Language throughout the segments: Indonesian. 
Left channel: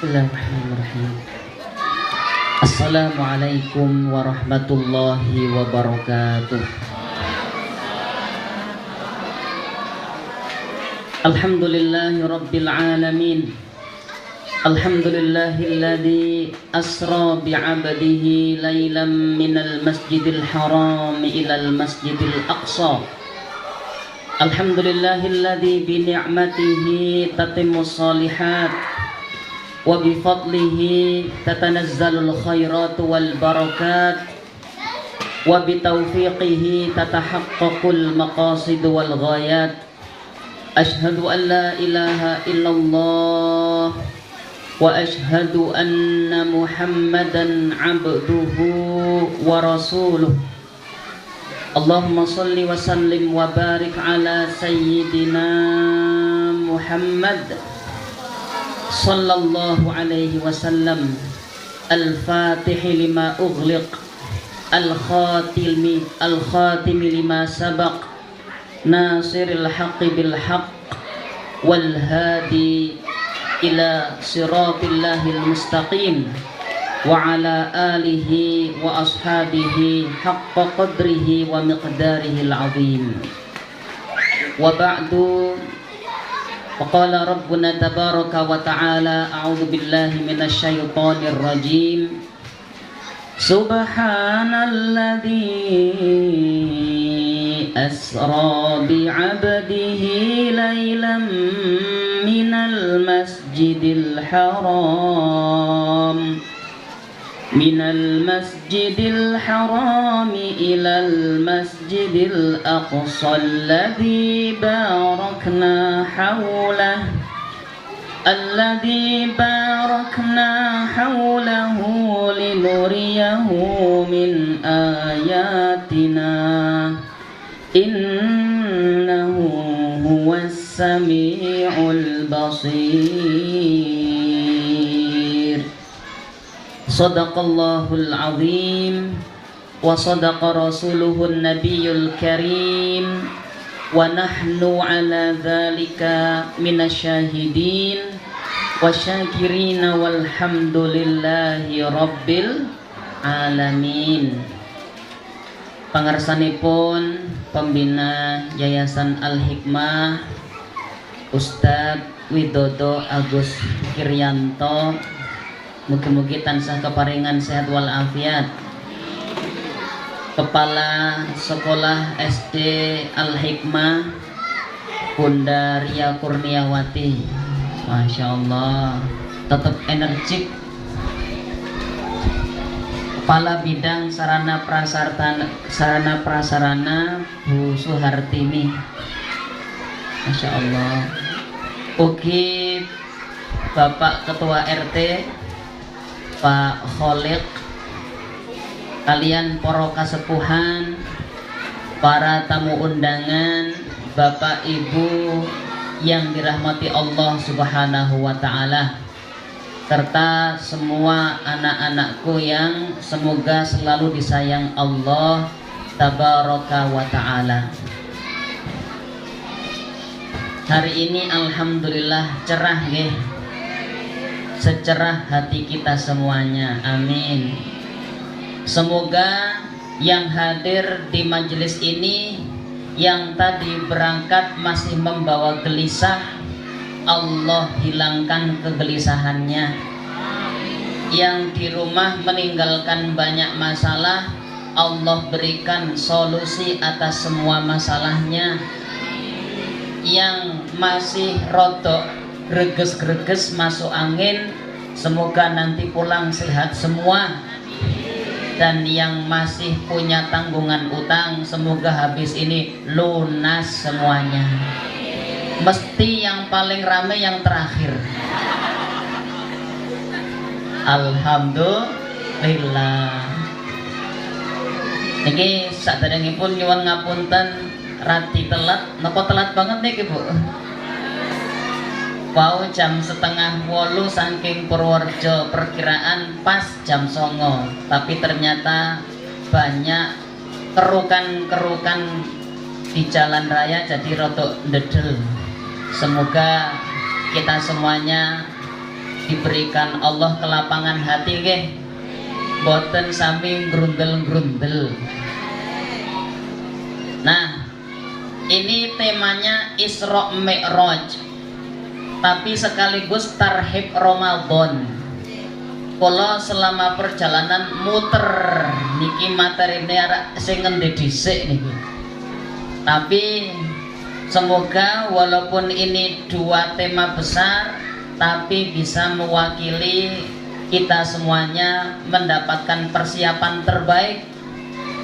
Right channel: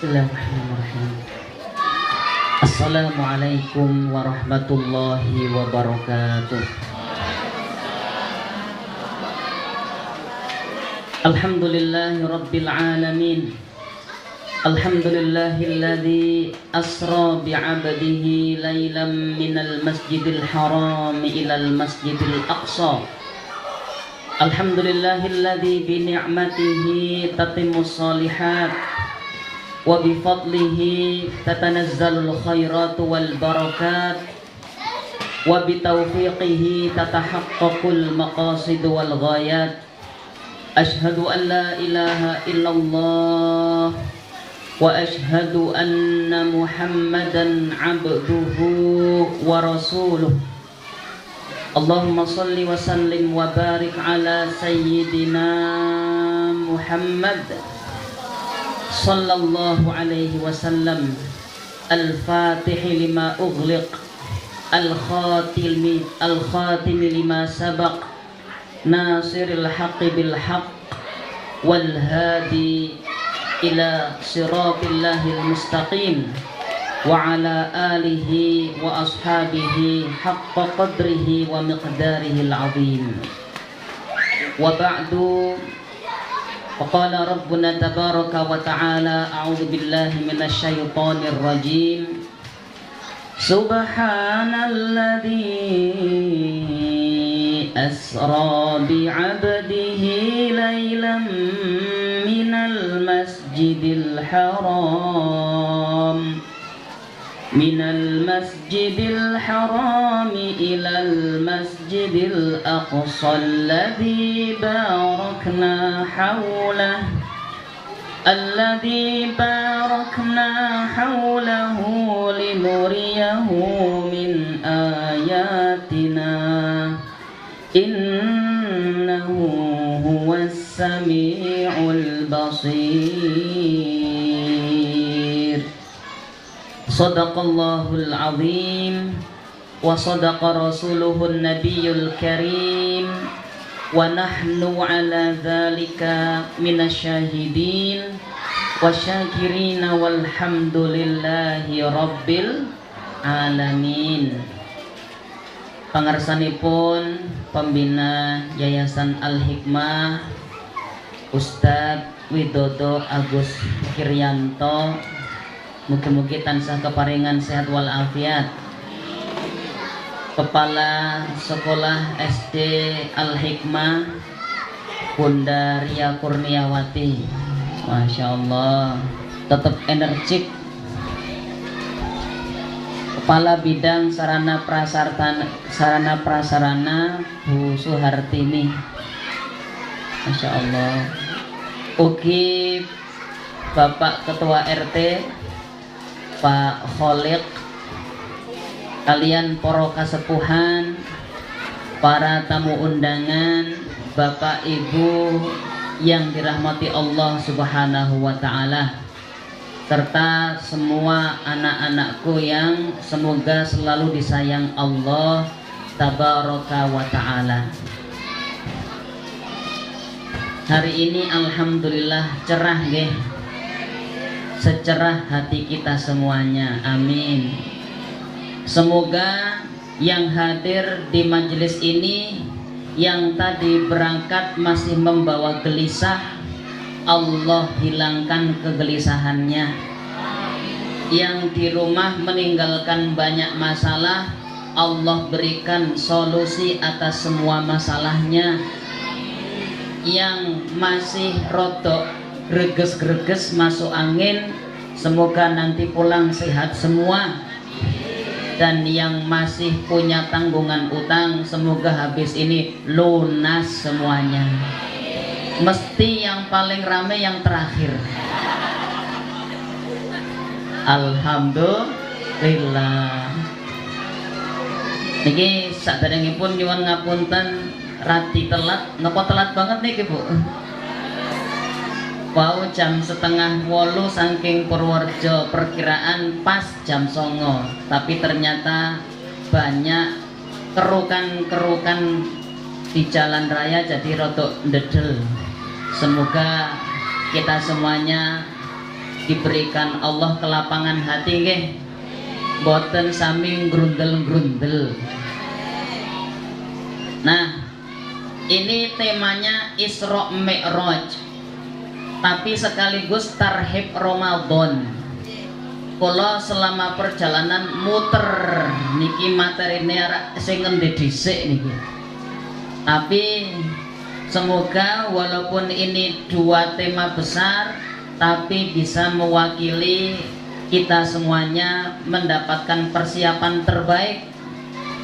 Bismillahirrahmanirrahim. Assalamualaikum warahmatullahi wabarakatuh. Alhamdulillahi rabbil alamin. Alhamdulillahilladzi asra bi'abdihi laylan minal masjidil haram ilal masjidil aqsa. Alhamdulillahilladzi bi ni'matihi tatimmus shalihat wa bi fadlihi tatanazzalul khairatu wal barakat wa bi taufiqihi tatahaqqaqul maqasid wal ghayat. Ashhadu an la ilaha illallah wa ashhadu anna Muhammadan abduhu wa rasuluh. Allahumma salli wa sallim wa barik ala sayyidina Muhammad sallallahu alaihi wasallam, al-fatih lima ughliq, al-khatim lima sabaq, nasiril haqqi bil haqq, wal hadi ila siratillahil mustaqim, wa ala alihi wa ashabihi haqqa qadrihi wa miqdarihil azim. Wa ba'du, faqala rabbuna tabaraka wa ta'ala, a'udzu billahi minasy syaithanir rajim. Subhanalladzi asra bi'abdihi laylan minal masjidil haram ilal masjidil aqsa alladzi barakna hawlahu linuriyahu min ayatina innahu huwas sami'ul basir. Sadaqallahul azim wa sadaqa rasuluhun nabiyul karim wa nahnu ala dhalika minasyahidin wa syakirina walhamdulillahi rabbil alamin. Pangarsanipun pembina Yayasan Al-Hikmah Ustadz Widodo Agus Kiryanto, mugi-mugi tansah keparingan sehat wal afiat. Kepala Sekolah SD Al-Hikmah Bunda Ria Kurniawati, Masya Allah, tetap energik. Kepala Bidang Sarana Prasarana Bu Suhartini, Masya Allah. Ugi Bapak Ketua RT Pak Kholik, kalian poro kasepuhan, para tamu undangan, Bapak Ibu yang dirahmati Allah Subhanahu wa ta'ala, serta semua anak-anakku yang semoga selalu disayang Allah Tabaraka wa ta'ala. Hari ini alhamdulillah cerah nggih, secerah hati kita semuanya, amin. Semoga yang hadir di majelis ini, yang tadi berangkat masih membawa gelisah, Allah hilangkan kegelisahannya. Yang di rumah meninggalkan banyak masalah, Allah berikan solusi atas semua masalahnya. Yang masih rodok greges-greges masuk angin, semoga nanti pulang sehat semua. Dan yang masih punya tanggungan utang, semoga habis ini lunas semuanya. Mesti yang paling rame yang terakhir. Alhamdulillah. Niki saderengipun nyuwun ngapunten rati telat, napa telat banget nih Bu? Wow, jam 7:30 saking Purworejo, perkiraan pas jam 09, tapi ternyata banyak kerukan-kerukan di jalan raya jadi rodok ndedel. Semoga kita semuanya diberikan Allah kelapangan hati nggih, boten sami grundel-grundel. Nah, ini temanya Isra Mi'raj, tapi sekaligus tarhib Ramadan. Kula selama perjalanan muter niki materine sing ngendi dhisik niki. Tapi semoga walaupun ini dua tema besar, tapi bisa mewakili kita semuanya mendapatkan persiapan terbaik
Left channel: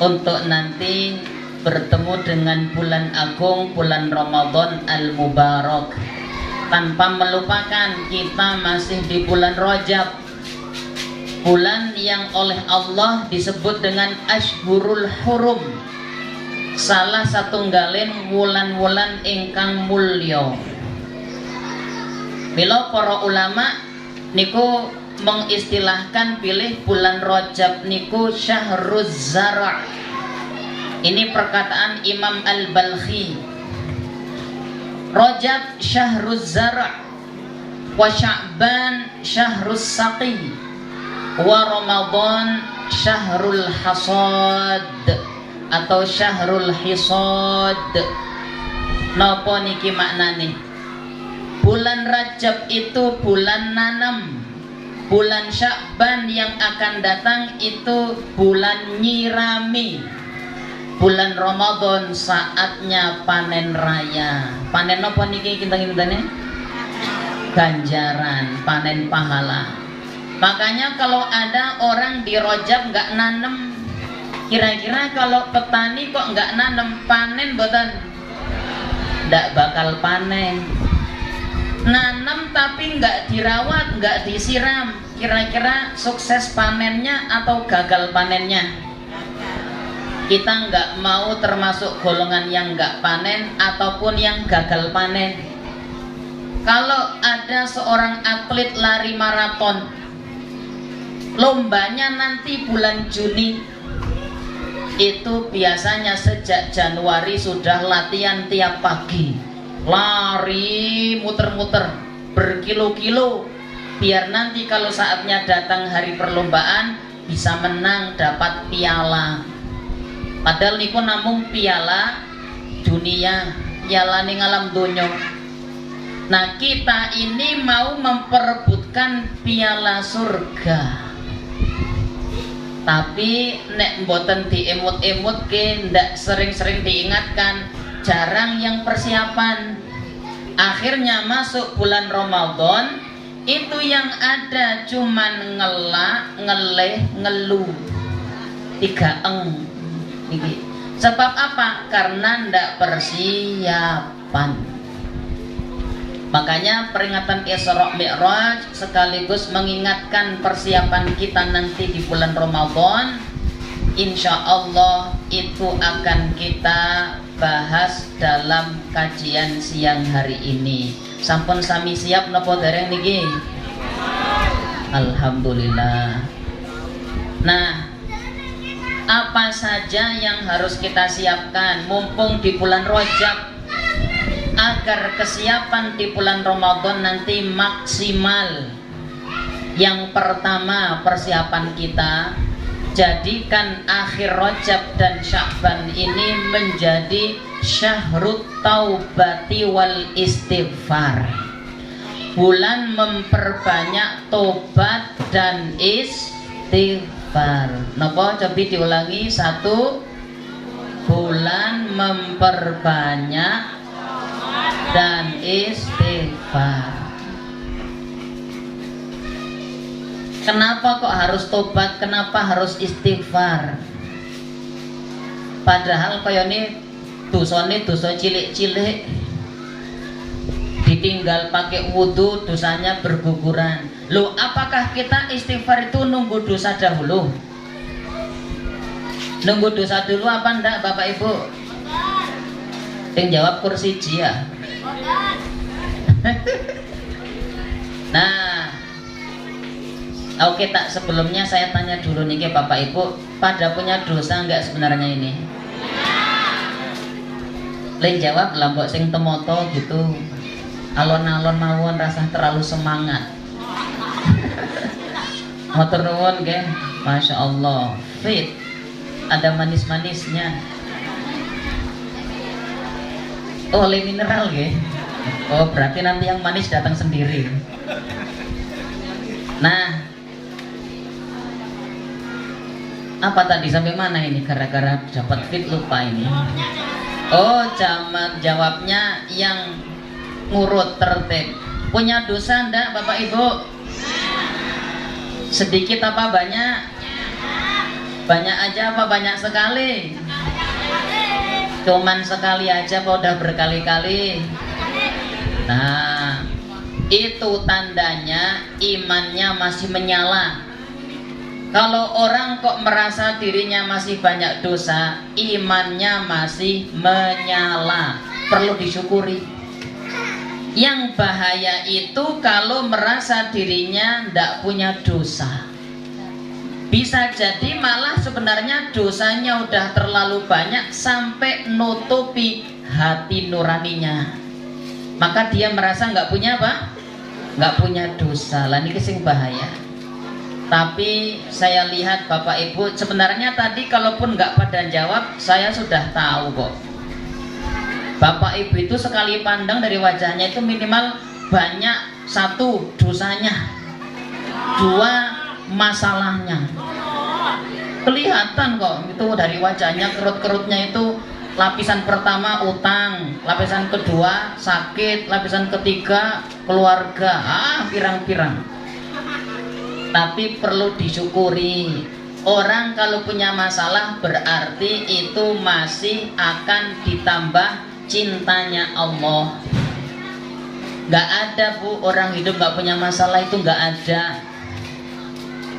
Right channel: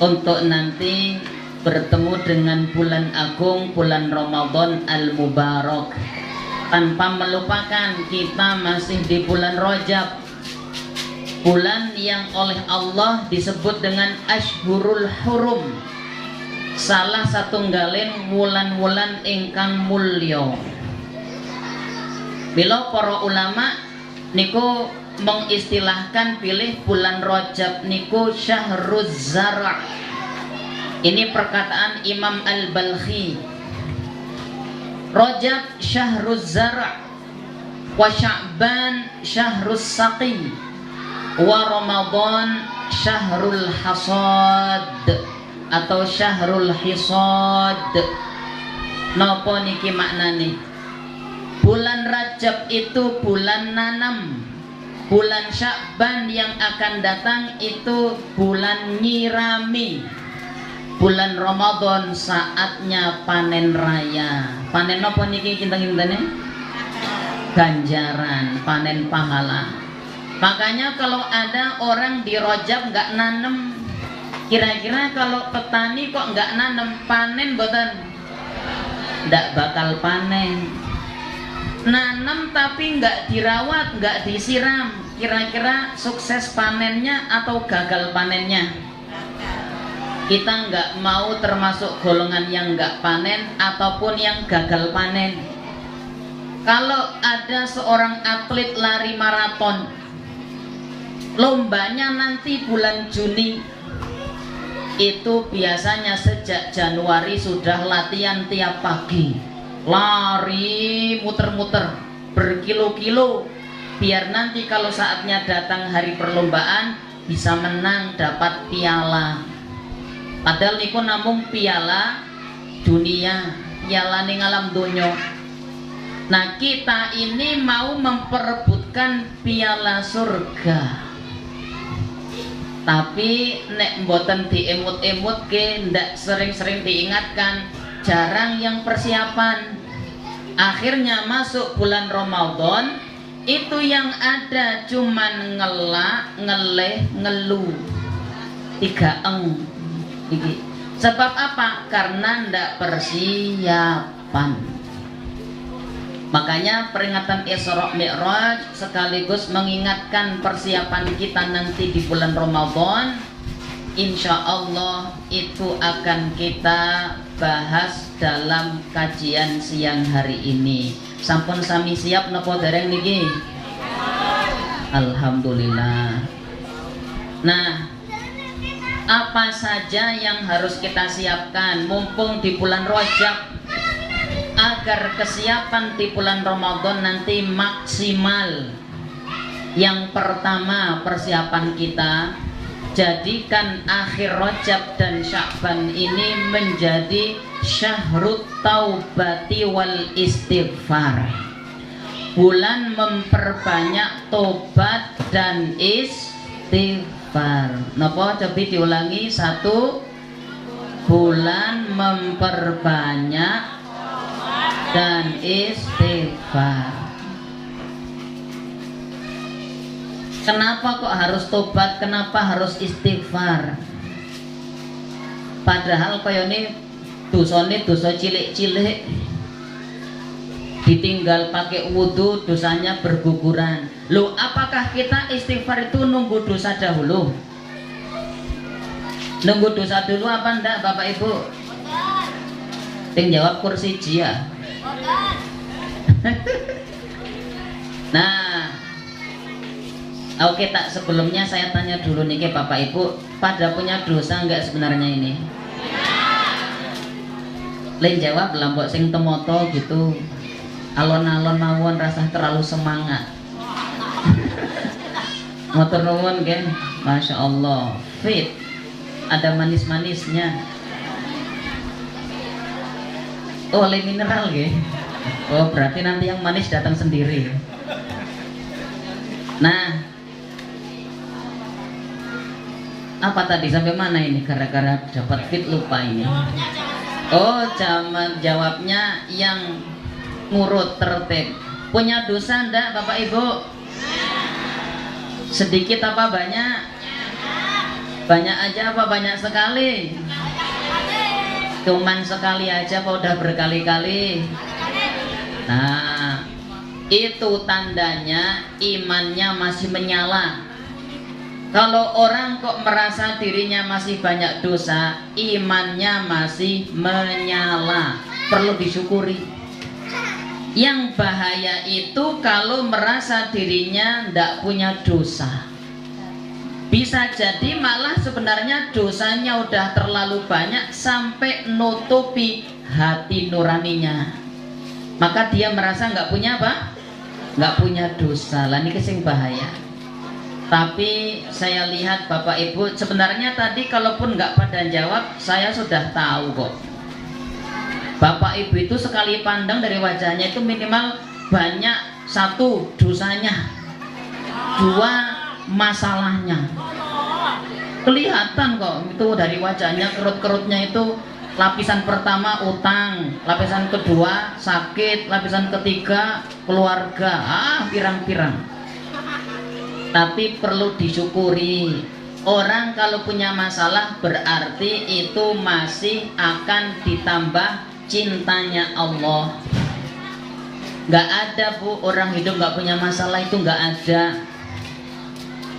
untuk nanti bertemu dengan bulan agung, bulan Ramadan Al-Mubarak. Tanpa melupakan kita masih di bulan Rajab, bulan yang oleh Allah disebut dengan Ashhurul Hurum, salah satunggaling wulan-wulan ingkang mulya. Bila para ulama niku mengistilahkan pilih bulan Rajab niku Syahruz Zara'. Ini perkataan Imam Al-Balkhi. Rajab Syahruz Zara', wa Sya'ban Syahruz Saqi, wa Ramadan Syahrul Hasad atau Syahrul Hisad. Napa niki maknane? Bulan Rajab itu bulan nanam, bulan Sya'ban yang akan datang itu bulan nyirami, bulan Ramadan saatnya panen raya. Panen apa niki kinten-kintene? Ganjaran, panen pahala. Makanya kalau ada orang di Rajab nggak nanem, kira-kira kalau petani kok nggak nanem, panen boten? Nggak bakal panen. Nanam tapi nggak dirawat, nggak disiram, kira-kira sukses panennya atau gagal panennya? Kita nggak mau termasuk golongan yang nggak panen ataupun yang gagal panen. Kalau ada seorang atlet lari maraton, lombanya nanti bulan Juni, itu biasanya sejak Januari sudah latihan tiap pagi, lari muter-muter berkilo-kilo, biar nanti kalau saatnya datang hari perlombaan bisa menang, dapat piala. Padahal niku namung piala dunia, piala ning alam donya. Nah, kita ini mau memperebutkan piala surga. Tapi nek mboten diemut-emut ke, ndak sering-sering diingatkan, jarang yang persiapan. Akhirnya masuk bulan Ramadan, itu yang ada cuman ngelak, ngeleh, ngeluh. 3 eng. Sebab apa? Karena ndak persiapan. Makanya peringatan Isra Mi'raj sekaligus mengingatkan persiapan kita nanti di bulan Ramadan. Insya Allah itu akan kita bahas dalam kajian siang hari ini. Sampun sami siap napa dereng niki? Alhamdulillah. Nah, apa saja yang harus kita siapkan mumpung di bulan Rajab agar kesiapan di bulan Ramadan nanti maksimal? Yang pertama, persiapan kita jadikan akhir Rajab dan Sya'ban ini menjadi Syahrut Taubati wal Istighfar, bulan memperbanyak tobat dan istighfar. Napa coba diulangi? 1, bulan memperbanyak dan istighfar. Kenapa kok harus tobat? Kenapa harus istighfar? Padahal kaya ini dosa cilik-cilik, ditinggal pakai wudhu dosanya berguguran. Loh, apakah kita istighfar itu nunggu dosa dahulu? Nunggu dosa dulu apa enggak Bapak Ibu? Yang jawab kursi ya. Nah, oke, tak sebelumnya saya tanya dulu nih ke Bapak Ibu, pada punya dosa enggak sebenarnya ini? Lain jawab lambok sing temoto gitu, alon-alon mawon rasa terlalu semangat. Motor nuwun nggih. Masya Allah. Fit. Ada manis-manisnya. Oh, oleh mineral nggih. Oh, berarti nanti yang manis datang sendiri. Nah, apa tadi sampai mana ini? Gara-gara dapat fit lupa ini. Oh, jawabnya yang ngurut tertib. Punya dosa ndak Bapak Ibu? Sedikit apa banyak? Banyak aja apa banyak sekali? Cuman sekali aja apa udah berkali-kali? Nah, itu tandanya imannya masih menyala. Kalau orang kok merasa dirinya masih banyak dosa, imannya masih menyala, perlu disyukuri. Yang bahaya itu kalau merasa dirinya tidak punya dosa. Bisa jadi malah sebenarnya dosanya udah terlalu banyak sampai nutupi hati nuraninya. Maka dia merasa nggak punya apa? Nggak punya dosa. Lah ini kesing bahaya. Tapi saya lihat Bapak Ibu, sebenarnya tadi kalaupun nggak pada jawab, saya sudah tahu kok. Bapak Ibu itu sekali pandang dari wajahnya itu minimal banyak, satu dosanya, dua masalahnya. Kelihatan kok itu dari wajahnya, kerut-kerutnya itu. Lapisan pertama utang, lapisan kedua sakit, lapisan ketiga keluarga, pirang-pirang. Tapi perlu disyukuri, orang kalau punya masalah berarti itu masih akan ditambah cintanya Allah. Gak ada Bu, orang hidup gak punya masalah, itu gak ada.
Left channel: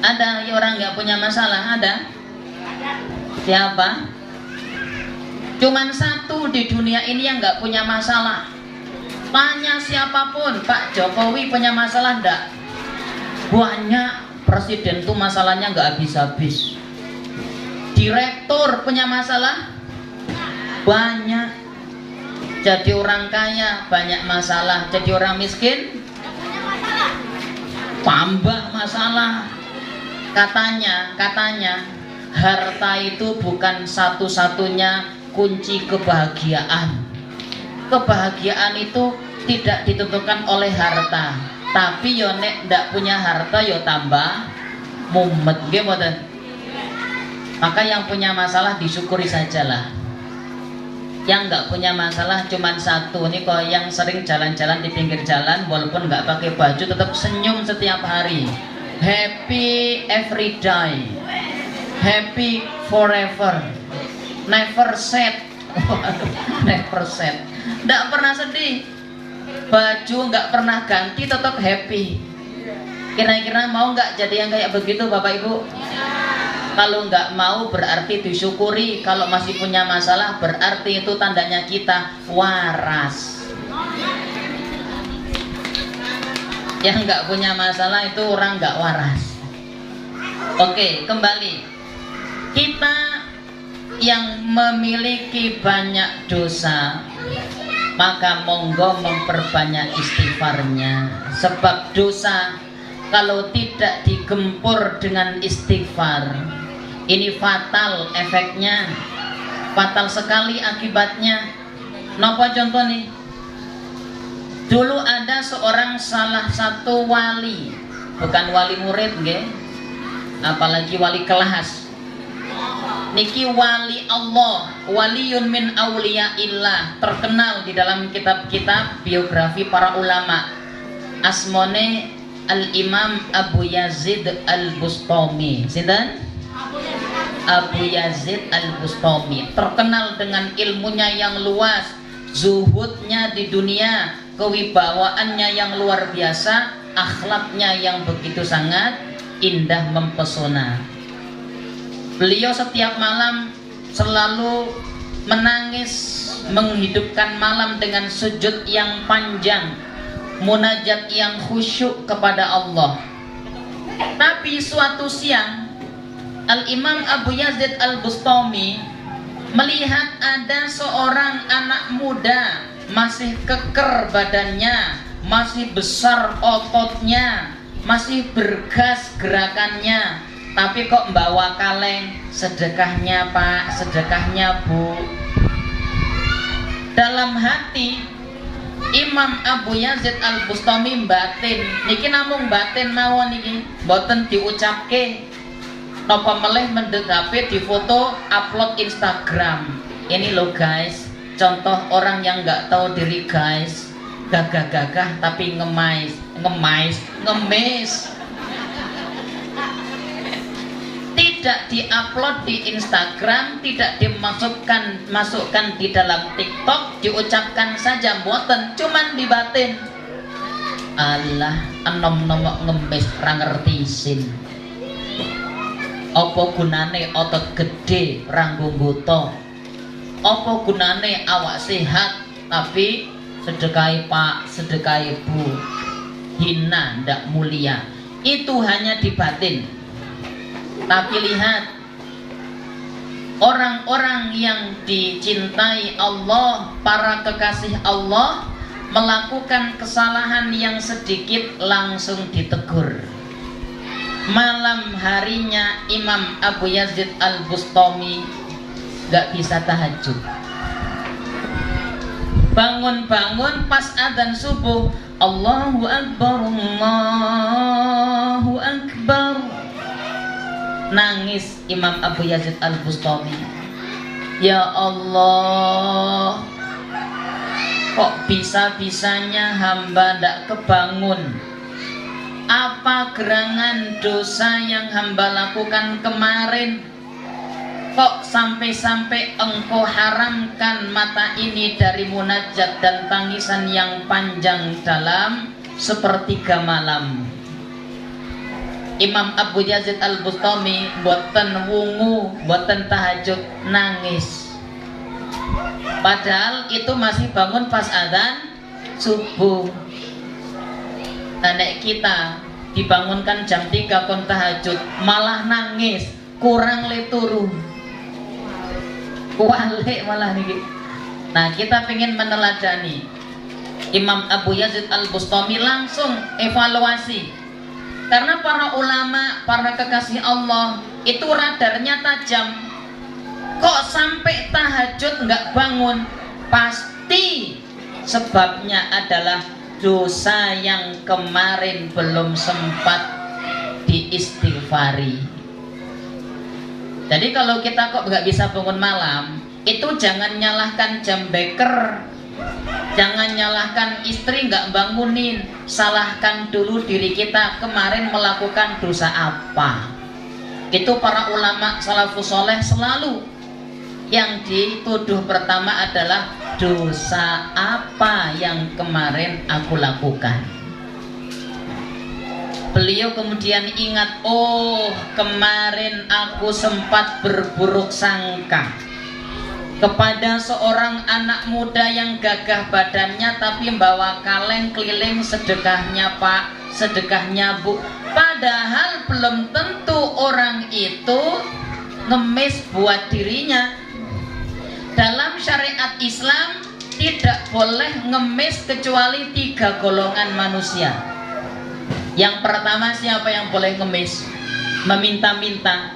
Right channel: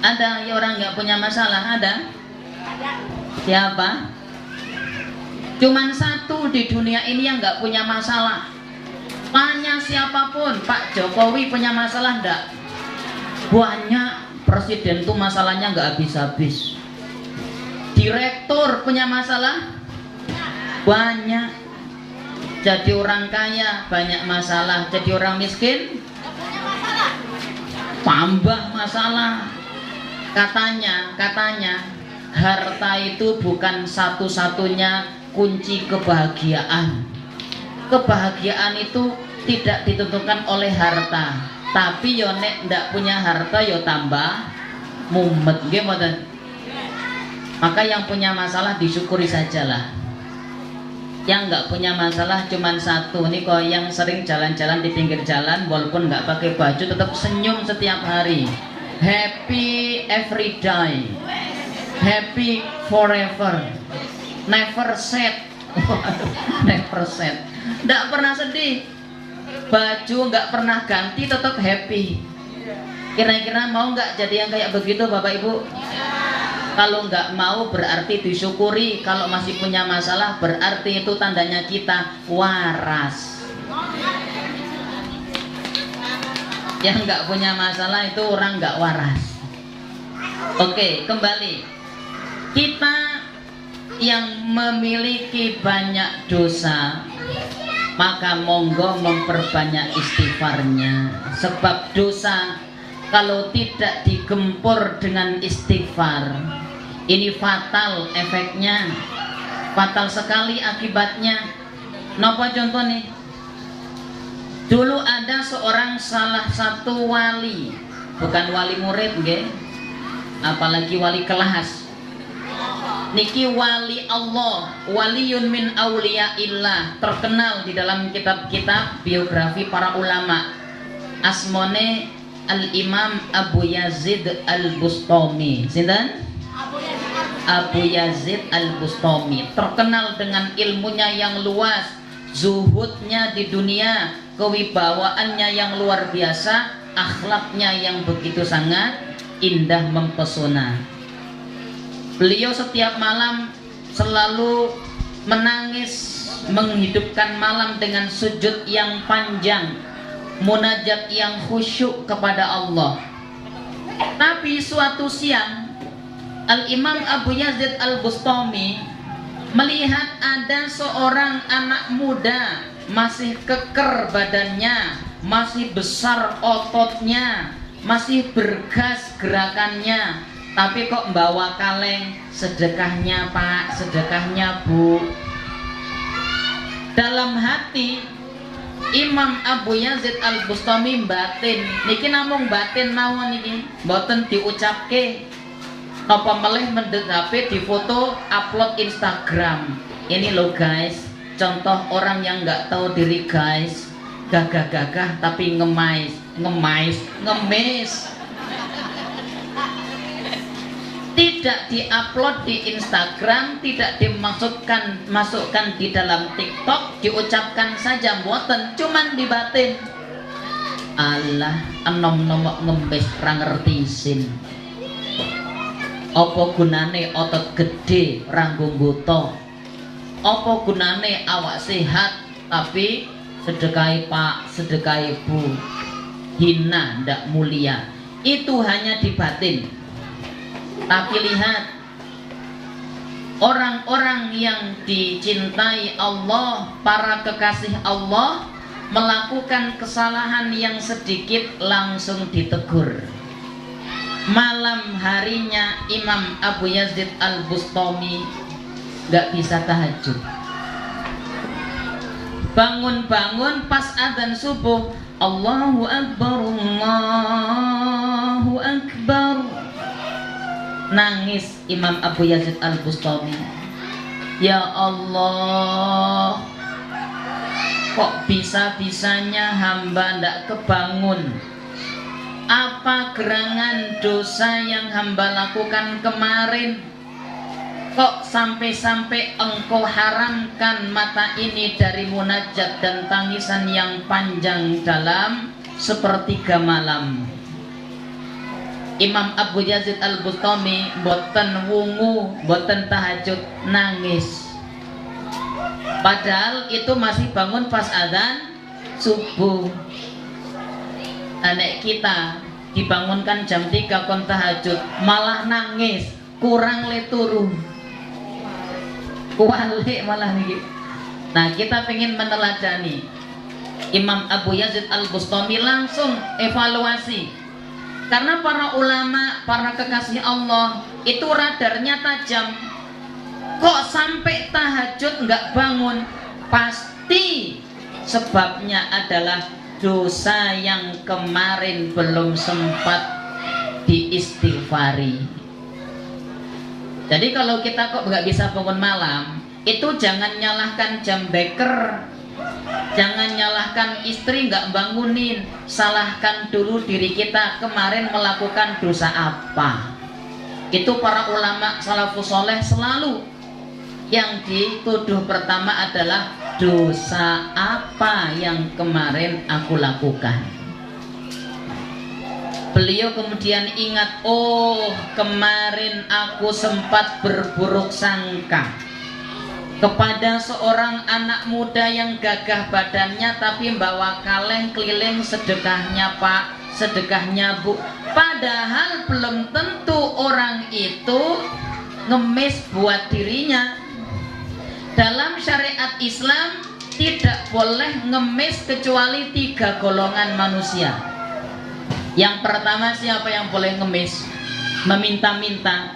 Ada orang gak punya masalah? Ada? Siapa? Cuman satu di dunia ini yang nggak punya masalah. Tanya siapapun, Pak Jokowi punya masalah enggak? Banyak. Presiden tuh masalahnya nggak habis-habis. Direktur punya masalah? Banyak. Jadi orang kaya banyak masalah, jadi orang miskin tambah masalah. Katanya harta itu bukan satu-satunya kunci kebahagiaan. Kebahagiaan itu tidak ditentukan oleh harta, tapi yo nek ndak punya harta yo tambah mumet nggih mboten. Maka yang punya masalah disyukuri sajalah. Yang nggak punya masalah cuman satu nih, kok yang sering jalan-jalan di pinggir jalan walaupun nggak pakai baju tetap senyum setiap hari. Happy every day. Happy forever. Never sad. Never sad. Nggak pernah sedih. Baju nggak pernah ganti, tetap happy. Kira-kira mau nggak jadi yang kayak begitu Bapak Ibu? Kalau nggak mau berarti disyukuri. Kalau masih punya masalah berarti itu tandanya kita waras. Yang nggak punya masalah itu orang nggak waras. Oke, kembali. Kita yang memiliki banyak dosa, maka monggo memperbanyak istighfarnya. Sebab dosa kalau tidak digempur dengan istighfar, ini fatal efeknya, fatal sekali akibatnya. Napa contoh nih? Dulu ada seorang salah satu wali, bukan wali murid nggih, apalagi wali kelas. Niki wali Allah, waliyun min auliyaillah, terkenal di dalam kitab-kitab biografi para ulama. Asmone Al-Imam Abu Yazid Al-Bustami. Sinten? Abu Yazid Al-Bustami, terkenal dengan ilmunya yang luas, zuhudnya di dunia, kewibawaannya yang luar biasa, akhlaknya yang begitu sangat indah mempesona. Beliau setiap malam selalu menangis, menghidupkan malam dengan sujud yang panjang, munajat yang khusyuk kepada Allah. Tapi suatu siang Al-Imam Abu Yazid Al-Bustami melihat ada seorang anak muda, masih keker badannya, masih besar ototnya, masih bergas gerakannya, tapi kok bawa kaleng, sedekahnya Pak, sedekahnya Bu. Dalam hati Imam Abu Yazid Al-Bustami batin, niki namung batin mawon niki, mboten diucapke. Napa meleh mendegape di foto upload Instagram. Ini loh guys, contoh orang yang nggak tahu diri guys, gagah-gagah tapi ngemis. Tidak diupload di Instagram, tidak dimasukkan di dalam TikTok, diucapkan saja mboten, cuman dibatin. Allah, enom-nom ngemis ra ngerti isin. Apa gunane otot gede ranggo nggoto? Apa gunane awak sehat tapi sedekahi Pak, sedekahi Bu, hina ndak mulia. Itu hanya di batin. Tapi lihat orang-orang yang dicintai Allah, para kekasih Allah, melakukan kesalahan yang sedikit langsung ditegur. Malam harinya Imam Abu Yazid Al-Bustami gak bisa tahajud. Bangun-bangun pas adzan subuh, Allahu Akbar, Allahu Akbar. Nangis Imam Abu Yazid Al-Bustami. Ya Allah, kok bisa-bisanya hamba ndak kebangun? Apa gerangan dosa yang hamba lakukan kemarin? Kok sampai-sampai engkau haramkan mata ini dari munajat dan tangisan yang panjang dalam sepertiga malam? Imam Abu Yazid Al-Bustami boten wungu, boten tahajud, nangis. Padahal itu masih bangun pas adzan subuh. Anak kita dibangunkan jam 3 kon tahajud, malah nangis, kurang le turu, kualik malah nih. Nah, kita pengen meneladani Imam Abu Yazid Al-Bustami, langsung evaluasi. Karena para ulama, para kekasih Allah itu radarnya tajam. Kok sampai tahajud nggak bangun? Pasti sebabnya adalah dosa yang kemarin belum sempat diistighfari. Jadi kalau kita kok nggak bisa bangun malam, itu jangan nyalahkan jam beker, jangan nyalahkan istri nggak bangunin, salahkan dulu diri kita kemarin melakukan dosa apa. Itu para ulama salafus soleh selalu yang dituduh pertama adalah dosa apa yang kemarin aku lakukan. Beliau kemudian ingat, oh kemarin aku sempat berburuk sangka kepada seorang anak muda yang gagah badannya tapi bawa kaleng keliling, sedekahnya Pak, sedekahnya Bu. Padahal belum tentu orang itu ngemis buat dirinya. Dalam syariat Islam tidak boleh ngemis kecuali 3 golongan manusia. Yang pertama, siapa yang boleh ngemis? Meminta-minta.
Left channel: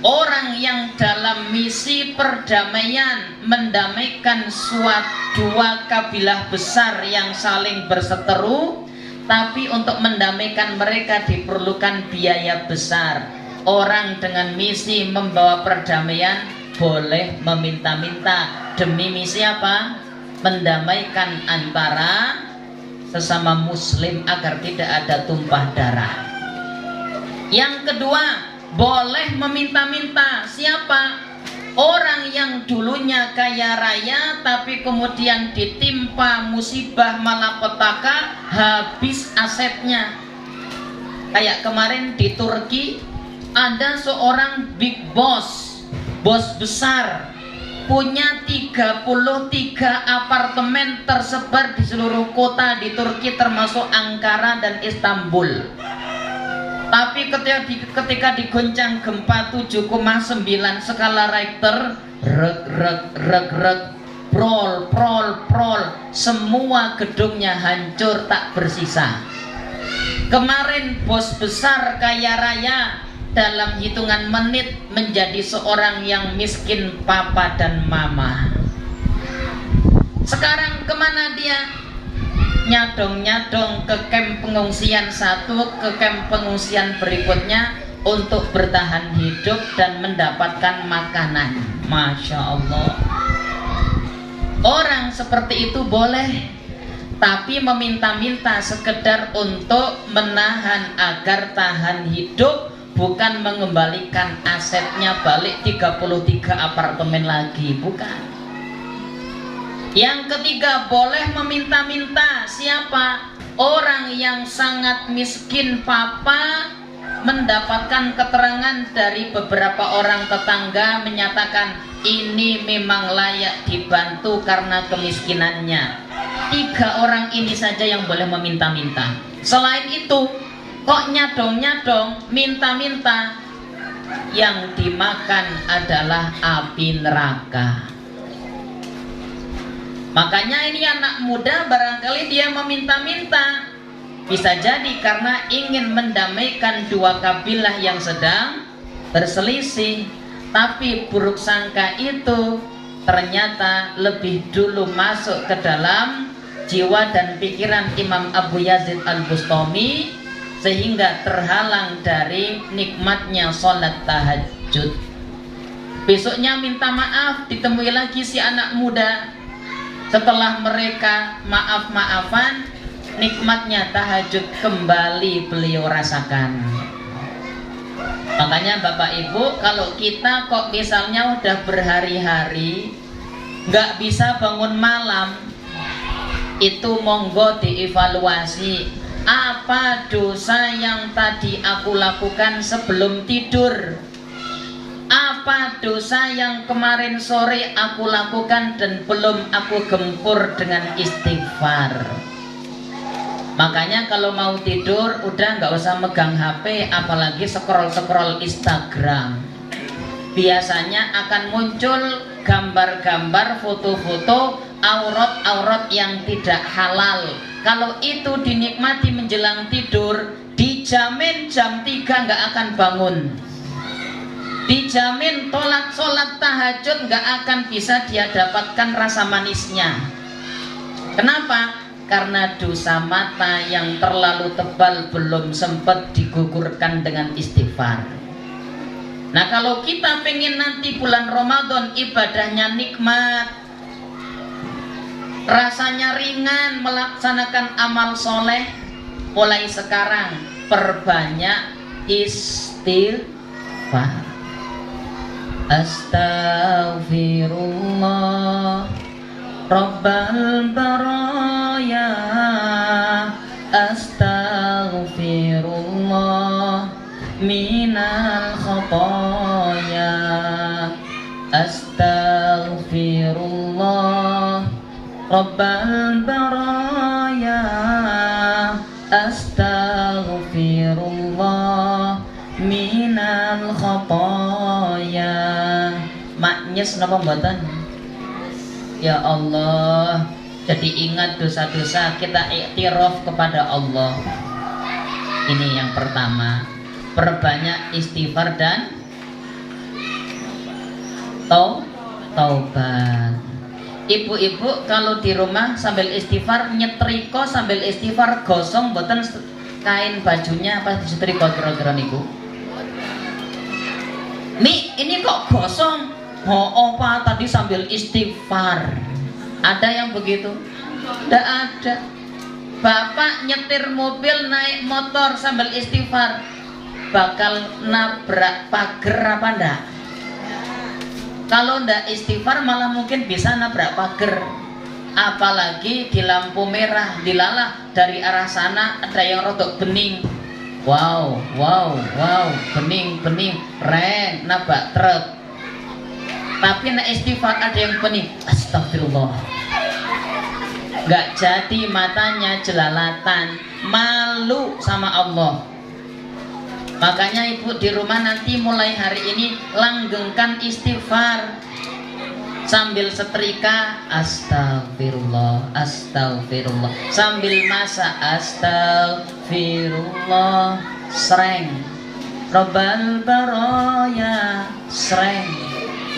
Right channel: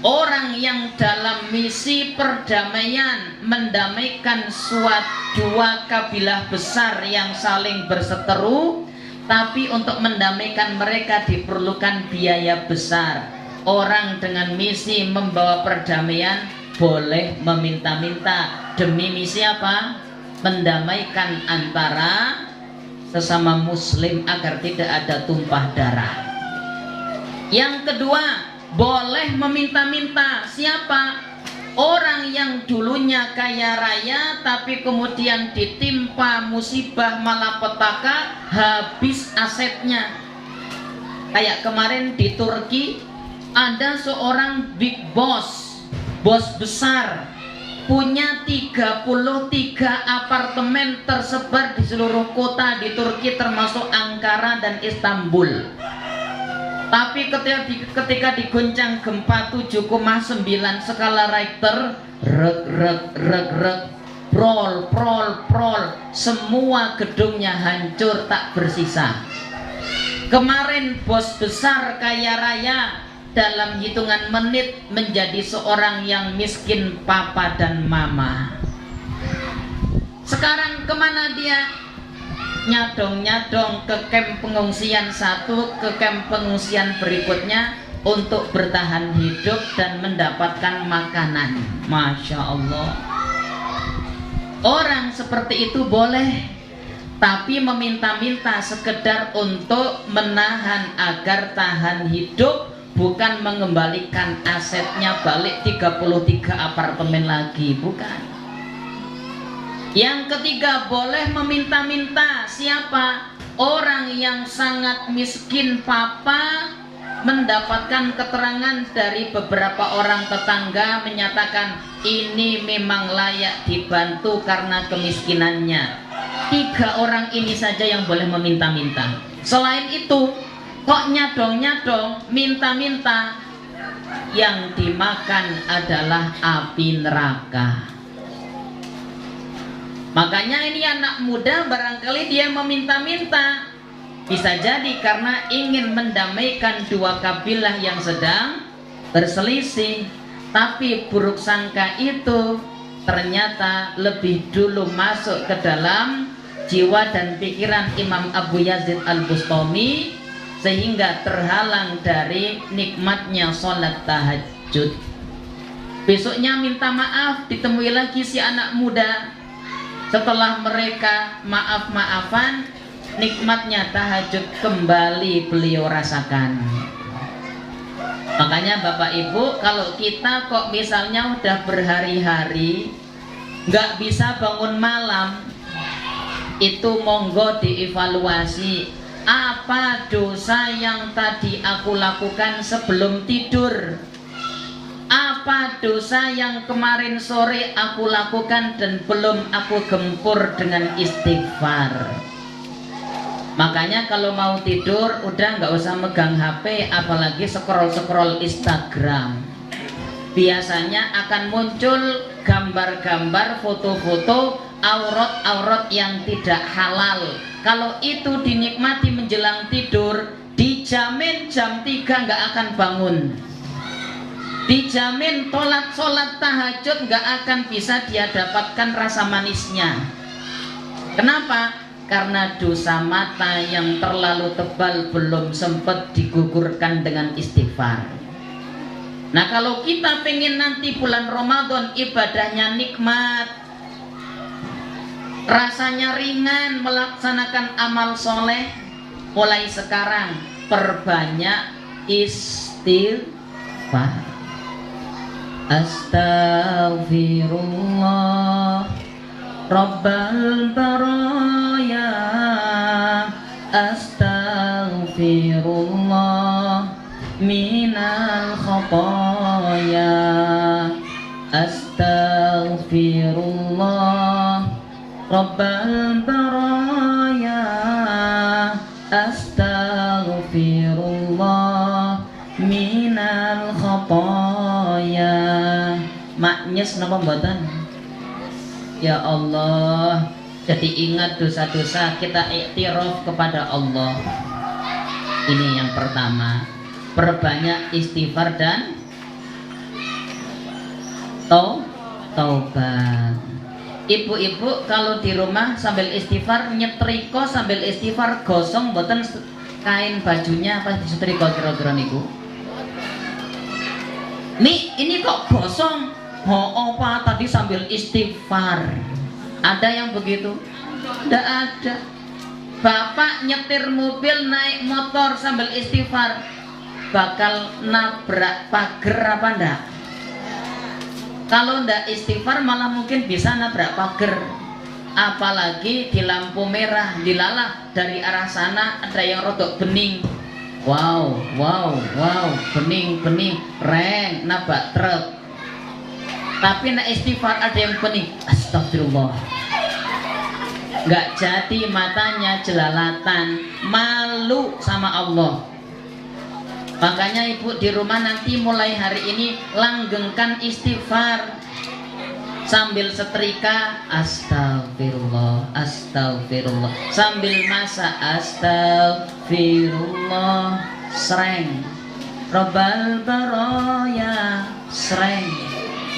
Orang yang dalam misi perdamaian, mendamaikan dua kabilah besar yang saling berseteru, tapi untuk mendamaikan mereka diperlukan biaya besar. Orang dengan misi membawa perdamaian boleh meminta-minta. Demi misi apa? Mendamaikan antara sesama muslim agar tidak ada tumpah darah. Yang kedua, boleh meminta-minta. Siapa? Orang yang dulunya kaya raya tapi kemudian ditimpa musibah malapetaka, habis asetnya. Kayak kemarin di Turki ada seorang big boss, bos besar, punya 33 apartemen tersebar di seluruh kota di Turki termasuk Ankara dan Istanbul. Tapi ketika digoncang gempa 7,9 skala Richter, prol, semua gedungnya hancur tak bersisa. Kemarin bos besar kaya raya, dalam hitungan menit menjadi seorang yang miskin papa dan mama. Sekarang kemana dia? Nyadong-nyadong ke kamp pengungsian satu, ke kamp pengungsian berikutnya untuk bertahan hidup dan mendapatkan makanan. Masya Allah. Orang seperti itu boleh, tapi meminta-minta sekedar untuk menahan agar tahan hidup, bukan mengembalikan asetnya balik 33 apartemen lagi, bukan. Yang ketiga, boleh meminta-minta. Siapa? Orang yang sangat miskin papa mendapatkan keterangan dari beberapa orang tetangga menyatakan ini memang layak dibantu karena kemiskinannya. 3 orang ini saja yang boleh meminta-minta. Selain itu, kok nyadong-nyadong, minta-minta, yang dimakan adalah api neraka. Makanya ini anak muda barangkali dia meminta-minta, bisa jadi karena ingin mendamaikan dua kabilah yang sedang berselisih. Tapi buruk sangka itu ternyata lebih dulu masuk ke dalam jiwa dan pikiran Imam Abu Yazid Al-Bustami, sehingga terhalang dari nikmatnya sholat tahajud. Besoknya minta maaf, ditemui lagi si anak muda. Setelah mereka maaf-maafan, nikmatnya tahajud kembali beliau rasakan. Makanya Bapak Ibu, kalau kita kok misalnya udah berhari-hari nggak bisa bangun malam, itu monggo dievaluasi. Apa dosa yang tadi aku lakukan sebelum tidur? Apa dosa yang kemarin sore aku lakukan dan belum aku gempur dengan istighfar? Makanya kalau mau tidur udah nggak usah megang HP, apalagi scroll-scroll Instagram. Biasanya akan muncul gambar-gambar, foto-foto aurat-aurat yang tidak halal. Kalau itu dinikmati menjelang tidur, dijamin jam 3 nggak akan bangun. Dijamin sholat tahajud nggak akan bisa dia dapatkan rasa manisnya. Kenapa? Karena dosa mata yang terlalu tebal belum sempat digugurkan dengan istighfar. Nah, kalau kita pengen nanti bulan Ramadan ibadahnya nikmat, rasanya ringan melaksanakan amal soleh, mulai sekarang perbanyak istighfar. Astaghfirullah Rabbal baraya, astaghfirullah minal khotoya, astaghfirullah Rabbal baraya, astaghfirullah minal khotoya. Maknyes napa mboten? Ya Allah, jadi ingat dosa-dosa, kita iktiraf kepada Allah. Ini yang pertama, perbanyak istighfar dan taubat. Ibu-ibu kalau di rumah sambil istighfar, nyetrika sambil istighfar, gosong mboten kain bajunya apa disetrika kira-kira niku? Mi, ini kok gosong? Oh, apa tadi sambil istighfar? Ada yang begitu? Tidak ada. Bapak nyetir mobil, naik motor sambil istighfar, bakal nabrak pagar apa enggak? Kalau enggak istighfar malah mungkin bisa nabrak pagar. Apalagi di lampu merah, dilalah dari arah sana ada yang rodok bening. Wow, bening, ren, nabrak truk. Tapi nak istighfar ada yang bening, astagfirullah. Gak jadi matanya jelalatan, malu sama Allah. Makanya ibu di rumah nanti mulai hari ini langgengkan istighfar. Sambil setrika astagfirullah, astagfirullah. Sambil masak astagfirullah. Sreng Rabbal baraya sreng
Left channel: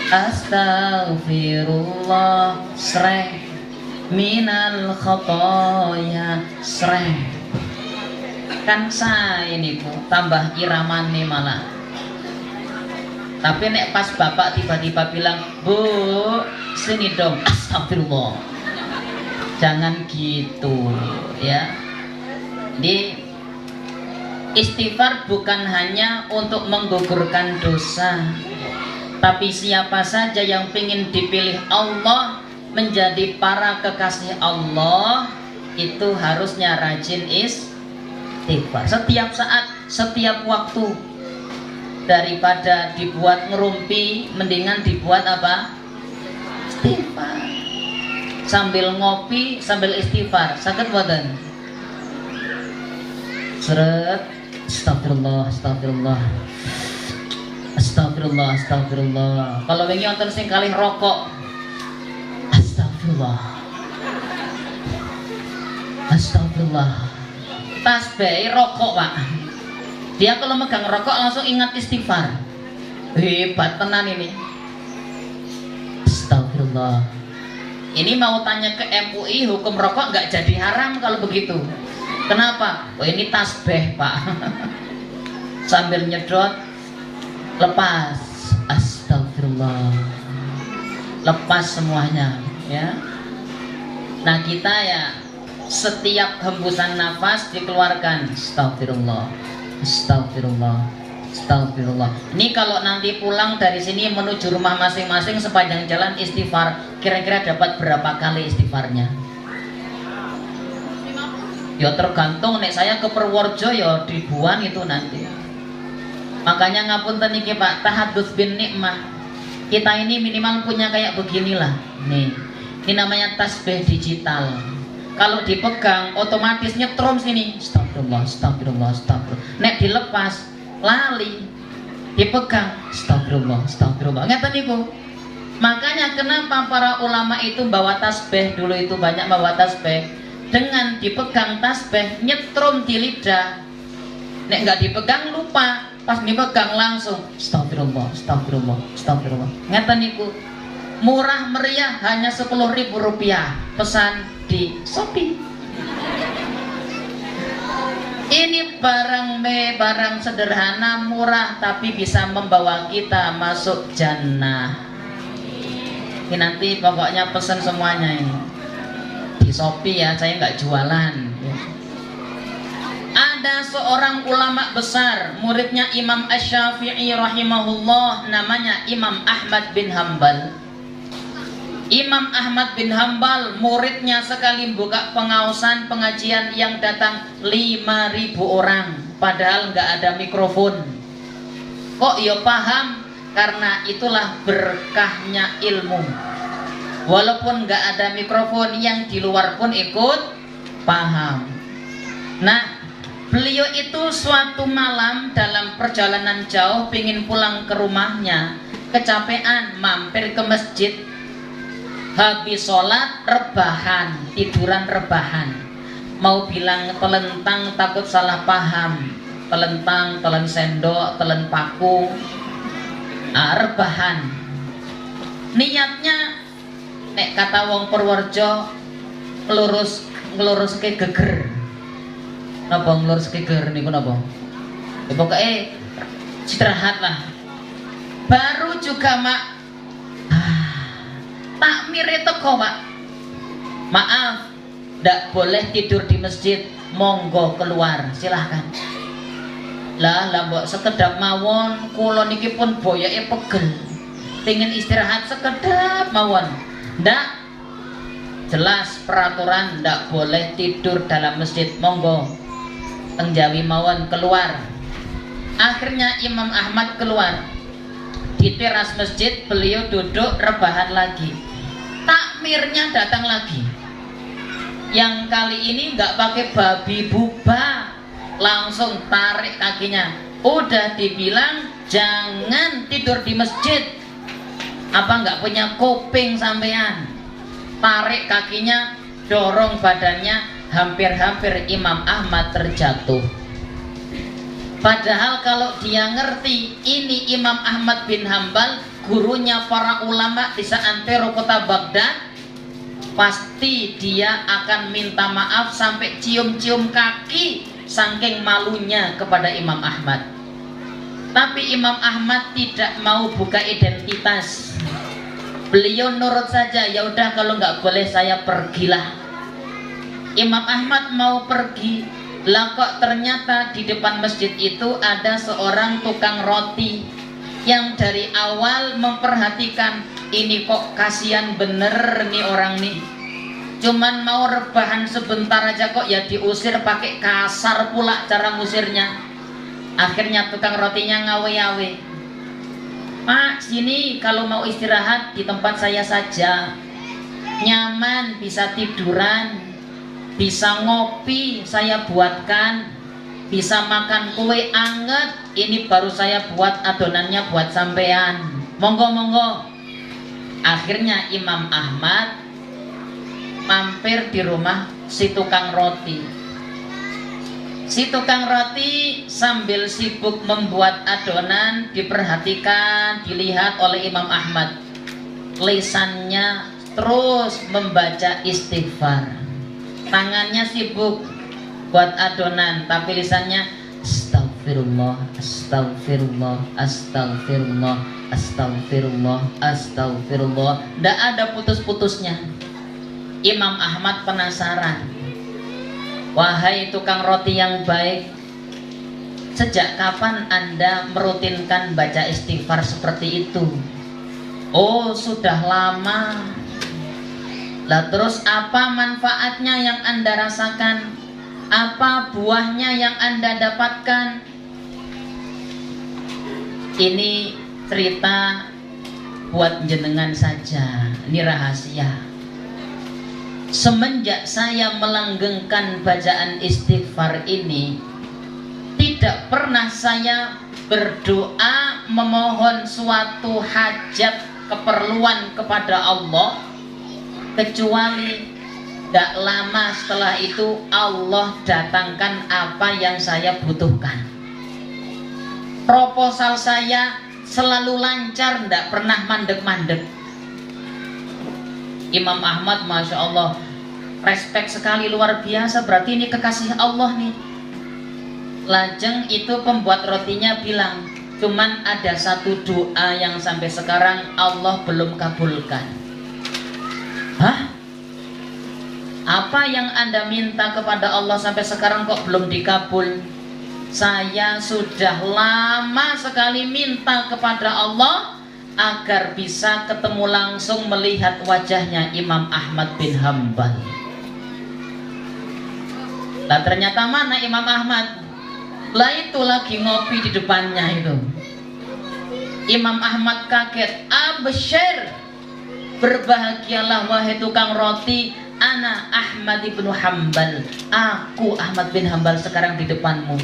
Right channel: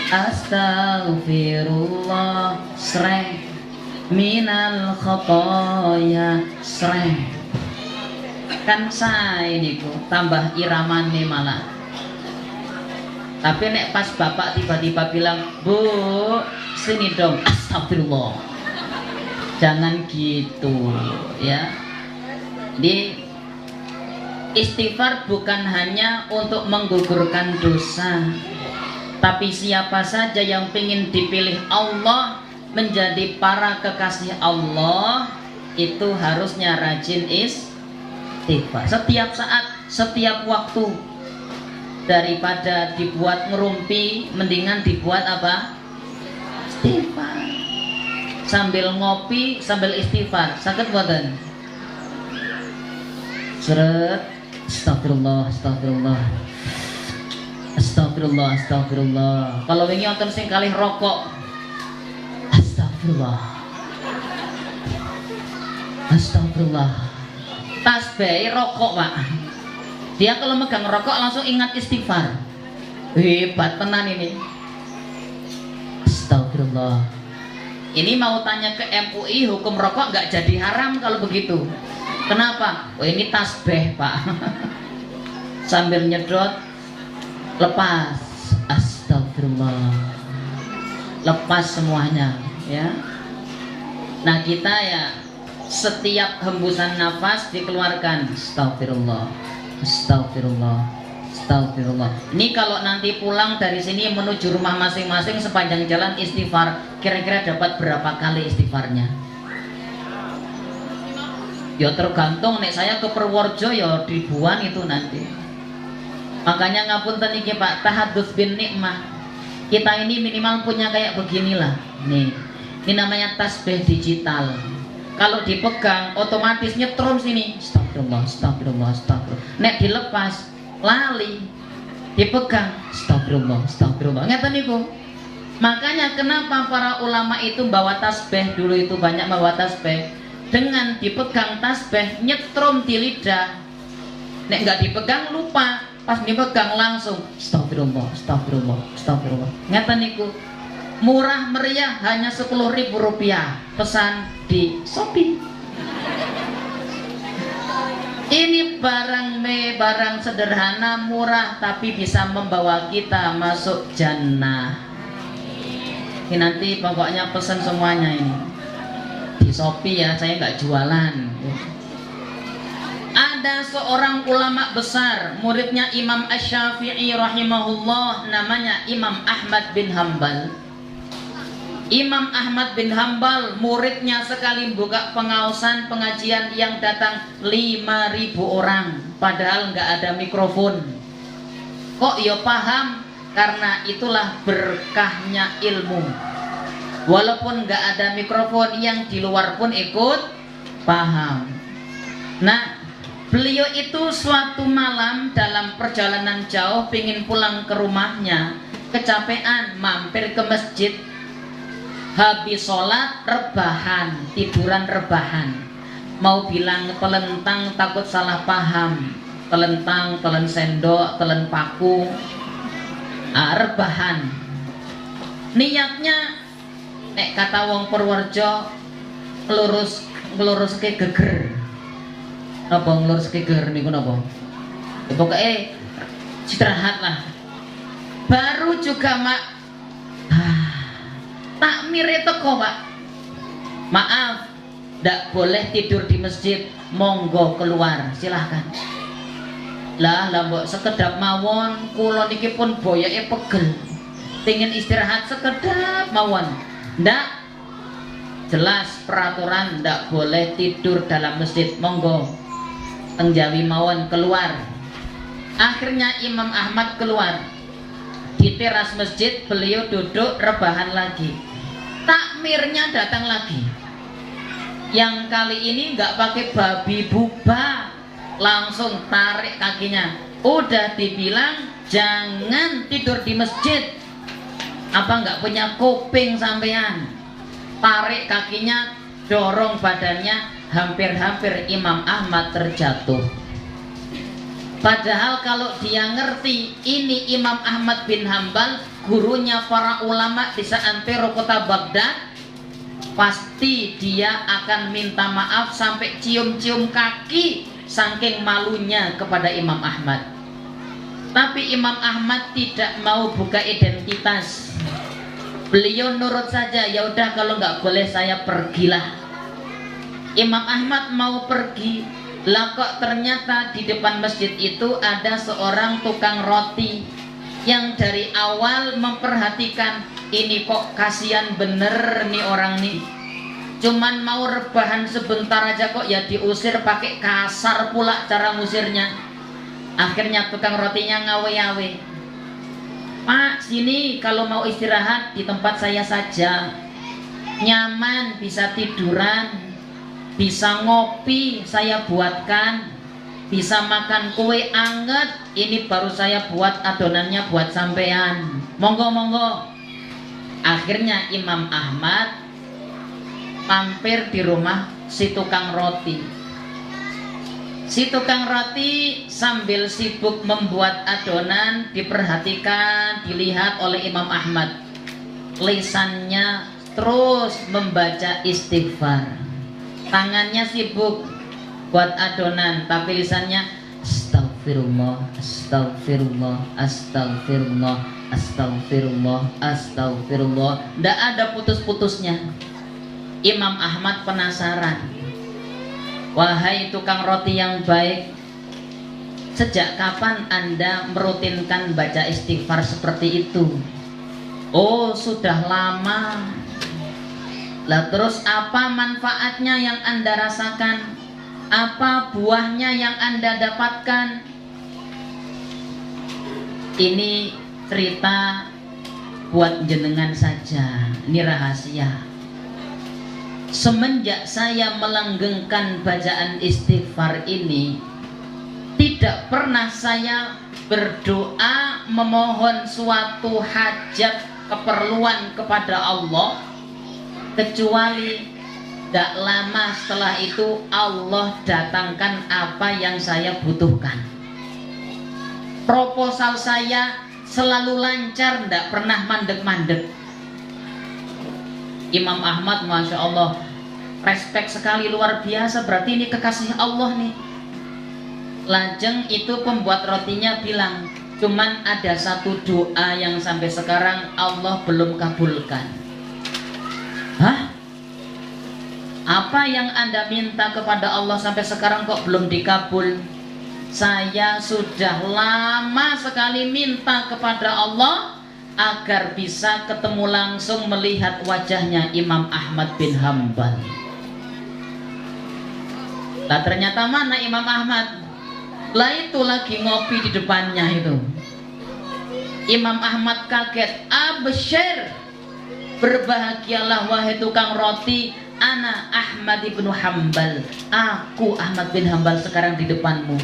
astagfirullah. Sreng minal khotoya sreng. Kan saya ini Bu, tambah iramane malah. Tapi nek pas bapak tiba-tiba bilang, Bu, sini dong, astagfirullah. Jangan gitu ya. Jadi istighfar bukan hanya untuk menggugurkan dosa, tapi siapa saja yang ingin dipilih Allah menjadi para kekasih Allah itu harusnya rajin istighfar setiap saat, setiap waktu. Daripada dibuat ngerumpi, mendingan dibuat apa? Istighfar. Sambil ngopi, sambil istighfar. Saged mboten? Seret. Astagfirullah, astagfirullah. Astagfirullah, astagfirullah. Kalau wingi wonten sing kalih rokok. Astagfirullah. Astagfirullah. Tasbih rokok, Pak. Dia kalau megang rokok langsung ingat istighfar. Hebat tenan ini. Astagfirullah. Ini mau tanya ke MUI, hukum rokok nggak jadi haram kalau begitu. Kenapa? Oh ini tasbih Pak. Sambil nyedot, lepas. Astagfirullah. Lepas semuanya ya. Nah kita ya setiap hembusan nafas dikeluarkan. Astagfirullah. Astagfirullah, astagfirullah. Ini kalau nanti pulang dari sini menuju rumah masing-masing sepanjang jalan istighfar, kira-kira dapat berapa kali istighfarnya? Ya tergantung, nek saya ke Purworejo ya ribuan itu nanti. Makanya ngapunten iki Pak, tahadduts bin nikmah. Kita ini minimal punya kayak beginilah. Nih, ini namanya tasbih digital. Kalau dipegang otomatis nyetrum sini. Astagfirullah, astagfirullah, astagfirullah. Nek dilepas lali. Dipegang astagfirullah, astagfirullah. Ngeten niku. Makanya kenapa para ulama itu bawa tasbih, dulu itu banyak bawa tasbih. Dengan dipegang tasbih nyetrum di lidah. Nek nggak dipegang lupa, pas dipegang langsung astagfirullah, astagfirullah, astagfirullah. Ngeten niku. Murah meriah hanya 10.000 rupiah. Pesan di Shopee. Ini barang sederhana, murah, tapi bisa membawa kita masuk jannah. Ini nanti pokoknya pesan semuanya ini di Shopee ya, saya nggak jualan. Ada seorang ulama besar, muridnya Imam Asy-Syafi'i rahimahullah, namanya Imam Ahmad bin Hambal. Imam Ahmad bin Hambal muridnya sekali buka pengaosan pengajian yang datang 5.000 orang, padahal nggak ada mikrofon. Kok ya paham? Karena itulah berkahnya ilmu. Walaupun nggak ada mikrofon, yang di luar pun ikut paham. Nah, beliau itu suatu malam dalam perjalanan jauh pingin pulang ke rumahnya, kecapean, mampir ke masjid. Habis sholat rebahan, tiduran rebahan. Mau bilang telentang takut salah paham. Telentang, telen sendok, telen paku. Rebahan. Niatnya nek kata wong Purworejo ngelurus ke geger. Napa ngelurus ke geger niku napa? Ya pokoknya istirahat lah. Baru juga mak takmir itu kok Pak, maaf tidak boleh tidur di masjid, monggo keluar silahkan. Lah mbok sekedap mawon, kula niki pun boyoke pegel, pingin istirahat sekedap mawon. Ndak, jelas peraturan ndak boleh tidur dalam masjid, monggo tengjawi mawon keluar. Akhirnya Imam Ahmad keluar. Di teras masjid beliau duduk rebahan lagi. Takmirnya datang lagi. Yang kali ini nggak pakai babi buba, langsung tarik kakinya. Udah dibilang jangan tidur di masjid. Apa nggak punya kuping sampean? Tarik kakinya, dorong badannya, hampir-hampir Imam Ahmad terjatuh. Padahal kalau dia ngerti ini Imam Ahmad bin Hambal, gurunya para ulama di seantero kota Baghdad, pasti dia akan minta maaf sampai cium-cium kaki saking malunya kepada Imam Ahmad. Tapi Imam Ahmad tidak mau buka identitas. Beliau nurut saja, ya udah kalau nggak boleh saya pergilah. Imam Ahmad mau pergi, lah kok ternyata di depan masjid itu ada seorang tukang roti yang dari awal memperhatikan, ini kok kasihan bener nih orang nih, cuman mau rebahan sebentar aja kok ya diusir, pakai kasar pula cara ngusirnya. Akhirnya tukang rotinya ngawe-ngawe, Pak, sini kalau mau istirahat di tempat saya saja, nyaman, bisa tiduran, bisa ngopi saya buatkan, bisa makan kue anget, ini baru saya buat adonannya buat sampean, monggo-monggo. Akhirnya Imam Ahmad mampir di rumah si tukang roti. Si tukang roti sambil sibuk membuat adonan diperhatikan, dilihat oleh Imam Ahmad. Lisannya terus membaca istighfar, tangannya sibuk buat adonan, tapi lisannya astagfirullah, astagfirullah, astagfirullah, astagfirullah, astagfirullah. Tidak ada putus-putusnya. Imam Ahmad penasaran, wahai tukang roti yang baik, sejak kapan Anda merutinkan baca istighfar seperti itu? Oh, sudah lama. Lah terus apa manfaatnya yang Anda rasakan? Apa buahnya yang Anda dapatkan? Ini cerita buat jenengan saja, ini rahasia. Semenjak saya melanggengkan bacaan istighfar ini, tidak pernah saya berdoa memohon suatu hajat keperluan kepada Allah, kecuali gak lama setelah itu Allah datangkan apa yang saya butuhkan. Proposal saya selalu lancar, gak pernah mandek-mandek. Imam Ahmad, Masya Allah, respect sekali, luar biasa, berarti ini kekasih Allah nih. Lajeng itu pembuat rotinya bilang, cuman ada satu doa yang sampai sekarang Allah belum kabulkan. Hah? Apa yang Anda minta kepada Allah sampai sekarang kok belum dikabul? Saya sudah lama sekali minta kepada Allah agar bisa ketemu langsung melihat wajahnya Imam Ahmad bin Hambal. Nah ternyata mana Imam Ahmad? Lah itu lagi ngopi di depannya itu. Imam Ahmad kaget, absyir, berbahagialah wahai tukang roti, ana Ahmad bin Hambal, aku Ahmad bin Hambal sekarang di depanmu.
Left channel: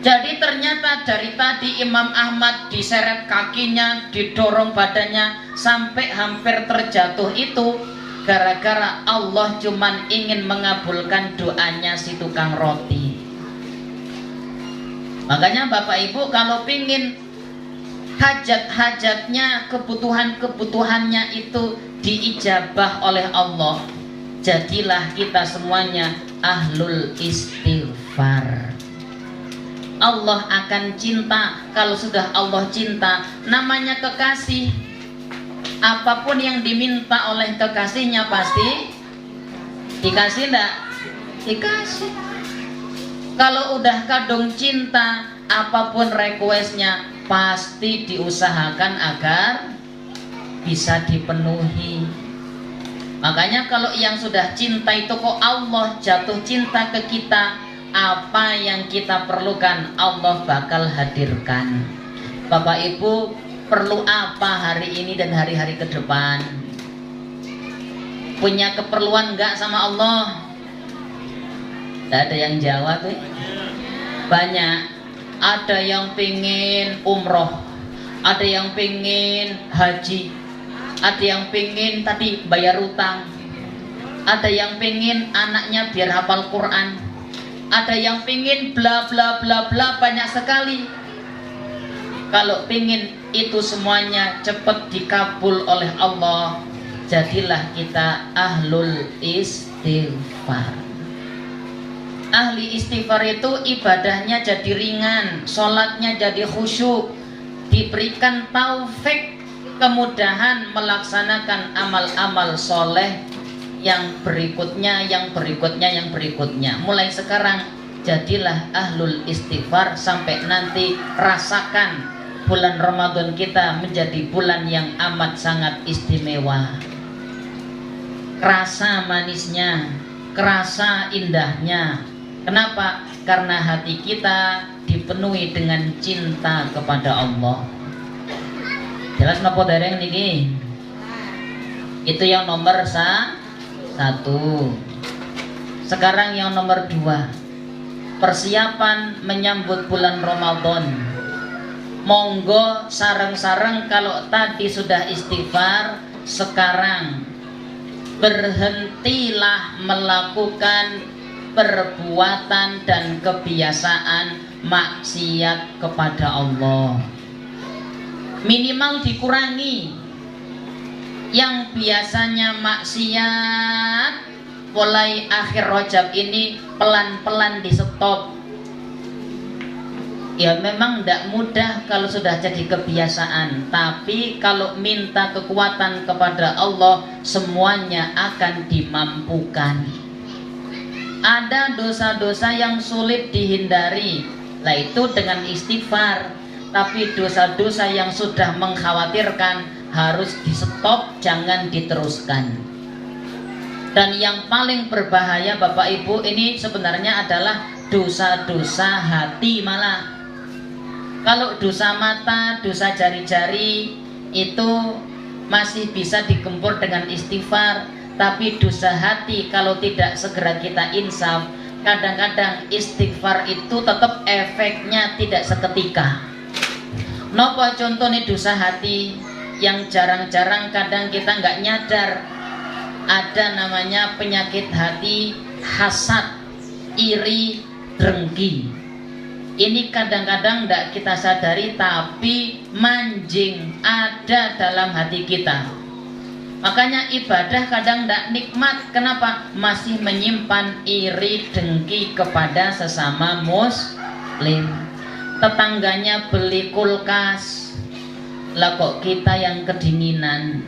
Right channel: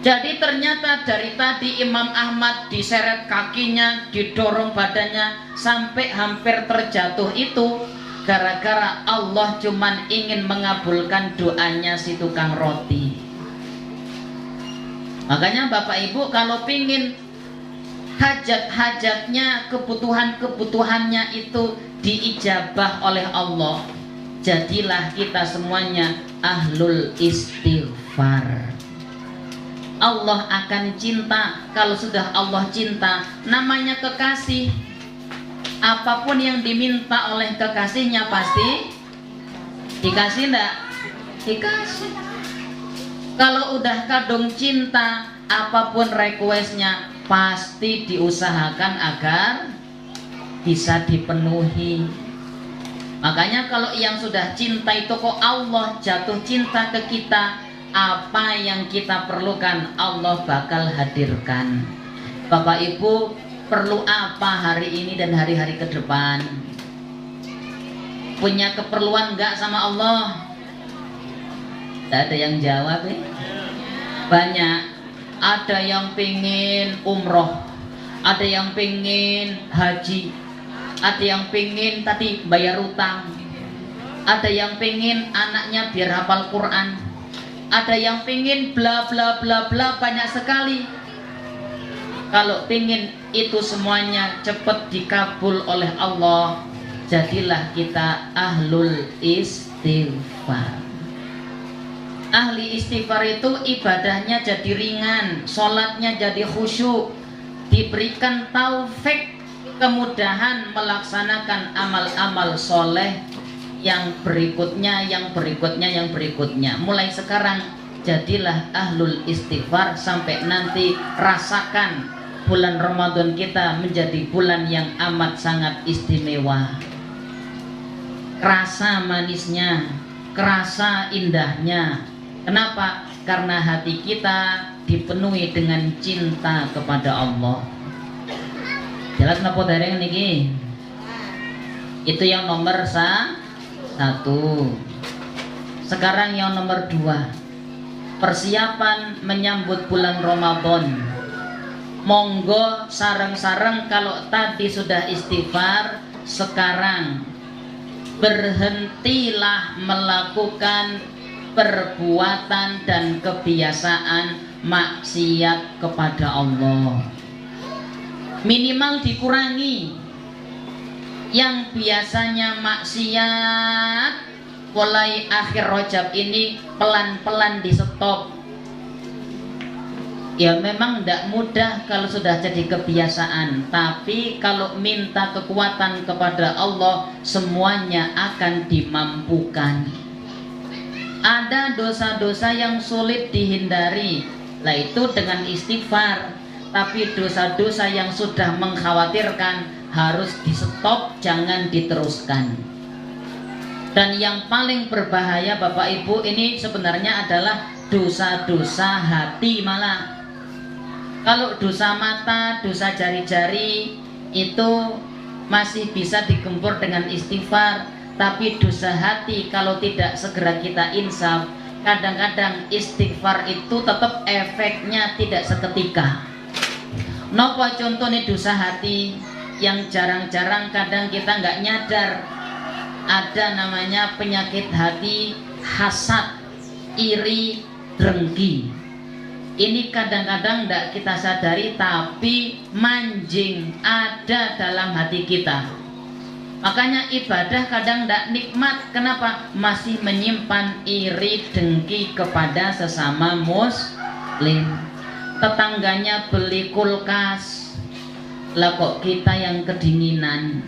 Jadi ternyata dari tadi Imam Ahmad diseret kakinya, didorong badannya sampai hampir terjatuh itu gara-gara Allah cuman ingin mengabulkan doanya si tukang roti. Makanya Bapak Ibu kalau pingin hajat-hajatnya, kebutuhan-kebutuhannya itu diijabah oleh Allah, jadilah kita semuanya ahlul istighfar. Allah akan cinta. Kalau sudah Allah cinta, namanya kekasih. Apapun yang diminta oleh kekasihnya pasti dikasih enggak? Dikasih. Kalau udah kadung cinta, apapun requestnya pasti diusahakan agar bisa dipenuhi. Makanya kalau yang sudah cinta itu kok Allah jatuh cinta ke kita, apa yang kita perlukan Allah bakal hadirkan. Bapak Ibu perlu apa hari ini dan hari-hari ke depan? Punya keperluan gak sama Allah? Tidak ada yang jawab. Banyak. Ada yang pengen umroh, ada yang pengen haji, ada yang pengen tadi bayar utang, ada yang pengen anaknya biar hafal Quran, ada yang pengen bla bla bla bla, banyak sekali. Kalau pengen itu semuanya cepat dikabul oleh Allah, jadilah kita ahlul istighfar. Ahli istighfar itu ibadahnya jadi ringan, sholatnya jadi khusyuk, diberikan taufik, kemudahan melaksanakan amal-amal soleh yang berikutnya, yang berikutnya, yang berikutnya. Mulai sekarang jadilah ahlul istighfar sampai nanti rasakan bulan Ramadan kita menjadi bulan yang amat sangat istimewa. Kerasa manisnya, kerasa indahnya. Kenapa? Karena hati kita dipenuhi dengan cinta kepada Allah. Jelas nggak dereng ini? Itu yang nomor satu. Sekarang yang nomor 2, persiapan menyambut bulan Ramadan. Monggo sareng-sareng kalau tadi sudah istighfar, sekarang berhentilah melakukan perbuatan dan kebiasaan maksiat kepada Allah. Minimal dikurangi. Yang biasanya maksiat mulai akhir Rajab ini pelan-pelan di stop. Ya memang tidak mudah kalau sudah jadi kebiasaan, tapi kalau minta kekuatan kepada Allah semuanya akan dimampukan. Ada dosa-dosa yang sulit dihindari, nah itu dengan istighfar. Tapi dosa-dosa yang sudah mengkhawatirkan harus di stop, jangan diteruskan. Dan yang paling berbahaya Bapak Ibu ini sebenarnya adalah dosa-dosa hati malah. Kalau dosa mata, dosa jari-jari itu masih bisa digempur dengan istighfar. Tapi dosa hati kalau tidak segera kita insaf, kadang-kadang istighfar itu tetap efeknya tidak seketika. Napa contohnya dosa hati yang jarang-jarang kadang kita nggak nyadar. Ada namanya penyakit hati, hasad, iri, dengki. Ini kadang-kadang tidak kita sadari, tapi manjing ada dalam hati kita. Makanya ibadah kadang tidak nikmat. Kenapa? Masih menyimpan iri dengki kepada sesama muslim. Tetangganya beli kulkas, lah kok kita yang kedinginan.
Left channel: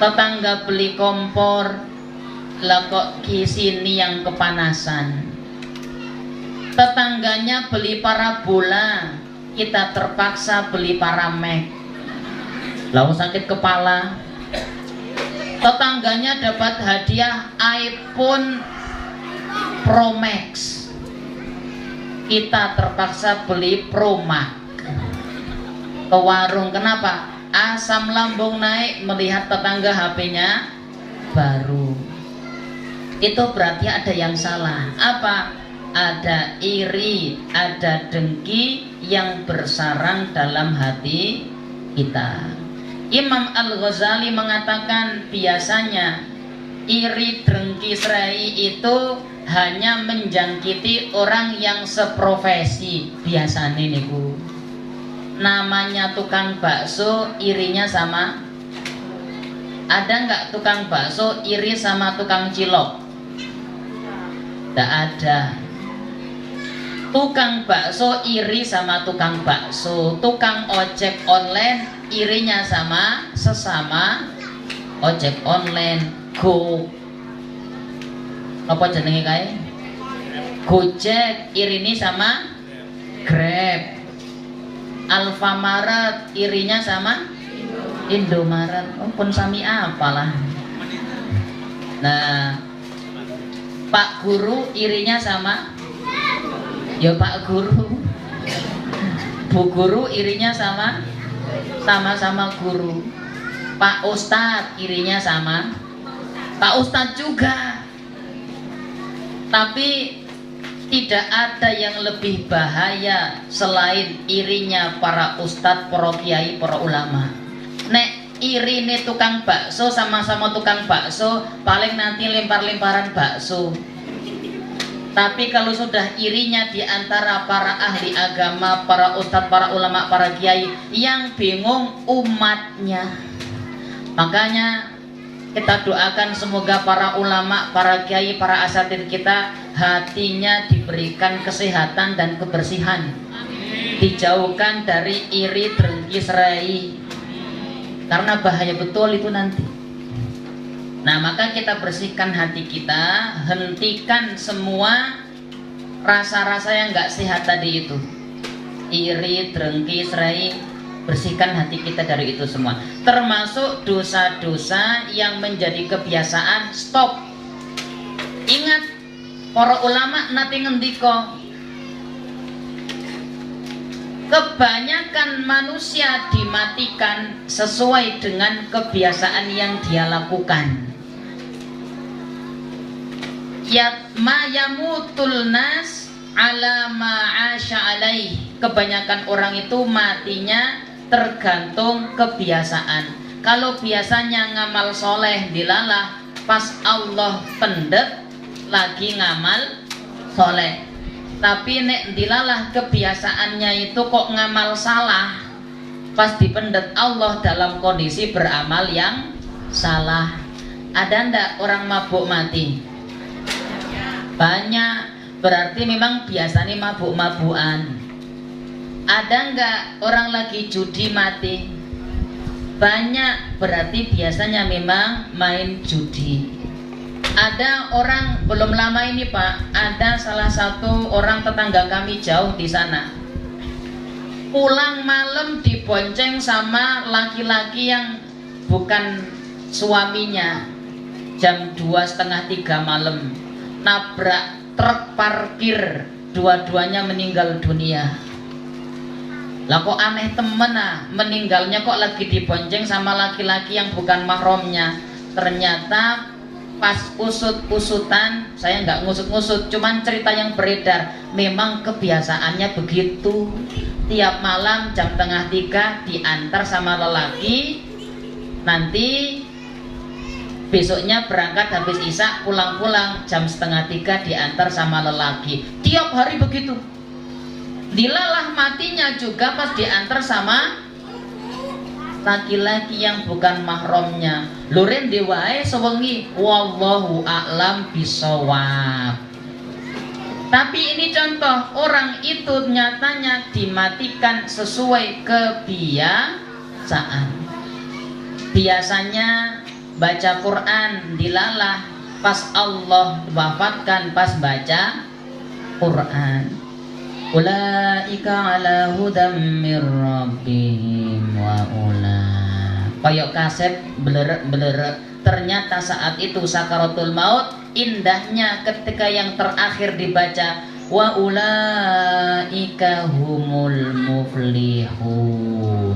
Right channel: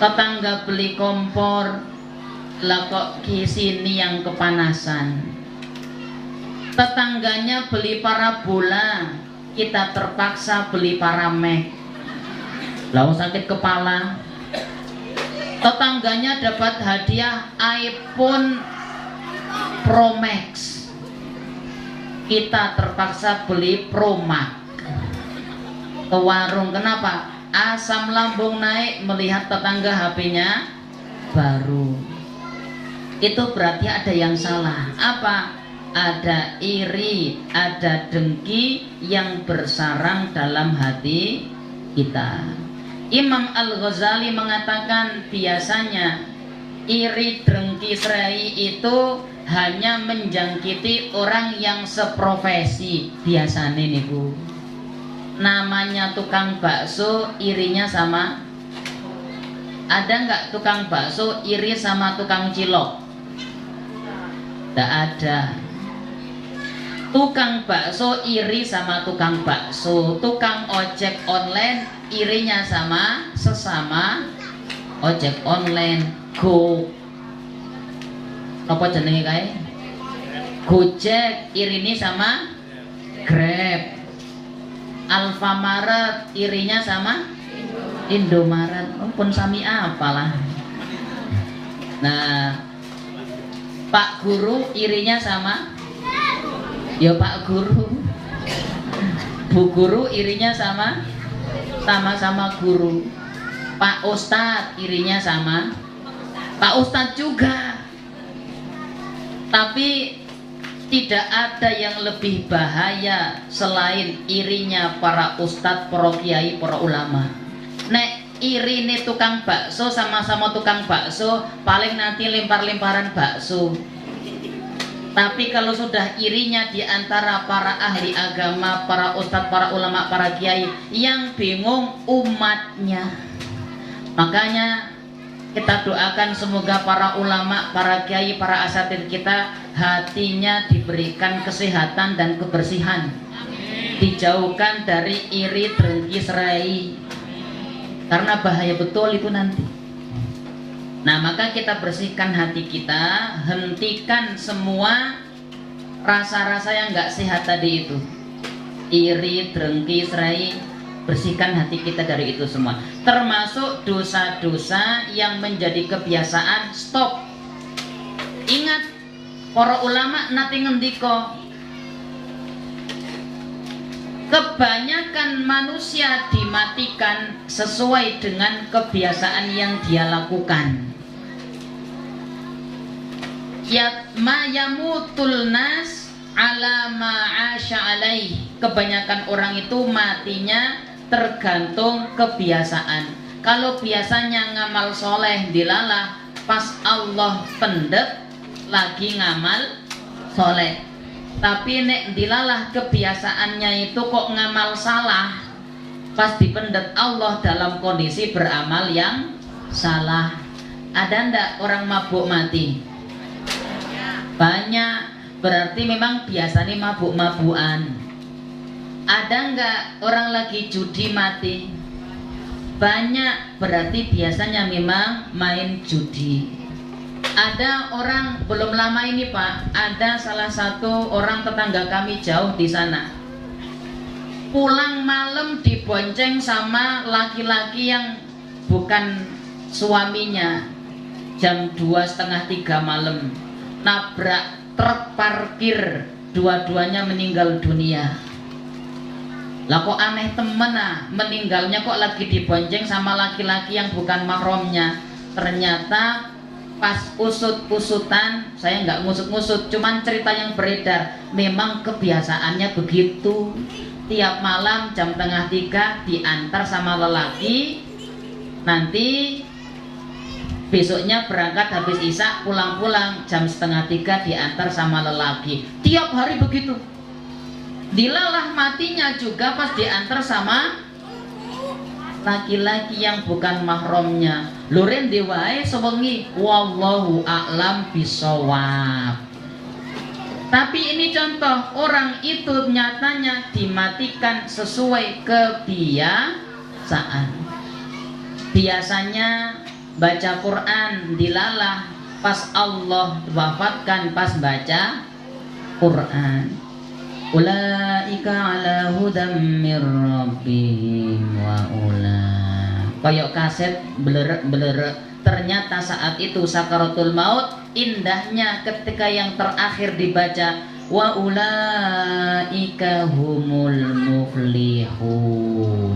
Tetangga beli kompor, lah kok sini yang kepanasan. Tetangganya beli parabola, kita terpaksa beli paramek. Lalu sakit kepala. Tetangganya dapat hadiah iPhone Pro Max, kita terpaksa beli Pro Max. Ke warung, kenapa? Asam lambung naik melihat tetangga HP-nya baru. Itu berarti ada yang salah. Apa? Ada iri, ada dengki yang bersarang dalam hati kita. Imam Al-Ghazali mengatakan biasanya iri dengki serai itu hanya menjangkiti orang yang seprofesi. Biasanya nih Bu, namanya tukang bakso irinya sama. Ada nggak tukang bakso iri sama tukang cilok? Tidak ada. Tukang bakso iri sama tukang bakso, tukang ojek online irinya sama sesama ojek online. Apa jenenge kae? Gojek irini sama Grab. Alfamaret irinya sama Indomaret. Pun sami apalah. Nah, Pak Guru irinya sama, ya Pak Guru. Bu Guru irinya sama, sama-sama guru. Pak Ustadz irinya sama, Pak Ustadz juga. Tapi tidak ada yang lebih bahaya selain irinya para ustadz, para kiai, para ulama. Nek iri nih tukang bakso, sama-sama tukang bakso, paling nanti lempar-lemparan bakso. Tapi kalau sudah irinya di antara para ahli agama, para ustadz, para ulama, para kiai, yang bingung umatnya. Makanya kita doakan semoga para ulama, para kiai, para asatidz kita hatinya diberikan kesehatan dan kebersihan. Dijauhkan dari iri, dengki, serai. Karena bahaya betul itu nanti. Nah, maka kita bersihkan hati kita, hentikan semua rasa-rasa yang nggak sehat tadi itu. Iri, dengki, serai, bersihkan hati kita dari itu semua. Termasuk dosa-dosa yang menjadi kebiasaan, stop. Ingat, para ulama nate ngendika, kebanyakan manusia dimatikan sesuai dengan kebiasaan yang dia lakukan. Ma yamutul nas ala ma'asya alaih. Kebanyakan orang itu matinya tergantung kebiasaan. Kalau biasanya ngamal soleh dilalah, pas Allah pendet lagi ngamal soleh. Tapi nek dilalah kebiasaannya itu kok ngamal salah, pas dipendet Allah dalam kondisi beramal yang salah. Ada ndak orang mabuk mati? Banyak, berarti memang biasanya mabuk-mabukan. Ada nggak orang lagi judi mati? Banyak, berarti biasanya memang main judi. Ada orang belum lama ini Pak, ada salah satu orang tetangga kami jauh di sana. Pulang malam dibonceng sama laki-laki yang bukan suaminya. Jam 2:30-3 malam. Nabrak truk parkir, dua-duanya meninggal dunia. Lah kok aneh temen meninggalnya kok lagi dibonceng sama laki-laki yang bukan mahramnya. Ternyata pas usut-usutan, saya nggak ngusut-ngusut, cuman cerita yang beredar, memang kebiasaannya begitu. Tiap malam jam 2:30 diantar sama lelaki, nanti besoknya berangkat habis isya, pulang-pulang jam 2:30 diantar sama lelaki. Tiap hari begitu. Dilalah matinya juga pas diantar sama laki-laki yang bukan mahramnya. Luren diwae sewengi, wallahu a'lam bisawab. Tapi ini contoh, orang itu nyatanya dimatikan sesuai kebiasaan. Biasanya baca Quran dilalah, pas Allah wafatkan pas baca Quran. Ulaika ala hudam mir rabbihim wa kayak kaset belerek. Ternyata saat itu sakaratul maut, indahnya ketika yang terakhir dibaca wa ulaika humul muflihun.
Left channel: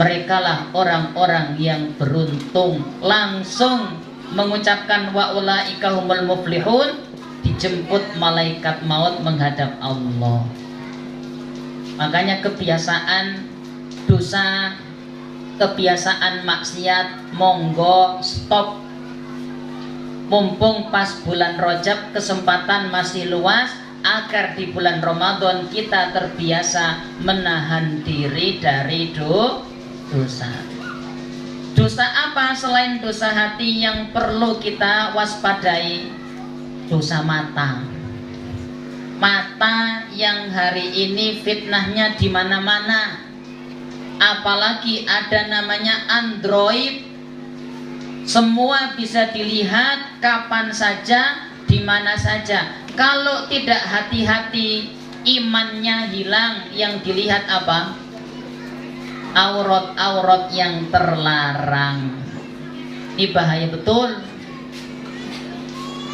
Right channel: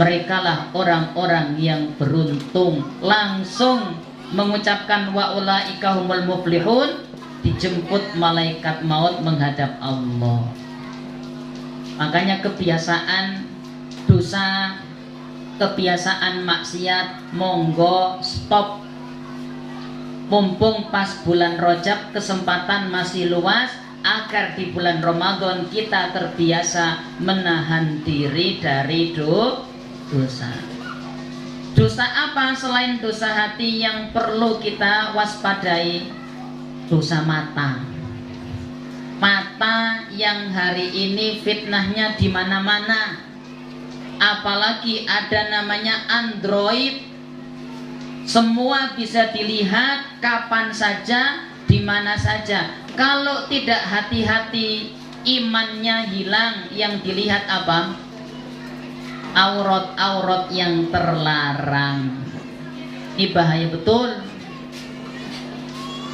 Mereka lah orang-orang yang beruntung. Langsung mengucapkan wa ulaika humul muflihun, dijemput malaikat maut menghadap Allah. Makanya kebiasaan dosa, kebiasaan maksiat, monggo stop. Mumpung pas bulan Rajab kesempatan masih luas, agar di bulan Ramadan kita terbiasa menahan diri dari dosa. Dosa apa selain dosa hati yang perlu kita waspadai? Dosa mata. Mata yang hari ini fitnahnya di mana-mana. Apalagi ada namanya Android. Semua bisa dilihat kapan saja, di mana saja. Kalau tidak hati-hati, imannya hilang. Yang dilihat apa? Aurat-aurat yang terlarang. Ini bahaya betul.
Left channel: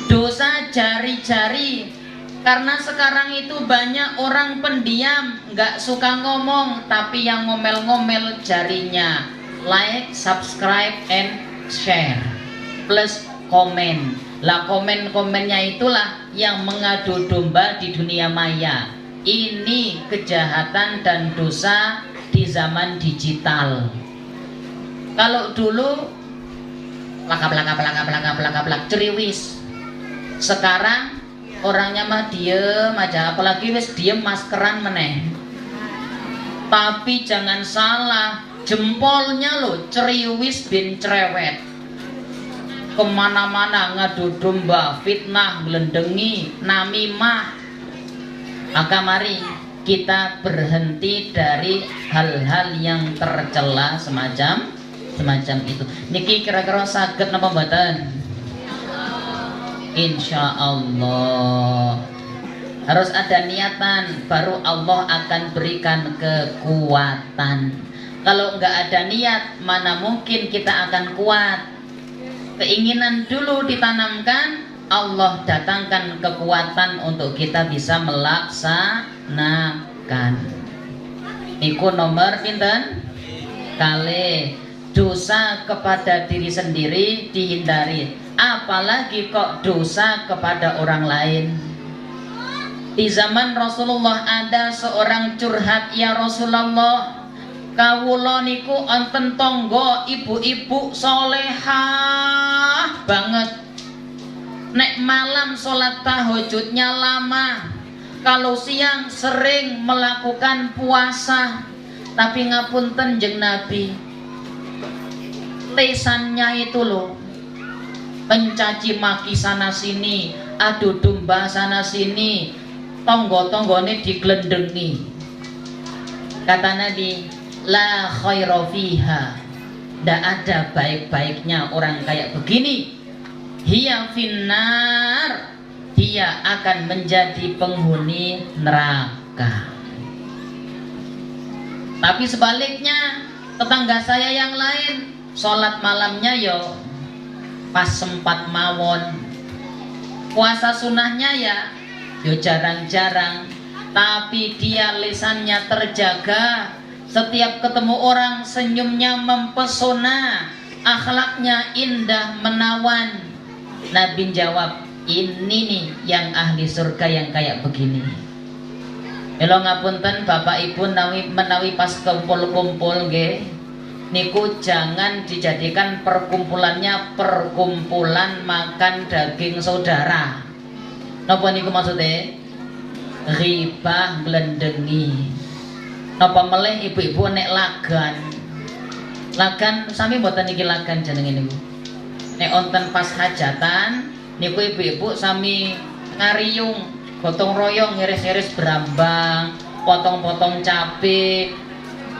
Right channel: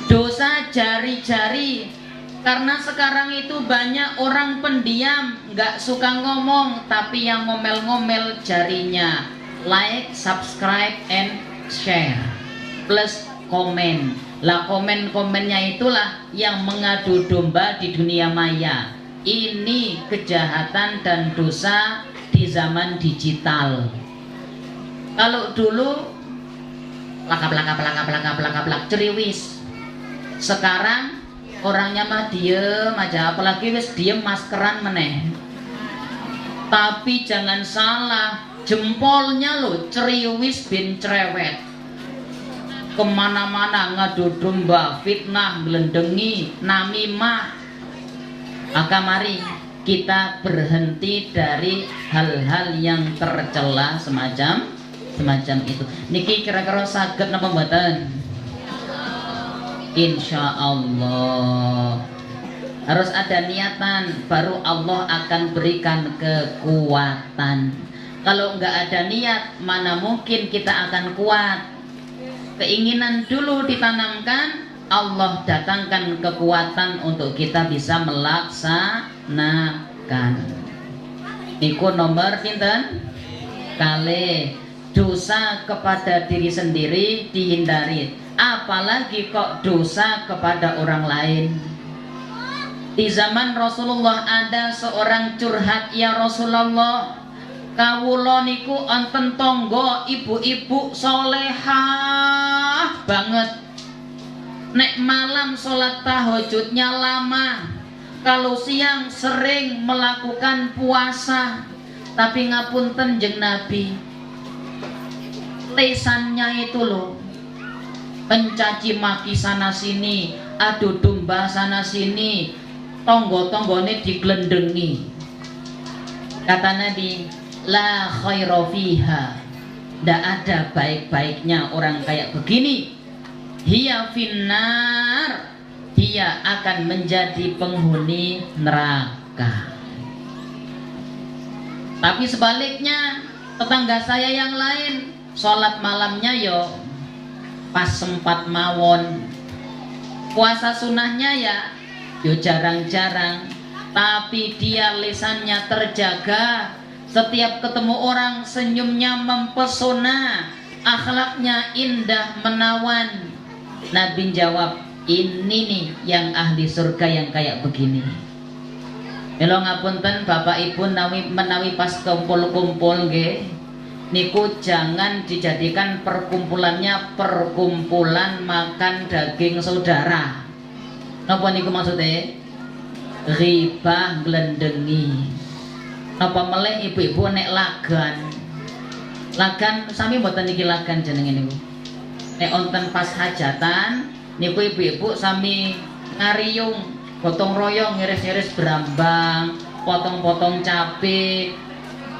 Dosa jari-jari, karena sekarang itu banyak orang pendiam, nggak suka ngomong, tapi yang ngomel-ngomel jarinya. Like, subscribe, and share, plus komen. Lah komen-komennya itulah yang mengadu domba di dunia maya. Ini kejahatan dan dosa di zaman digital. Kalau dulu plak ceriwis. Sekarang orangnya mah diem aja, apalagi wis diem maskeran meneh. Tapi jangan salah, jempolnya lo ceriwis bin cerewet. Kemana-mana ngadu domba, fitnah, gelendengi, namimah. Maka mari kita berhenti dari hal-hal yang tercela semacam itu. Niki kira-kira saged napa mboten? Insya Allah. Harus ada niatan, baru Allah akan berikan kekuatan. Kalau nggak ada niat, mana mungkin kita akan kuat. Keinginan dulu ditanamkan, Allah datangkan kekuatan untuk kita bisa melaksanakan. Iku nomor pinten? Kali. Dosa kepada diri sendiri dihindari, apalagi kok dosa kepada orang lain. Di zaman Rasulullah ada seorang curhat, ya Rasulullah, kawula niku enten tonggo ibu-ibu solehah banget. Nek malam sholat tahajudnya lama, kalau siang sering melakukan puasa. Tapi ngapunten jeng Nabi, lesannya itu loh, mencaci maki sana sini, adu domba sana sini, tonggo-tonggone diglendengi. Kata Nabi, la khaira fiha, tidak ada baik-baiknya orang kayak begini. Hiya finnar, dia akan menjadi penghuni neraka. Tapi sebaliknya, tetangga saya yang lain sholat malamnya yo pas sempat mawon, puasa sunnahnya ya yo jarang-jarang, tapi dia lisannya terjaga, setiap ketemu orang senyumnya mempesona, akhlaknya indah menawan. Nabi jawab, ini nih yang ahli surga yang kayak begini. Mila ngapunten Bapak Ibu menawi pas kumpul-kumpul nggih, niku jangan dijadikan perkumpulannya perkumpulan makan daging saudara. Napa niku maksudnya? Ghibah glendengi. Napa meleh ibu-ibu nek lagan sami mboten niki lagan jenenge niku. Nek wonten pas hajatan niku ibu-ibu sami ngariyung, gotong royong ngiris-iris berambang, potong-potong cabe,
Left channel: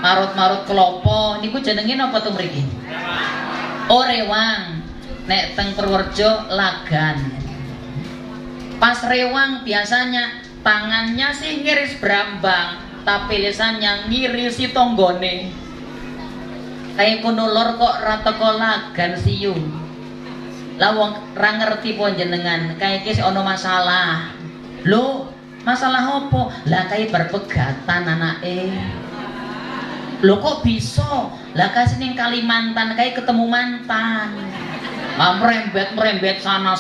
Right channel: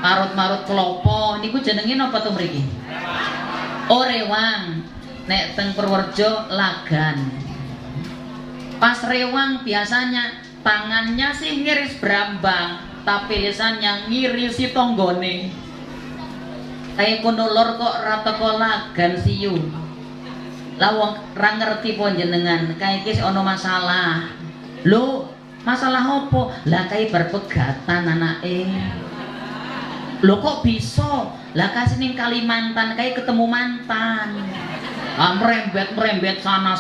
marut-marut klopo, niku jenenge napa tuh mriki? Oh rewang. Nek teng Purworejo lagan. Pas rewang biasanya tangannya sih ngiris berambang, tapi lisannya ngirisi tonggone. Kayak kunulur kok rata lagan siyu. Lah wong ra ngerti pun jenengan, kayak iki ono masalah. Lho, masalah opo? Lah kayak berpegatan anake. Lho kok bisa? Lah kasih ning Kalimantan kayak ketemu mantan. Merembet sana,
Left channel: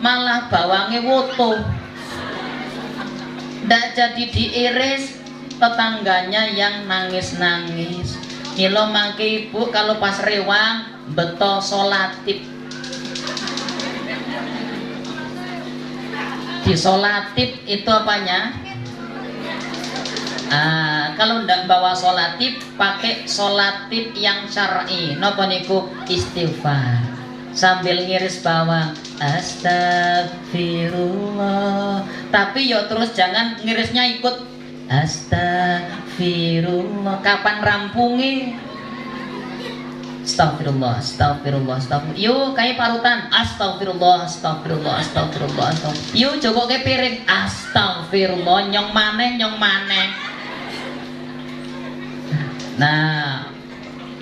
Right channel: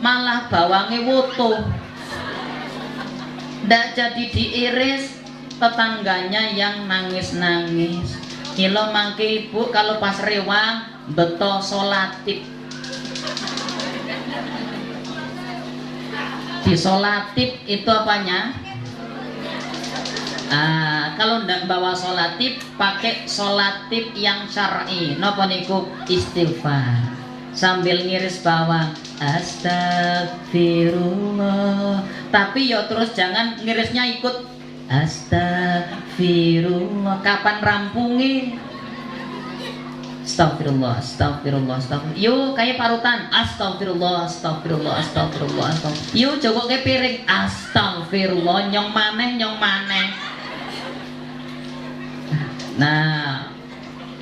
malah bawangnya woto. Ndak jadi diiris, tetangganya yang nangis-nangis. Milo mangke ibu kalau pas rewang beto solatip. Di solatip itu apanya? Kalau ndak bawa solatip, pakai solatip yang syar'i. Napa niku? Istighfar sambil ngiris bawang, astagfirullah. Tapi yo terus jangan ngirisnya ikut astagfirullah. Kapan rampungi? Astagfirullah. Yuk kayak parutan, astagfirullah. Yuk coba kayak piring, astagfirullah. Nyong maneh. Nah,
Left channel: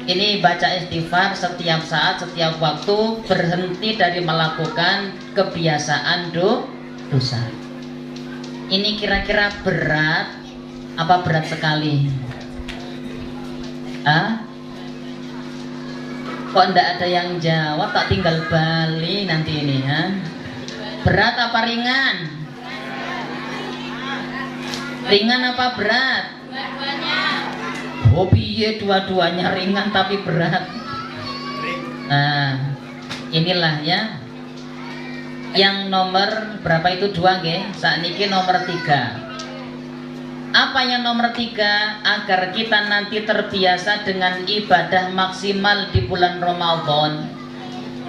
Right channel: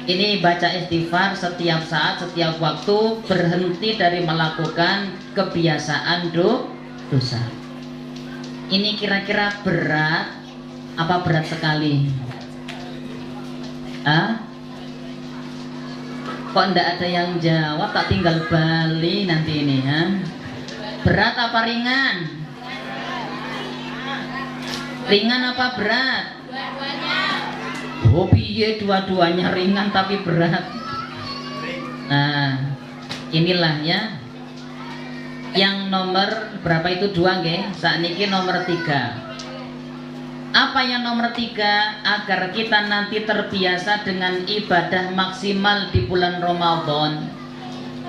ini baca istighfar setiap saat, setiap waktu, berhenti dari melakukan kebiasaan dosa. Ini kira-kira berat apa berat sekali? Kok ndak ada yang jawab, tak tinggal Bali nanti ini ya. Berat apa ringan? Ringan apa berat? Oh piye, dua-duanya ringan tapi berat. Nah, inilah ya. Yang nomor berapa itu 2 nggih? Sakniki nomor 3. Apa yang nomor 3? Agar kita nanti terbiasa dengan ibadah maksimal di bulan Ramadan.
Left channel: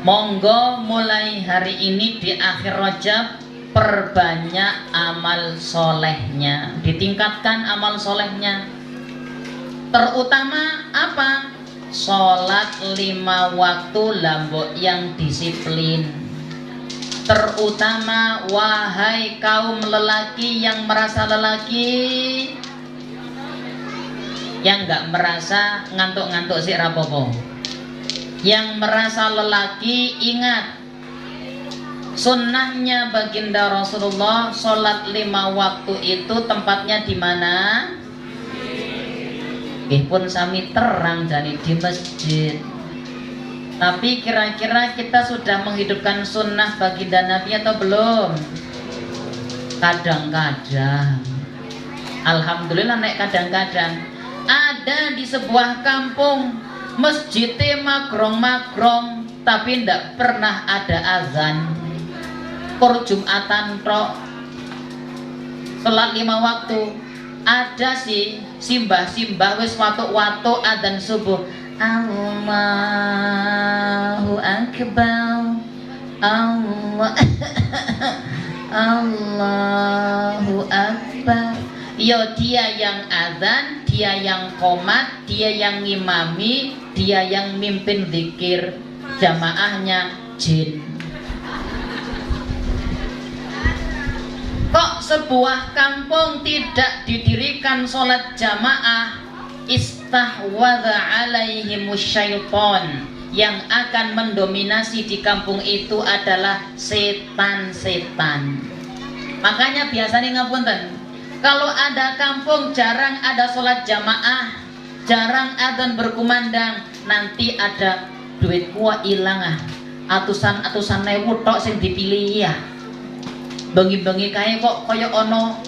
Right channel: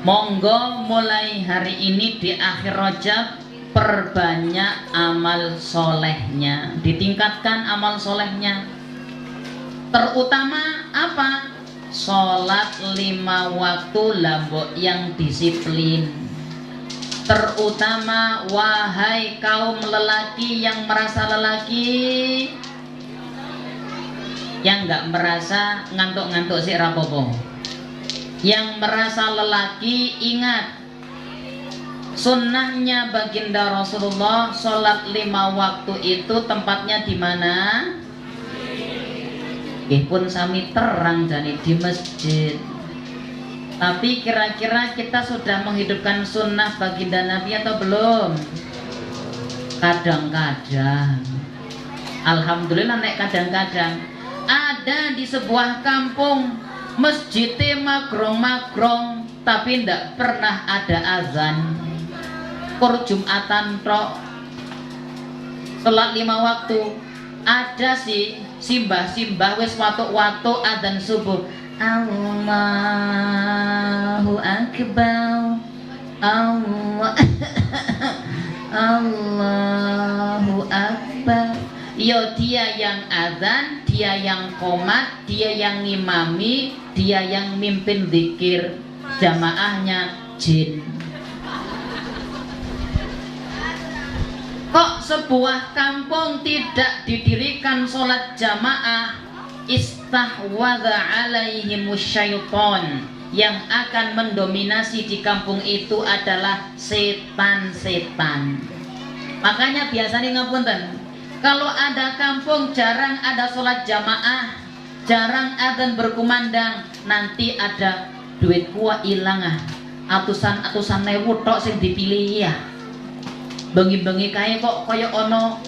Monggo mulai hari ini di akhir Rajab perbanyak amal solehnya, ditingkatkan amal solehnya. Terutama apa? Sholat 5 waktu lambok yang disiplin. Terutama wahai kaum lelaki yang merasa lelaki, yang nggak merasa ngantuk-ngantuk sih rapopo. Yang merasa lelaki, ingat sunnahnya baginda Rasulullah sholat 5 waktu itu tempatnya di mana? Pun sami terang jadi di masjid. Tapi kira-kira kita sudah menghidupkan sunnah baginda Nabi atau belum? Kadang-kadang. Alhamdulillah nek kadang-kadang. Ada di sebuah kampung masjidnya magrong-magrong tapi ndak pernah ada azan. Kur Jumatan tok. Salat 5 waktu. Ada sih simbah-simbah wis watuk-watuk adzan subuh. Allahu Akbar, Allahu Akbar. Yo dia yang adzan, dia yang qomat, dia yang ngimami, dia yang mimpin zikir, jamaahnya jin. Kok sebuah kampung tidak didirikan sholat jamaah? Istahwadha alaihimus syaiton. Yang akan mendominasi di kampung itu adalah setan-setan. Makanya biasanya ngapunten, kalau ada kampung jarang ada sholat jamaah, jarang adzan berkumandang, nanti ada duit kuah ilang atusan-atusan ewu tok sing dipilih ya. Bengi-bengi kae kok kaya ono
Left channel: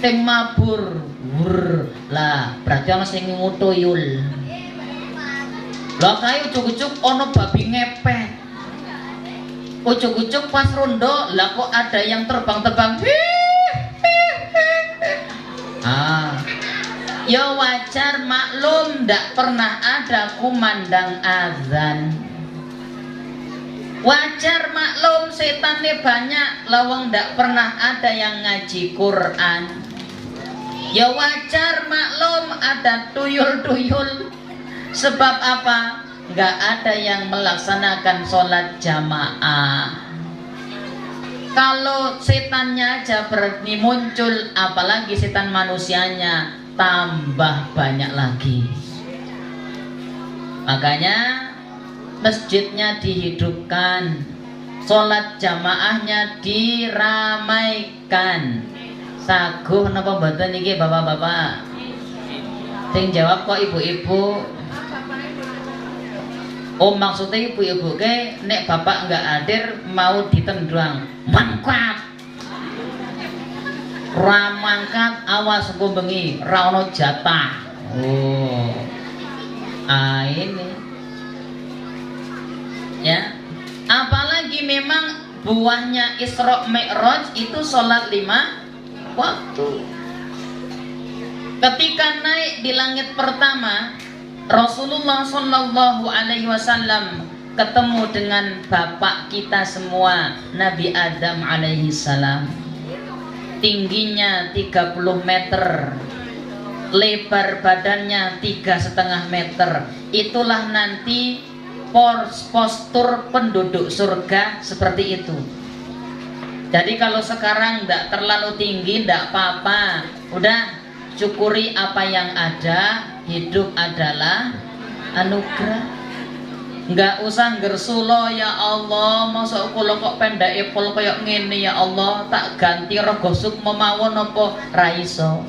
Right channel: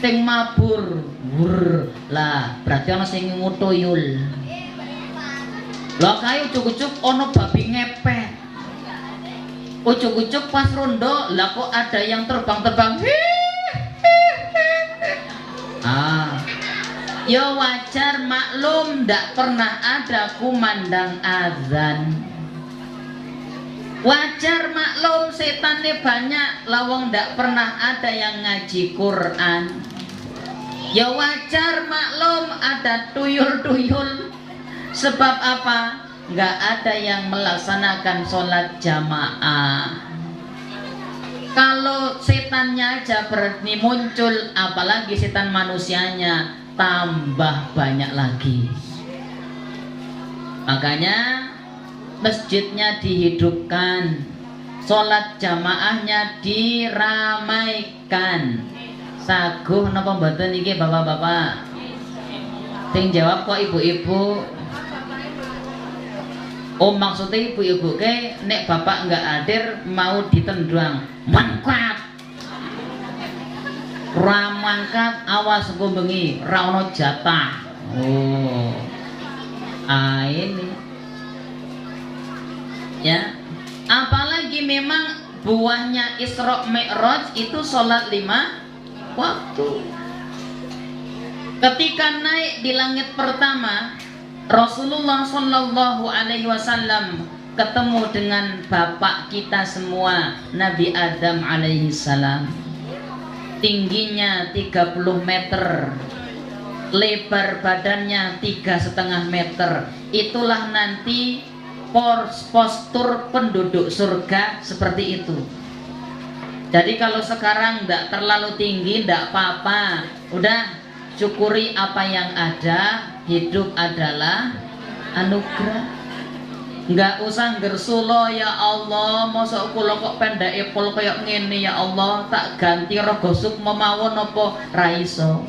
sing mabur. Lah, berarti ono sing ngutuyul. Lah kae ucuk-ucuk ono babi ngepet. Ucuk-ucuk pas rondo, lah kok ada yang terbang-terbang. Ya wajar, maklum ndak pernah ada kumandang azan. Wajar maklum setannya banyak, lawang ndak pernah ada yang ngaji Quran. Ya wajar maklum ada tuyul-tuyul. Sebab apa? Nggak ada yang melaksanakan sholat jamaah. Kalau setannya aja berani muncul, apalagi setan manusianya tambah banyak lagi. Makanya masjidnya dihidupkan, sholat jamaahnya diramaikan. Saguh napa mboten niki bapak-bapak? Sing jawab kok ibu-ibu. Oh maksudnya ibu-ibu ke nek bapak nggak hadir mau ditendang mangkat ramangkat awas engko bengi ra ono jatah. Oh ini ya, apalagi memang buahnya Isra Mi'raj itu sholat 5 waktu. Ketika naik di langit pertama, Rasulullah Shallallahu Alaihi Wasallam ketemu dengan bapak kita semua, Nabi Adam alaihi salam. Tingginya 30 meter, lebar badannya 3,5 meter. Itulah nanti postur penduduk surga seperti itu. Jadi kalau sekarang tidak terlalu tinggi, tidak apa-apa. Udah syukuri apa yang ada. Hidup adalah anugerah. Nggak usah gersulo ya Allah, masa kula kok pendake pol kayak ngene ya Allah, tak ganti rogo sup memawon apa ra iso.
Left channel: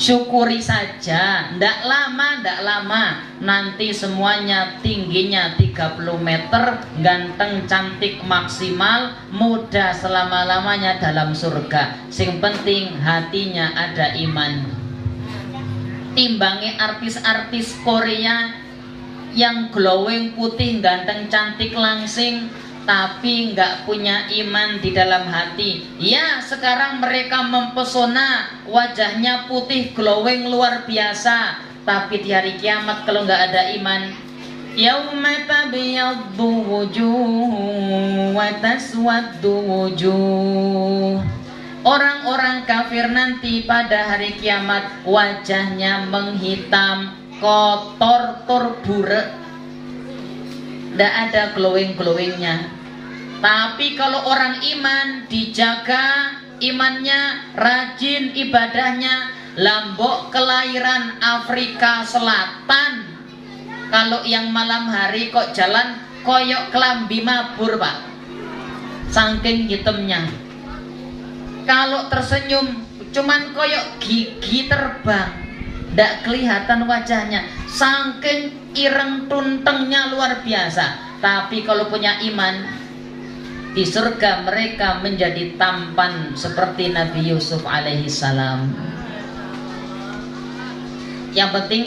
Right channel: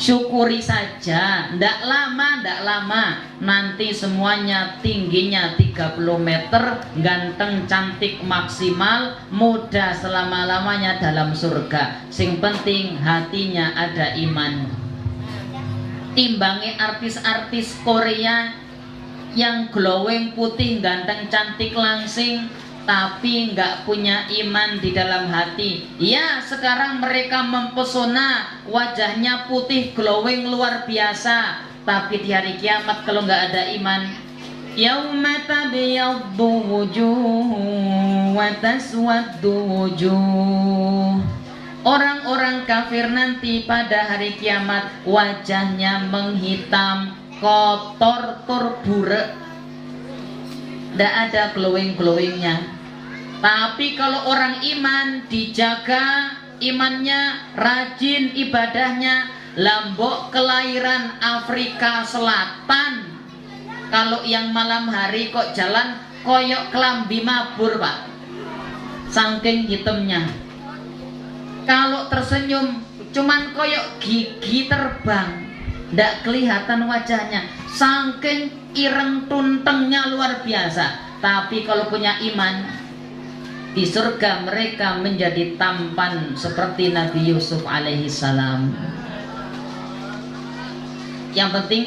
Syukuri saja, ndak lama nanti semuanya tingginya 30 meter, ganteng cantik maksimal, muda selama-lamanya dalam surga. Sing penting hatinya ada iman. timbangi artis-artis Korea yang glowing, putih, ganteng, cantik, langsing, tapi nggak punya iman di dalam hati. Ya, sekarang mereka mempesona, wajahnya putih, glowing, luar biasa, tapi di hari kiamat kalau nggak ada iman, yauma tabyaddu wujuh wa taswaddu wujuh. Orang-orang kafir nanti pada hari kiamat wajahnya menghitam, kotor, burek, tidak ada glowing-glowingnya. Tapi kalau orang iman, dijaga imannya, rajin ibadahnya, lambok kelahiran Afrika Selatan. Kalau yang malam hari kok jalan koyok kelambi mabur, Pak, saking hitamnya. Kalau tersenyum cuman koyok gigi terbang, ndak kelihatan wajahnya, saking ireng tuntengnya luar biasa. Tapi kalau punya iman, di surga mereka menjadi tampan seperti Nabi Yusuf alaihissalam. Yang penting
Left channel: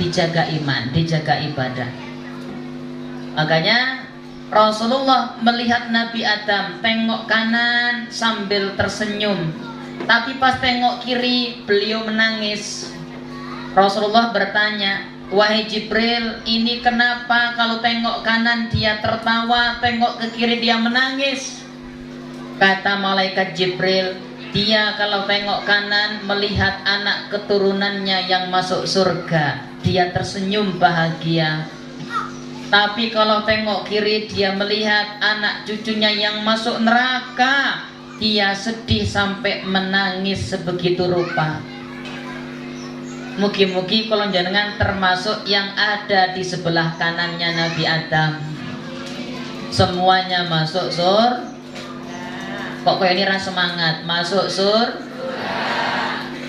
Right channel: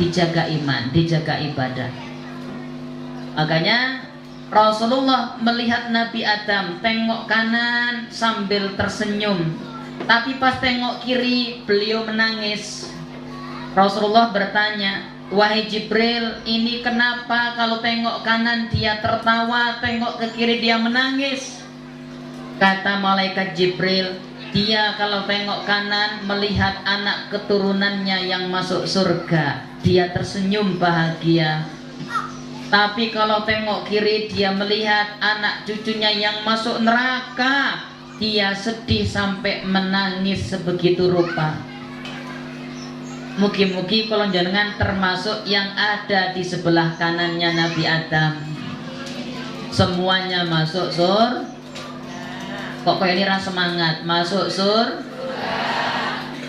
dijaga iman, dijaga ibadah. Makanya Rasulullah melihat Nabi Adam tengok kanan sambil tersenyum, tapi pas tengok kiri beliau menangis. Rasulullah bertanya, wahai Jibril, ini kenapa kalau tengok kanan dia tertawa, tengok ke kiri dia menangis? Kata malaikat Jibril, dia kalau tengok kanan melihat anak keturunannya yang masuk surga, dia tersenyum bahagia. Tapi kalau tengok kiri dia melihat anak cucunya yang masuk neraka, dia sedih sampai menangis sebegitu rupa. Mugi-mugi kalau jenengan termasuk yang ada di sebelah kanannya Nabi Adam. Semuanya masuk sur. Kok kayak ini rasa semangat masuk sur.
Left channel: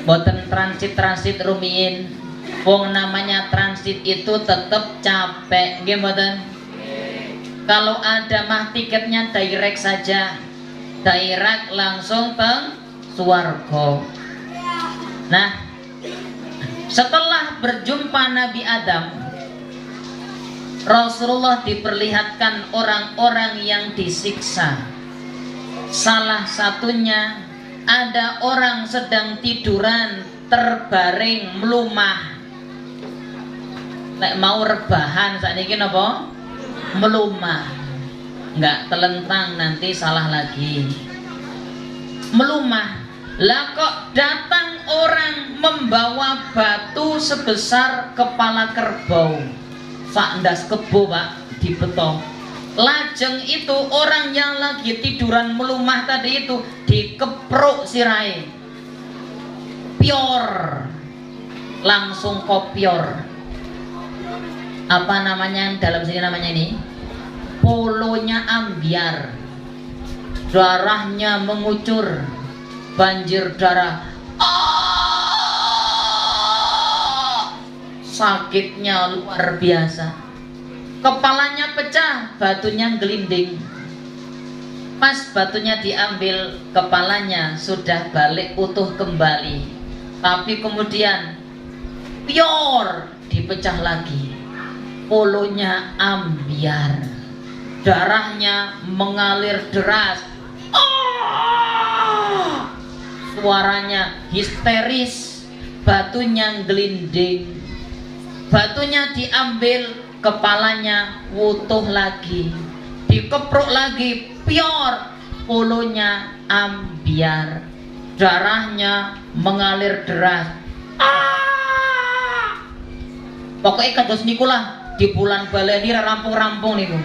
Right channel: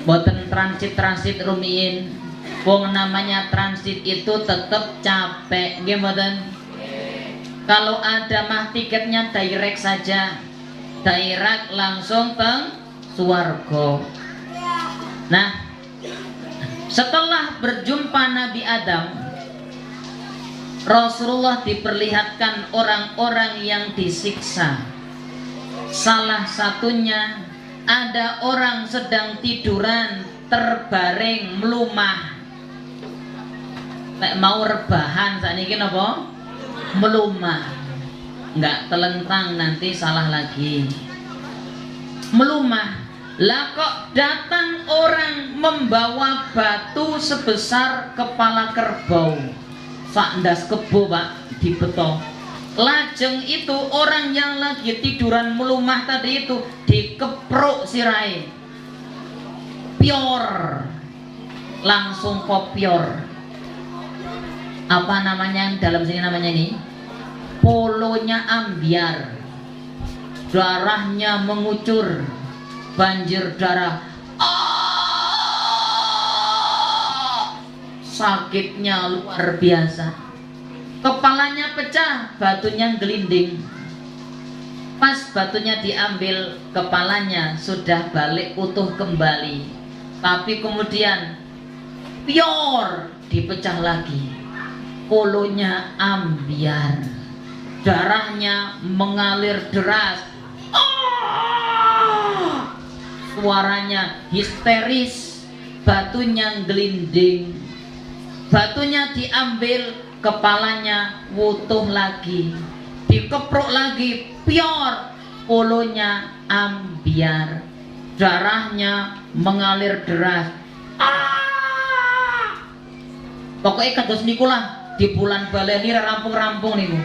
Boten transit rumiin. Wong namanya transit itu tetap capek, gimana? Kalau ada mah tiketnya direct saja, direct langsung ke swarga. Nah, setelah berjumpa Nabi Adam, Rasulullah diperlihatkan orang-orang yang disiksa. Salah satunya ada orang sedang tiduran terbaring melumah. Nek mau rebahan saat ini apa? Melumah, nggak telentang nanti salah lagi. Melumah. Lah kok datang orang membawa batu sebesar kepala kerbau, sakndas kebo, Pak, di beton. Lajeng itu orang yang lagi tiduran melumah tadi itu dikepruk sirai, pior, langsung kopior. Apa namanya yang dalam sini namanya ini? Polonya ambiar, darahnya mengucur, banjir darah. Sakitnya luar biasa. Kepalanya pecah, batunya gelinding. Pas batunya diambil, kepalanya sudah balik utuh kembali. Tapi kemudian pior, dipecah lagi. Polonya ambiar, darahnya mengalir deras. Suaranya histeris, batunya gelinding. Batunya diambil, kepalanya utuh lagi, dikepruk lagi, pior, polonya ambiar, darahnya mengalir deras. Pokoknya kados nikulah di bulan baleni rampung-rampung niku.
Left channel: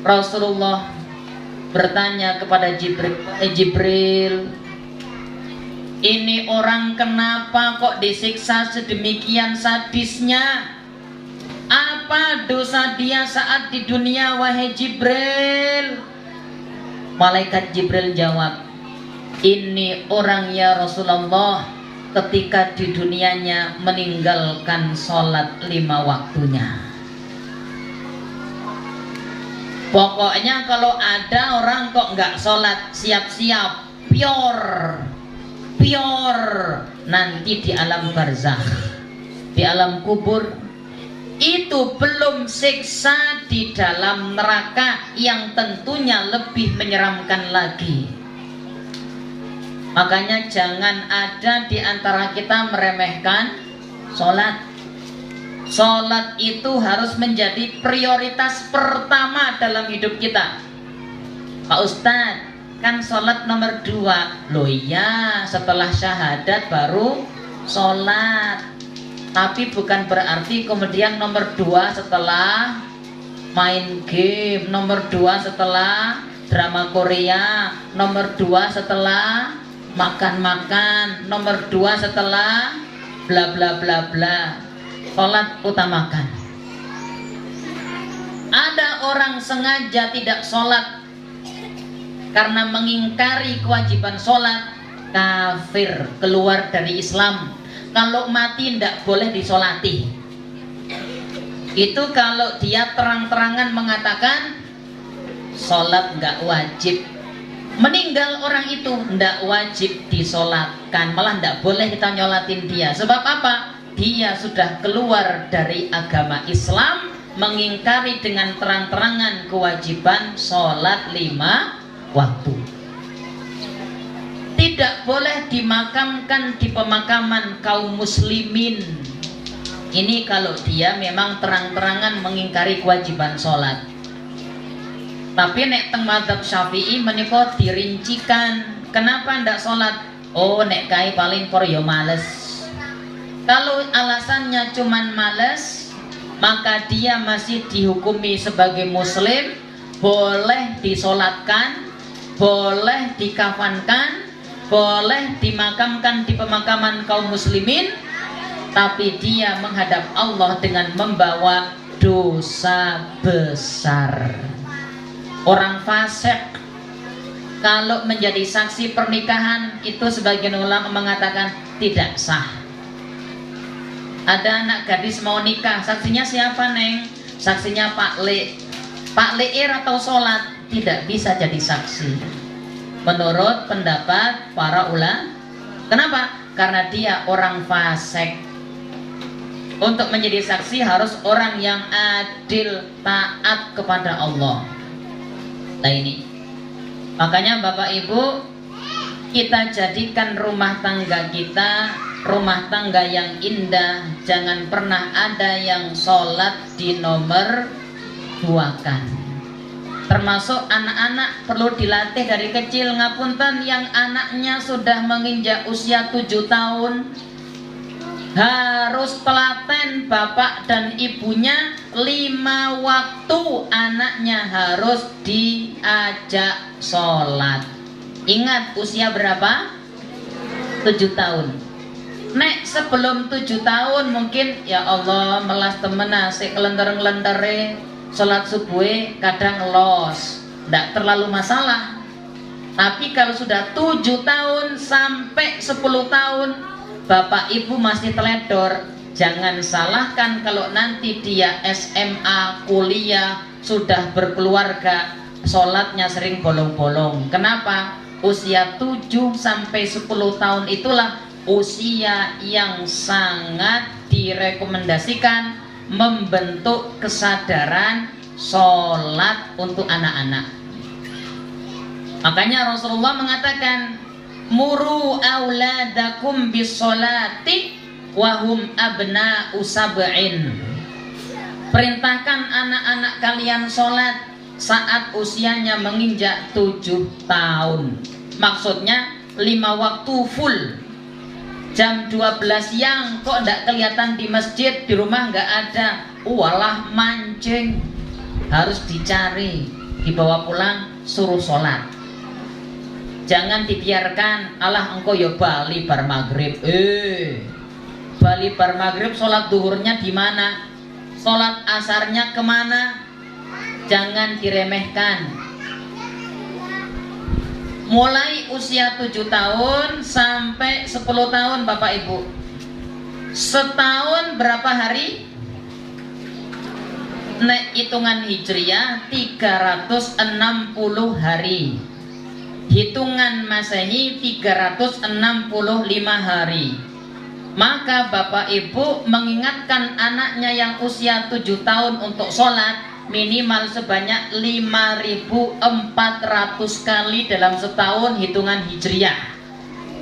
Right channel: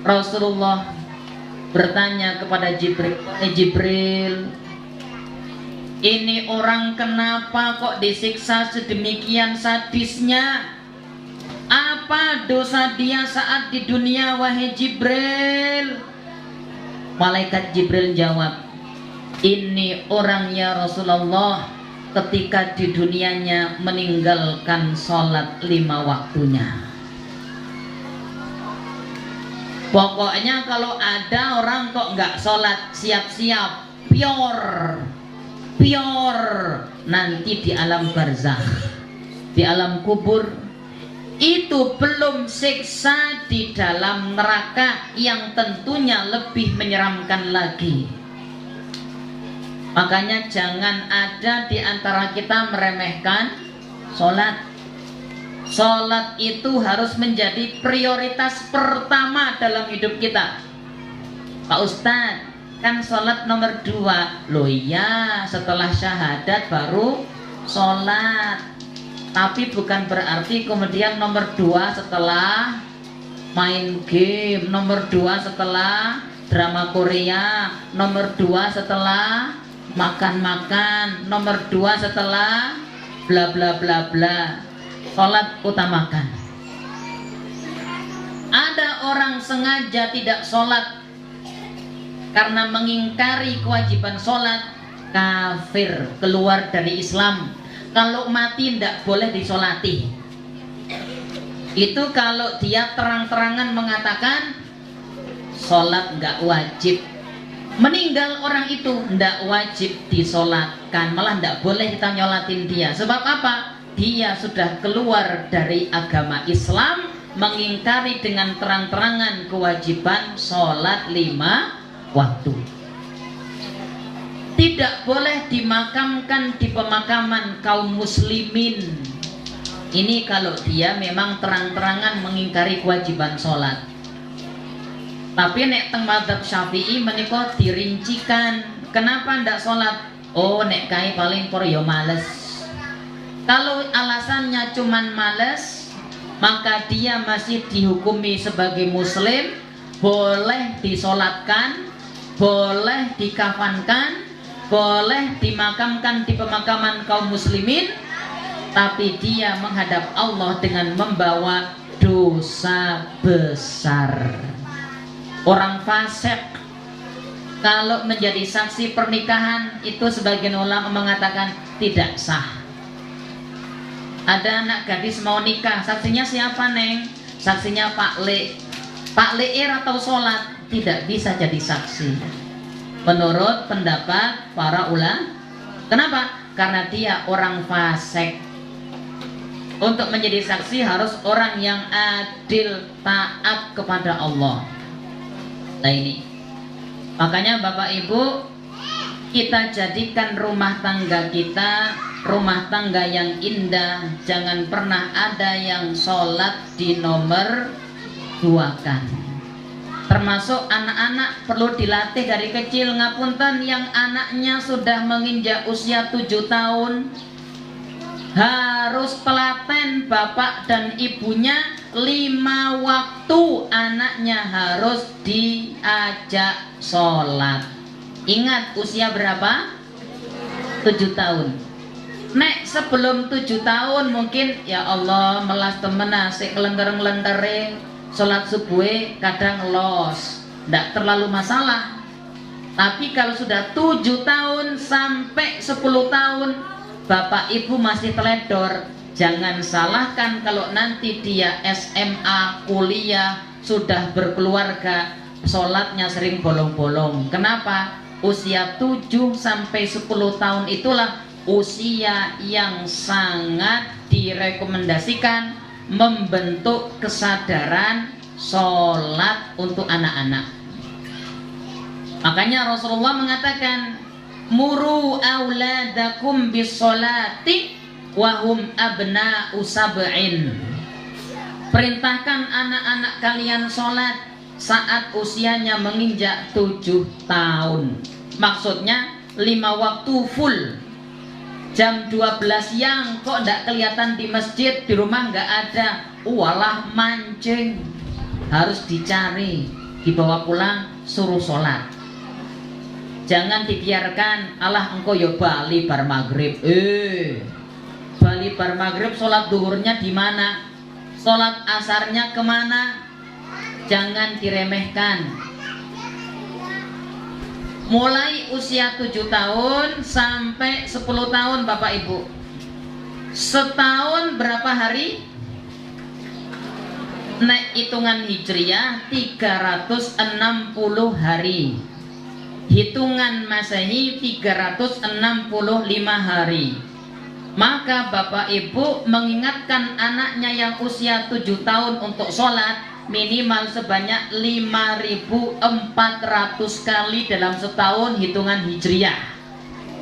Rasulullah bertanya kepada Jibril, Jibril, ini orang kenapa kok disiksa sedemikian sadisnya? Apa dosa dia saat di dunia, wahai Jibril? Malaikat Jibril jawab, ini orang ya Rasulullah, ketika di dunianya meninggalkan sholat 5 waktunya. Pokoknya kalau ada orang kok nggak sholat, siap-siap pior pure nanti di alam barzakh, di alam kubur. Itu belum siksa di dalam neraka yang tentunya lebih menyeramkan lagi. Makanya jangan ada di antara kita meremehkan sholat. Sholat itu harus menjadi prioritas pertama dalam hidup kita. Pak Ustadz, kan sholat nomor 2. Loh iya, setelah syahadat baru sholat. Tapi bukan berarti kemudian nomor 2 setelah main game, nomor 2 setelah drama Korea, nomor 2 setelah makan-makan, nomor 2 setelah bla bla bla bla. Sholat utamakan. Ada orang sengaja tidak sholat karena mengingkari kewajiban sholat, kafir, keluar dari Islam. Kalau mati tidak boleh disolati. Itu kalau dia terang-terangan mengatakan sholat nggak wajib. Meninggal orang itu tidak wajib disolatkan, malah tidak boleh kita nyolatin dia. Sebab apa? Dia sudah keluar dari agama Islam, mengingkari dengan terang-terangan kewajiban sholat 5 waktu. Tidak boleh dimakamkan di pemakaman kaum muslimin. Ini kalau dia memang terang-terangan mengingkari kewajiban sholat. Tapi nek teng madzhab Syafi'i menika dirincikan. Kenapa ndak sholat? Oh nek kai paling kor yo males. Kalau alasannya cuman males, maka dia masih dihukumi sebagai muslim, boleh disolatkan, boleh dikafankan, boleh dimakamkan di pemakaman kaum muslimin, tapi dia menghadap Allah dengan membawa dosa besar. Orang fasik kalau menjadi saksi pernikahan itu sebagian ulama mengatakan tidak sah. Ada anak gadis mau nikah, saksinya siapa neng? Saksinya Pak Le. Pak Leir atau sholat tidak bisa jadi saksi. Menurut pendapat para ulama. Kenapa? Karena dia orang fasik. Untuk menjadi saksi harus orang yang adil, taat kepada Allah. Nah ini, makanya Bapak Ibu, kita jadikan rumah tangga kita rumah tangga yang indah. Jangan pernah ada yang sholat di nomor 2 kan. Termasuk anak-anak perlu dilatih dari kecil. Ngapunten yang anaknya sudah menginjak usia 7 tahun, harus telaten bapak dan ibunya 5 waktu anaknya harus diajak sholat. Ingat usia berapa? 7 tahun. Nek sebelum 7 tahun mungkin ya Allah melas temen asik kelenter-kelentering sholat subuh kadang los, tidak terlalu masalah. Tapi kalau sudah 7 tahun sampai 10 tahun bapak ibu masih teledor, jangan salahkan kalau nanti dia SMA, kuliah, sudah berkeluarga, sholatnya sering bolong-bolong. Kenapa? Usia 7 sampai 10 tahun itulah usia yang sangat direkomendasikan membentuk kesadaran sholat untuk anak-anak. Makanya Rasulullah mengatakan, muru auladakum bisolati wahum abna'u sab'in. Perintahkan anak-anak kalian sholat saat usianya menginjak 7 tahun. Maksudnya 5 waktu full. Jam 12 siang kok tidak kelihatan di masjid, di rumah nggak ada, walah mancing, harus dicari, dibawa pulang, suruh sholat. Jangan dibiarkan, alah engkau yo bali bar maghrib. Bali bar maghrib, sholat duhurnya di mana? Sholat asarnya kemana? Jangan diremehkan. Mulai usia 7 tahun sampai 10 tahun Bapak Ibu. Setahun berapa hari? Nek hitungan hijriah 360 hari. hitungan Masehi 365 hari. Maka Bapak Ibu mengingatkan anaknya yang usia 7 tahun untuk sholat minimal sebanyak 5.400 kali dalam setahun hitungan Hijriah,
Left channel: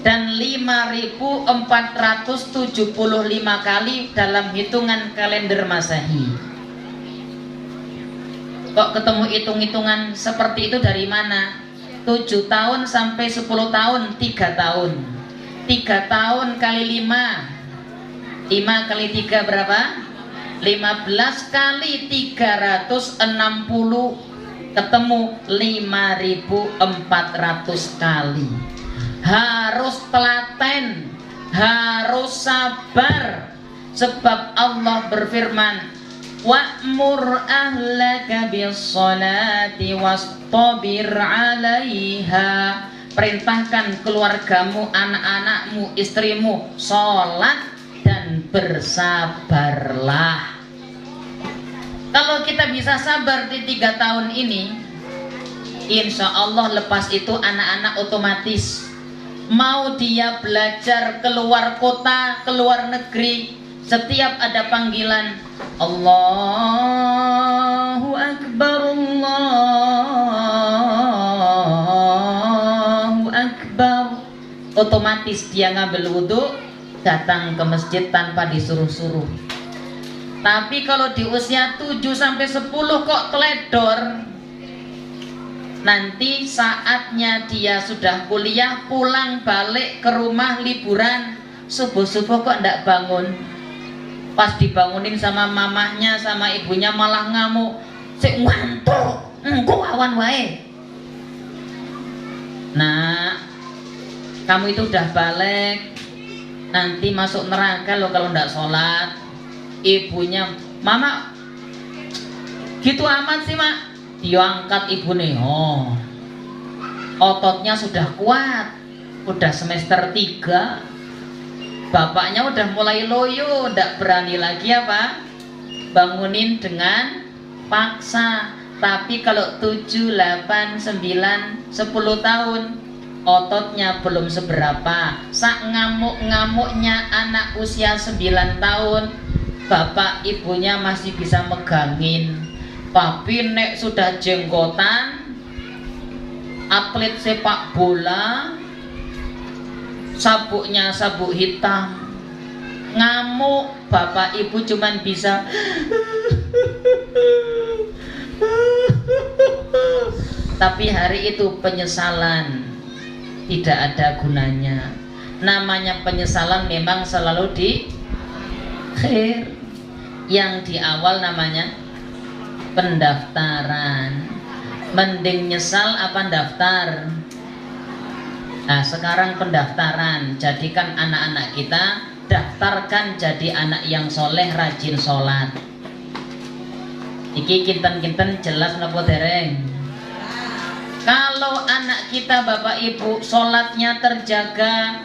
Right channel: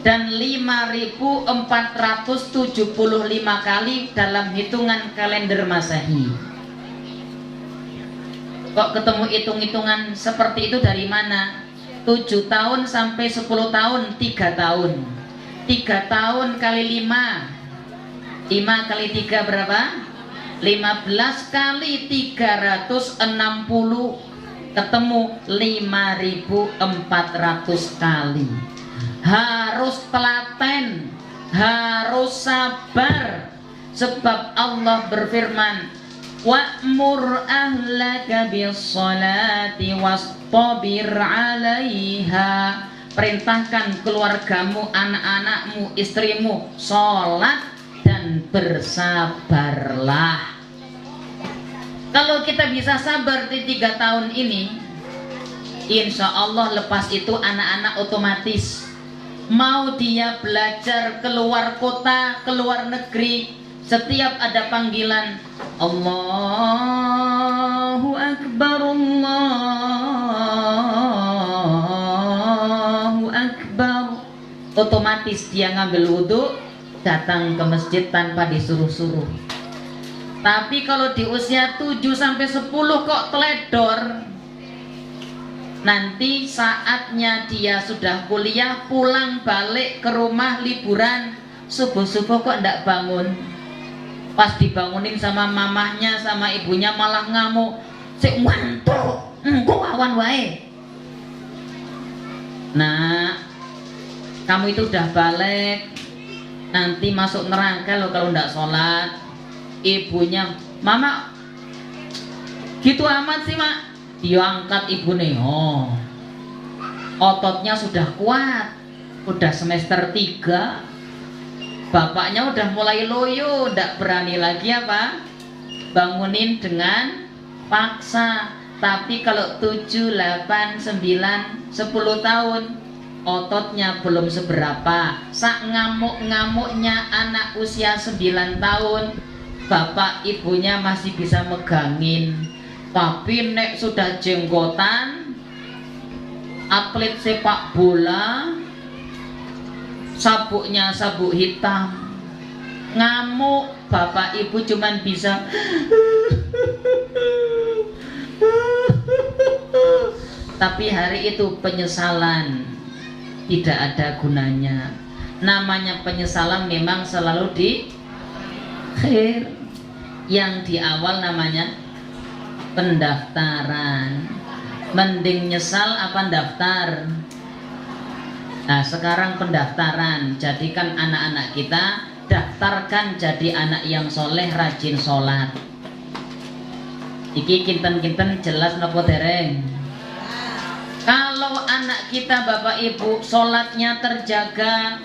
dan 5.475 kali dalam hitungan kalender Masehi. Kok ketemu hitung-hitungan seperti itu dari mana? 7 tahun sampai 10 tahun 3 tahun. 3 tahun kali 5 kali 3 berapa? 15 kali 360 ketemu 5.400 kali. Harus telaten, harus sabar, sebab Allah berfirman, wa'mur ahlaka bis-sholati wastabir 'alaiha. Perintahkan keluargamu, anak-anakmu, istrimu sholat dan bersabarlah. Kalau kita bisa sabar di 3 tahun ini, insya Allah lepas itu anak-anak otomatis mau dia belajar keluar kota, keluar negeri, setiap ada panggilan Allahu Akbar, Allahu Akbar, otomatis dia ngambil wudhu, datang ke masjid tanpa disuruh-suruh. Tapi kalau di usia 7 sampai 10 kok teledor, nanti saatnya dia sudah kuliah, pulang balik ke rumah liburan, subuh-subuh kok ndak bangun. Pas dibangunin sama mamahnya, sama ibunya malah ngamuk, sik ngantuk, engko awan wae. Nah, kamu itu udah balik, nanti masuk neraka loh kalau ndak sholat. Ibunya, mama gitu amat sih mak. Diangkat ibu nih, oh ototnya sudah kuat, udah semester 3. Bapaknya udah mulai loyo, ndak berani lagi apa bangunin dengan paksa. Tapi kalau 7, 8, 9, 10 tahun ototnya belum seberapa. Sak ngamuk-ngamuknya anak usia 9 tahun, bapak ibunya masih bisa megangin. Tapi nek sudah jenggotan, atlet sepak bola, sabuknya sabuk hitam, ngamuk, bapak ibu cuman bisa tapi hari itu penyesalan tidak ada gunanya. Namanya penyesalan memang selalu di akhir, yang di awal namanya pendaftaran. Mending nyesal apa daftar? Nah sekarang pendaftaran, jadikan anak-anak kita, daftarkan jadi anak yang soleh, rajin sholat. Iki kinten-kinten jelas nopo dereng? Kalau anak kita bapak ibu sholatnya terjaga,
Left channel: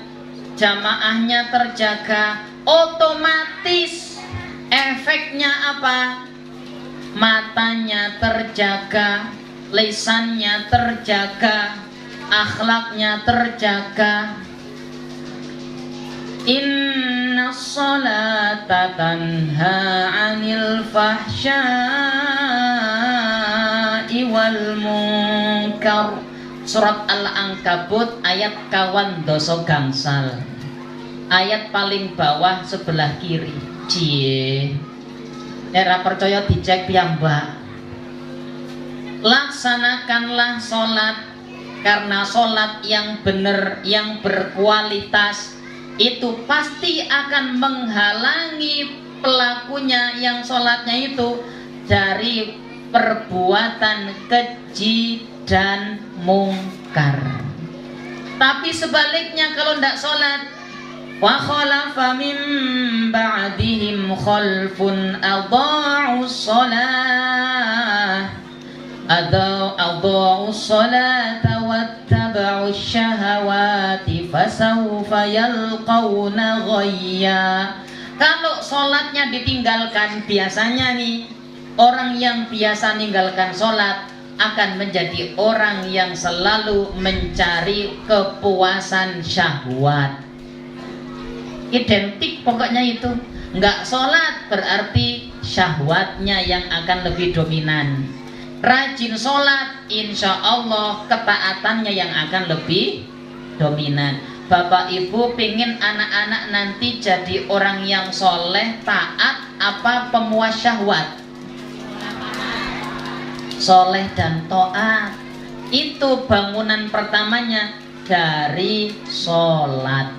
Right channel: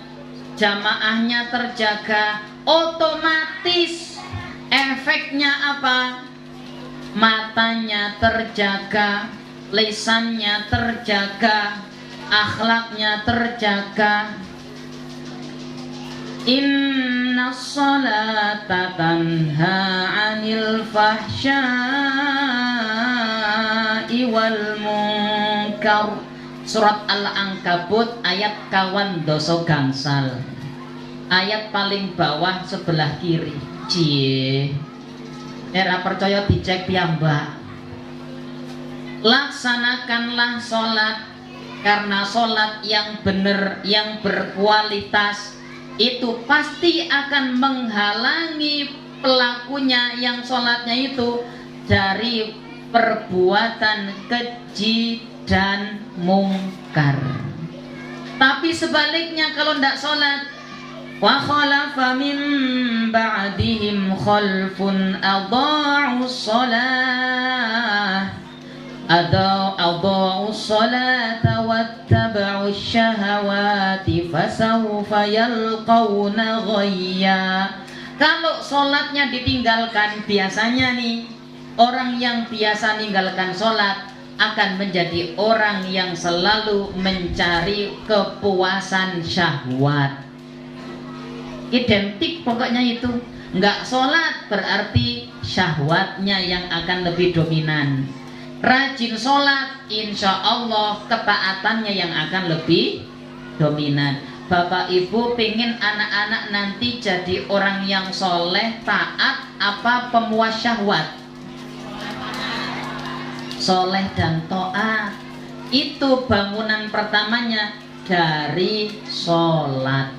jamaahnya terjaga, otomatis efeknya apa? Matanya terjaga, lisannya terjaga, akhlaknya terjaga. Inna sholata tanha 'anil fahsya'i wal munkar. Surat Al-Ankabut ayat kawan doso gangsal, ayat paling bawah sebelah kiri. Cie, era percaya dicek piyambak. Laksanakanlah sholat, karena sholat yang benar, yang berkualitas itu pasti akan menghalangi pelakunya yang sholatnya itu dari perbuatan keji dan mungkar. Tapi sebaliknya kalau tidak sholat, wa khalafa min ba'dihim khalfun adha'u shalah adha'u sholata wattaba'u syahawati fasawfa yalqawna ghayya. Kalau sholatnya ditinggalkan, biasanya nih orang yang biasa ninggalkan sholat akan menjadi orang yang selalu mencari kepuasan syahwat. Identik pokoknya itu. Nggak sholat berarti syahwatnya yang akan lebih dominan. Rajin sholat, insya Allah ketaatannya yang akan lebih dominan. Bapak Ibu pingin anak-anak nanti jadi orang yang soleh, taat, apa pemuas syahwat? Soleh dan taat. Itu bangunan pertamanya dari sholat.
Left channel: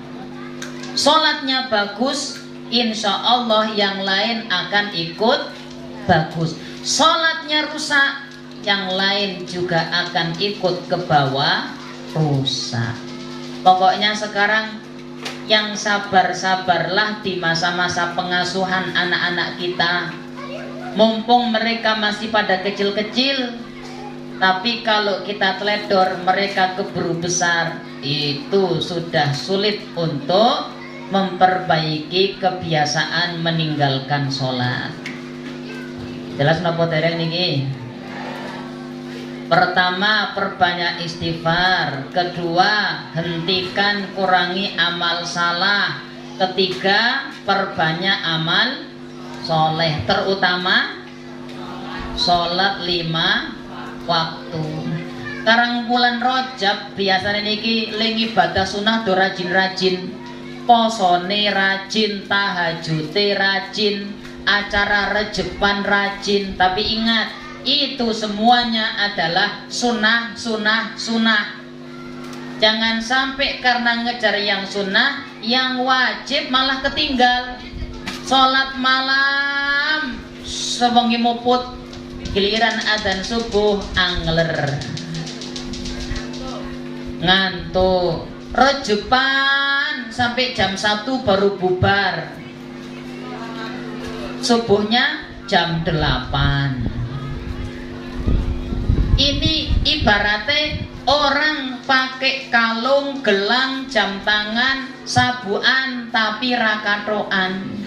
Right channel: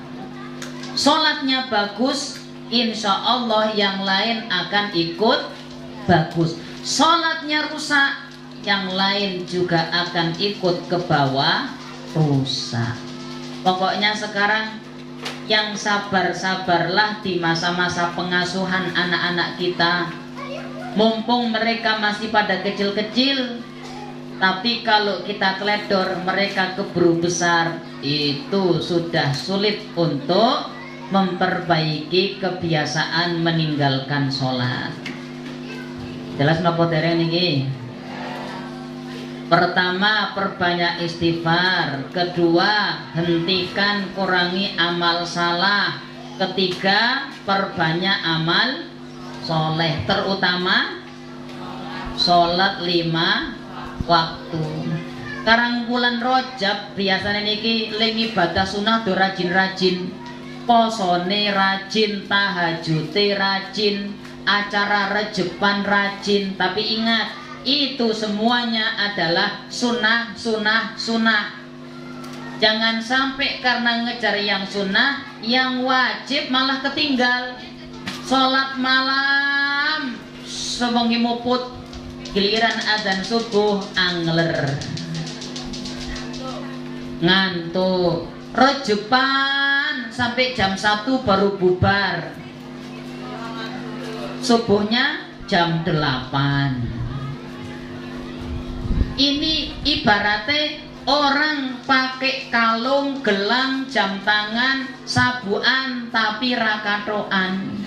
Sholatnya bagus, insya Allah yang lain akan ikut bagus. Sholatnya rusak, yang lain juga akan ikut ke bawah rusak. Pokoknya sekarang yang sabar-sabarlah di masa-masa pengasuhan anak-anak kita. Mumpung mereka masih pada kecil-kecil, tapi kalau kita teledor mereka keburu besar, itu sudah sulit untuk memperbaiki kebiasaan meninggalkan sholat. Jelas napa dereng niki? Pertama, perbanyak istighfar. Kedua, hentikan kurangi amal salah. Ketiga, perbanyak amal soleh, terutama sholat 5 waktu. Sekarang bulan Rajab biasanya niki lengi ibadah sunnah do rajin-rajin, posone rajin, tahajute rajin, acara rejepan rajin. Tapi ingat, itu semuanya adalah sunnah. Jangan sampai karena ngejar yang sunnah, yang wajib malah ketinggal. Sholat malam sewengi muput, giliran adzan subuh angler, ngantuk. Rejepan sampai jam 1 baru bubar, subuhnya jam 8. Ini ibaratnya orang pakai kalung, gelang, jam tangan, sabuan tapi rakatoan.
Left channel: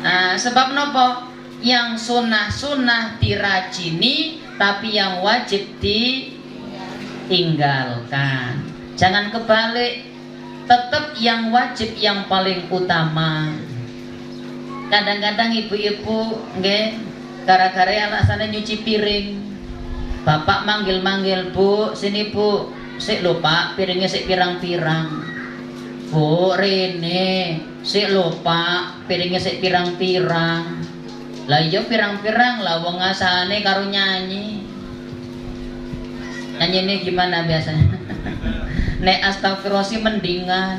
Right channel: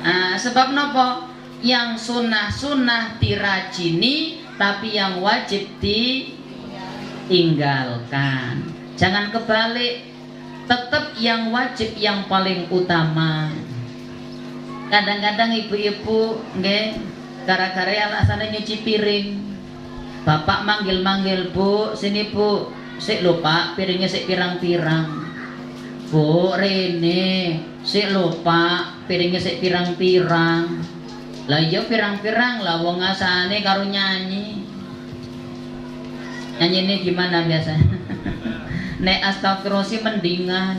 Nah, sebab nopo? Yang sunnah dirajini, tapi yang wajib ditinggalkan. Jangan kebalik, tetap yang wajib yang paling utama. Kadang-kadang ibu-ibu nggih gara-gara alasannya nyuci piring, bapak manggil-manggil, bu sini bu, sik lho pak piringnya sik pirang-pirang. Bu Rene, sik lho pak piringnya sik pirang-pirang. Lah iya pirang-pirang lah, wong asane karo nyanyi. Nyanyi ini gimana biasanya? Nek astagfirullah sih mendingan.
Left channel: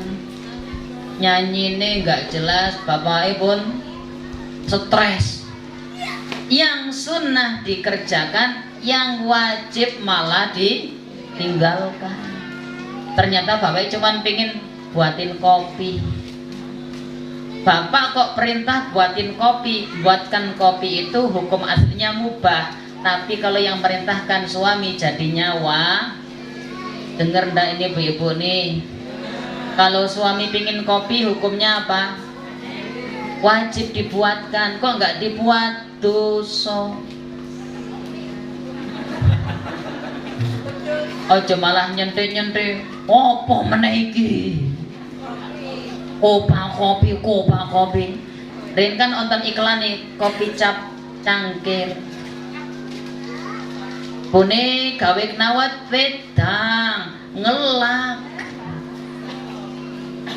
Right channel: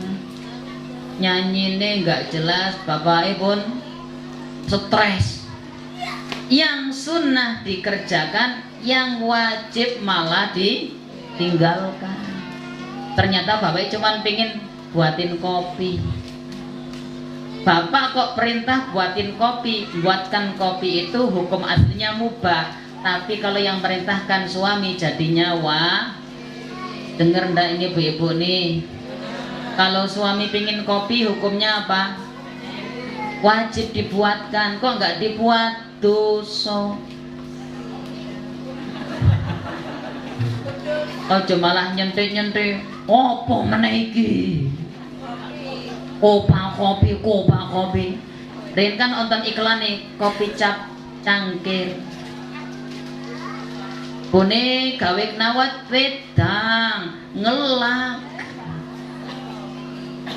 Nyanyi ini nggak jelas, bapak pun stres. Yang sunnah dikerjakan, yang wajib malah ditinggalkan. Ternyata bapak cuma pingin buatin kopi. Bapak kok perintah buatin kopi. Buatkan kopi itu hukum aslinya mubah, tapi kalau yang perintahkan suami jadinya denger ndak ini ibu-ibu nih, kalau suami pingin kopi hukumnya apa? Wajib dibuatkan. Kok nggak dibuat? Dosa. Ojo malah nyente-nyente. Opo meneh iki? Kopa kopi. Rin kan nonton iklan nih, kopi cap cangkir. Bune gawe knawat wedang, ngelak.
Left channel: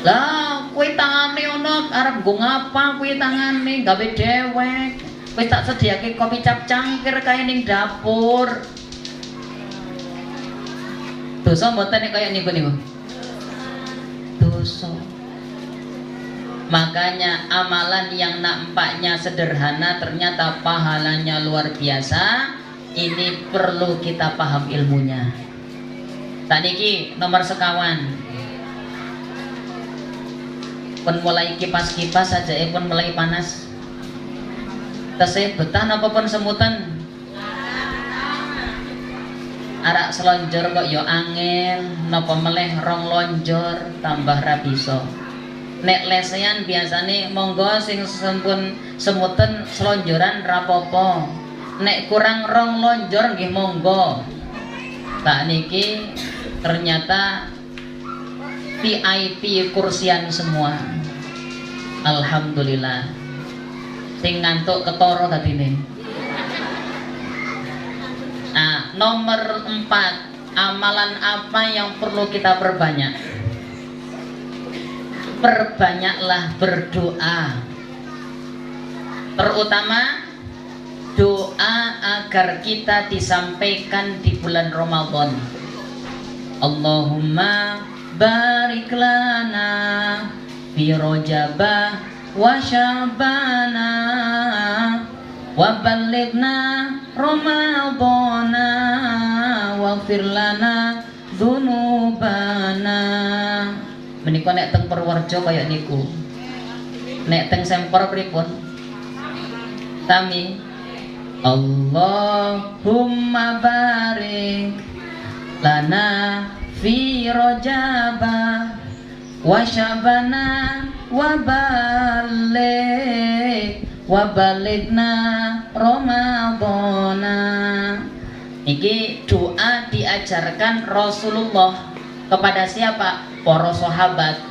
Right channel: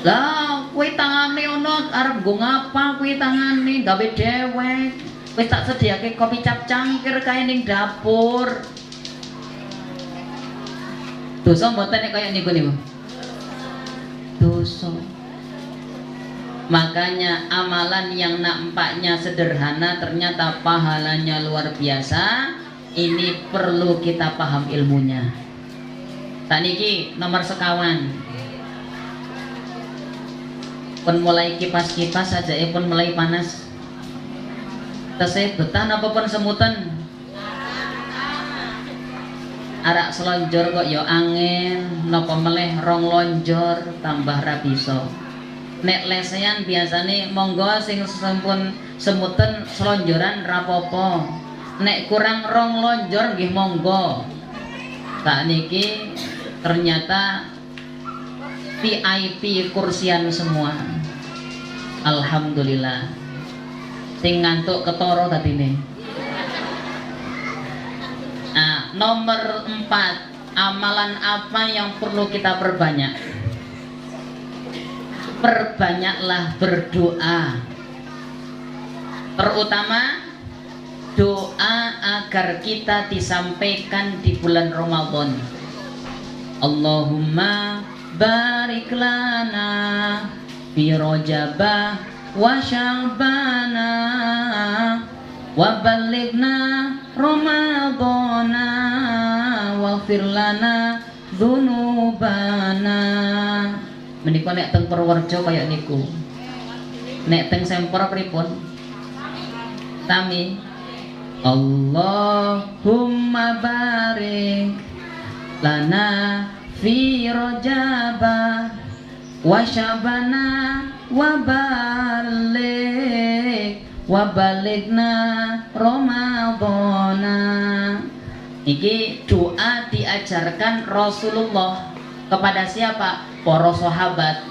Lah, kuwi tangane ono arep nggo ngapa kuwi tangane gawe dewek. Wis tak sediake kopi cap cangkir kae ning dapur. Dosa mboten nek kaya niku. Dosa. Makanya amalan yang nampaknya sederhana ternyata pahalanya luar biasa. Ini perlu kita paham ilmunya. Tak niki nomor sekawan. Pun mulai kipas-kipas saja, pun mulai panas. Tesih betah napa pun semutan. Arak selonjor kok ya angin, napa meleh rong lonjor tambah ra bisa. Nek lesehan biasane monggo sing sempun semuten selonjoran ra apa-apa. nek kurang rong lonjor nggih monggo. Tak niki ternyata VIP kursian semua. Alhamdulillah. Sing ngantuk ketara dadine. Nah, nomor 4, amalan apa yang perlu kita perbanyak? Perbanyaklah berdoa. Terutama doa agar kita disampaikan di bulan Ramadan. Allahumma barik lana fi Rajabah wa Sya'bana wa ballighna Ramadana waghfir lana dzunubana. Menika nek teng Purworejo kaya niku. Nek teng Semper pripun? Sami. Allahumma barik lana fi Rajabah wa Sya'bana wa balighna Ramadana. Iki doa diajarkan Rasulullah kepada siapa? Para sahabat.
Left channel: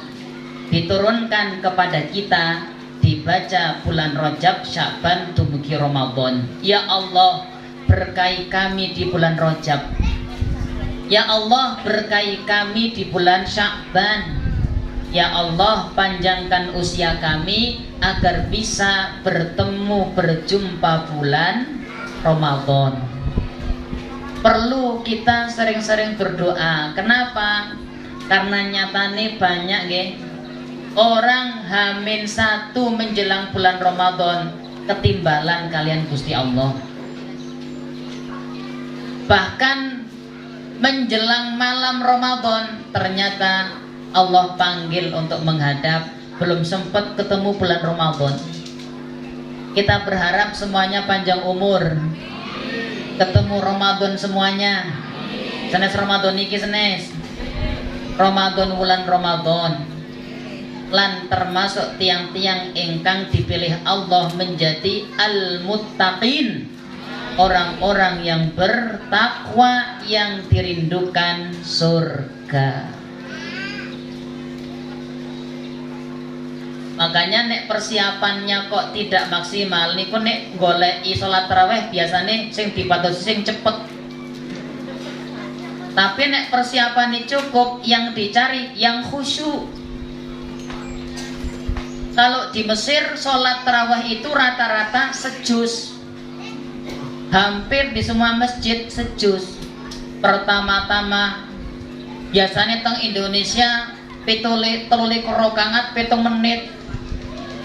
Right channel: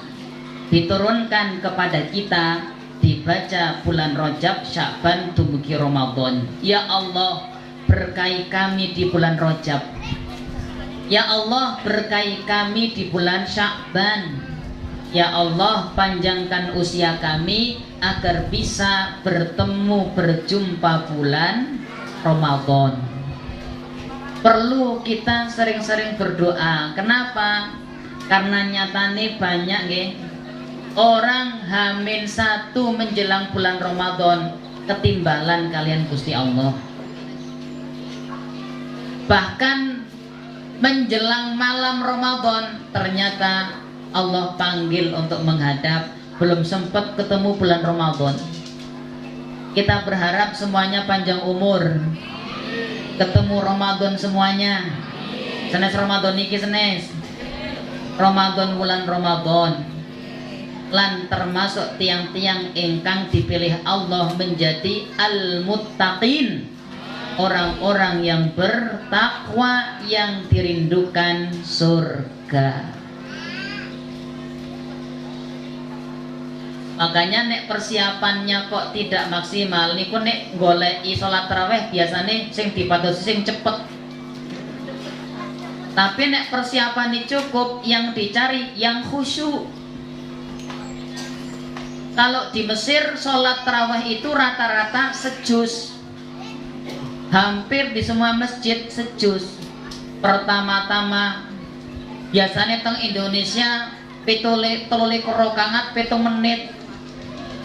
Diturunkan kepada kita, dibaca bulan Rajab, Sya'ban, dumugi Ramadan. Ya Allah, berkahi kami di bulan Rajab. Ya Allah, berkahi kami di bulan Sya'ban. Ya Allah, panjangkan usia kami agar bisa bertemu berjumpa bulan Ramadan. Perlu kita sering-sering berdoa. Kenapa? Karena nyatane banyak nggih orang H-1 menjelang bulan Ramadan ketimbalan kalian Gusti Allah. Bahkan menjelang malam Ramadan ternyata Allah panggil untuk menghadap, belum sempat ketemu bulan Ramadan. Kita berharap semuanya panjang umur, ketemu Ramadan semuanya. Senes Ramadan iki senes Ramadan bulan Ramadan. Lan termasuk tiang-tiang ingkang dipilih Allah menjadi al-muttaqin, orang-orang yang bertakwa yang dirindukan surga. Makanya nek persiapannya kok tidak maksimal niku nek goleki salat tarawih biasane sing dipadosi sing cepet. Tapi nek persiapannya cukup, yang dicari yang khusyuk. Kalau di Mesir sholat tarawih itu rata-rata sejuz. Hampir di semua masjid sejuz. Pertama-tama biasanya teng Indonesia 7 rakaat 7 menit.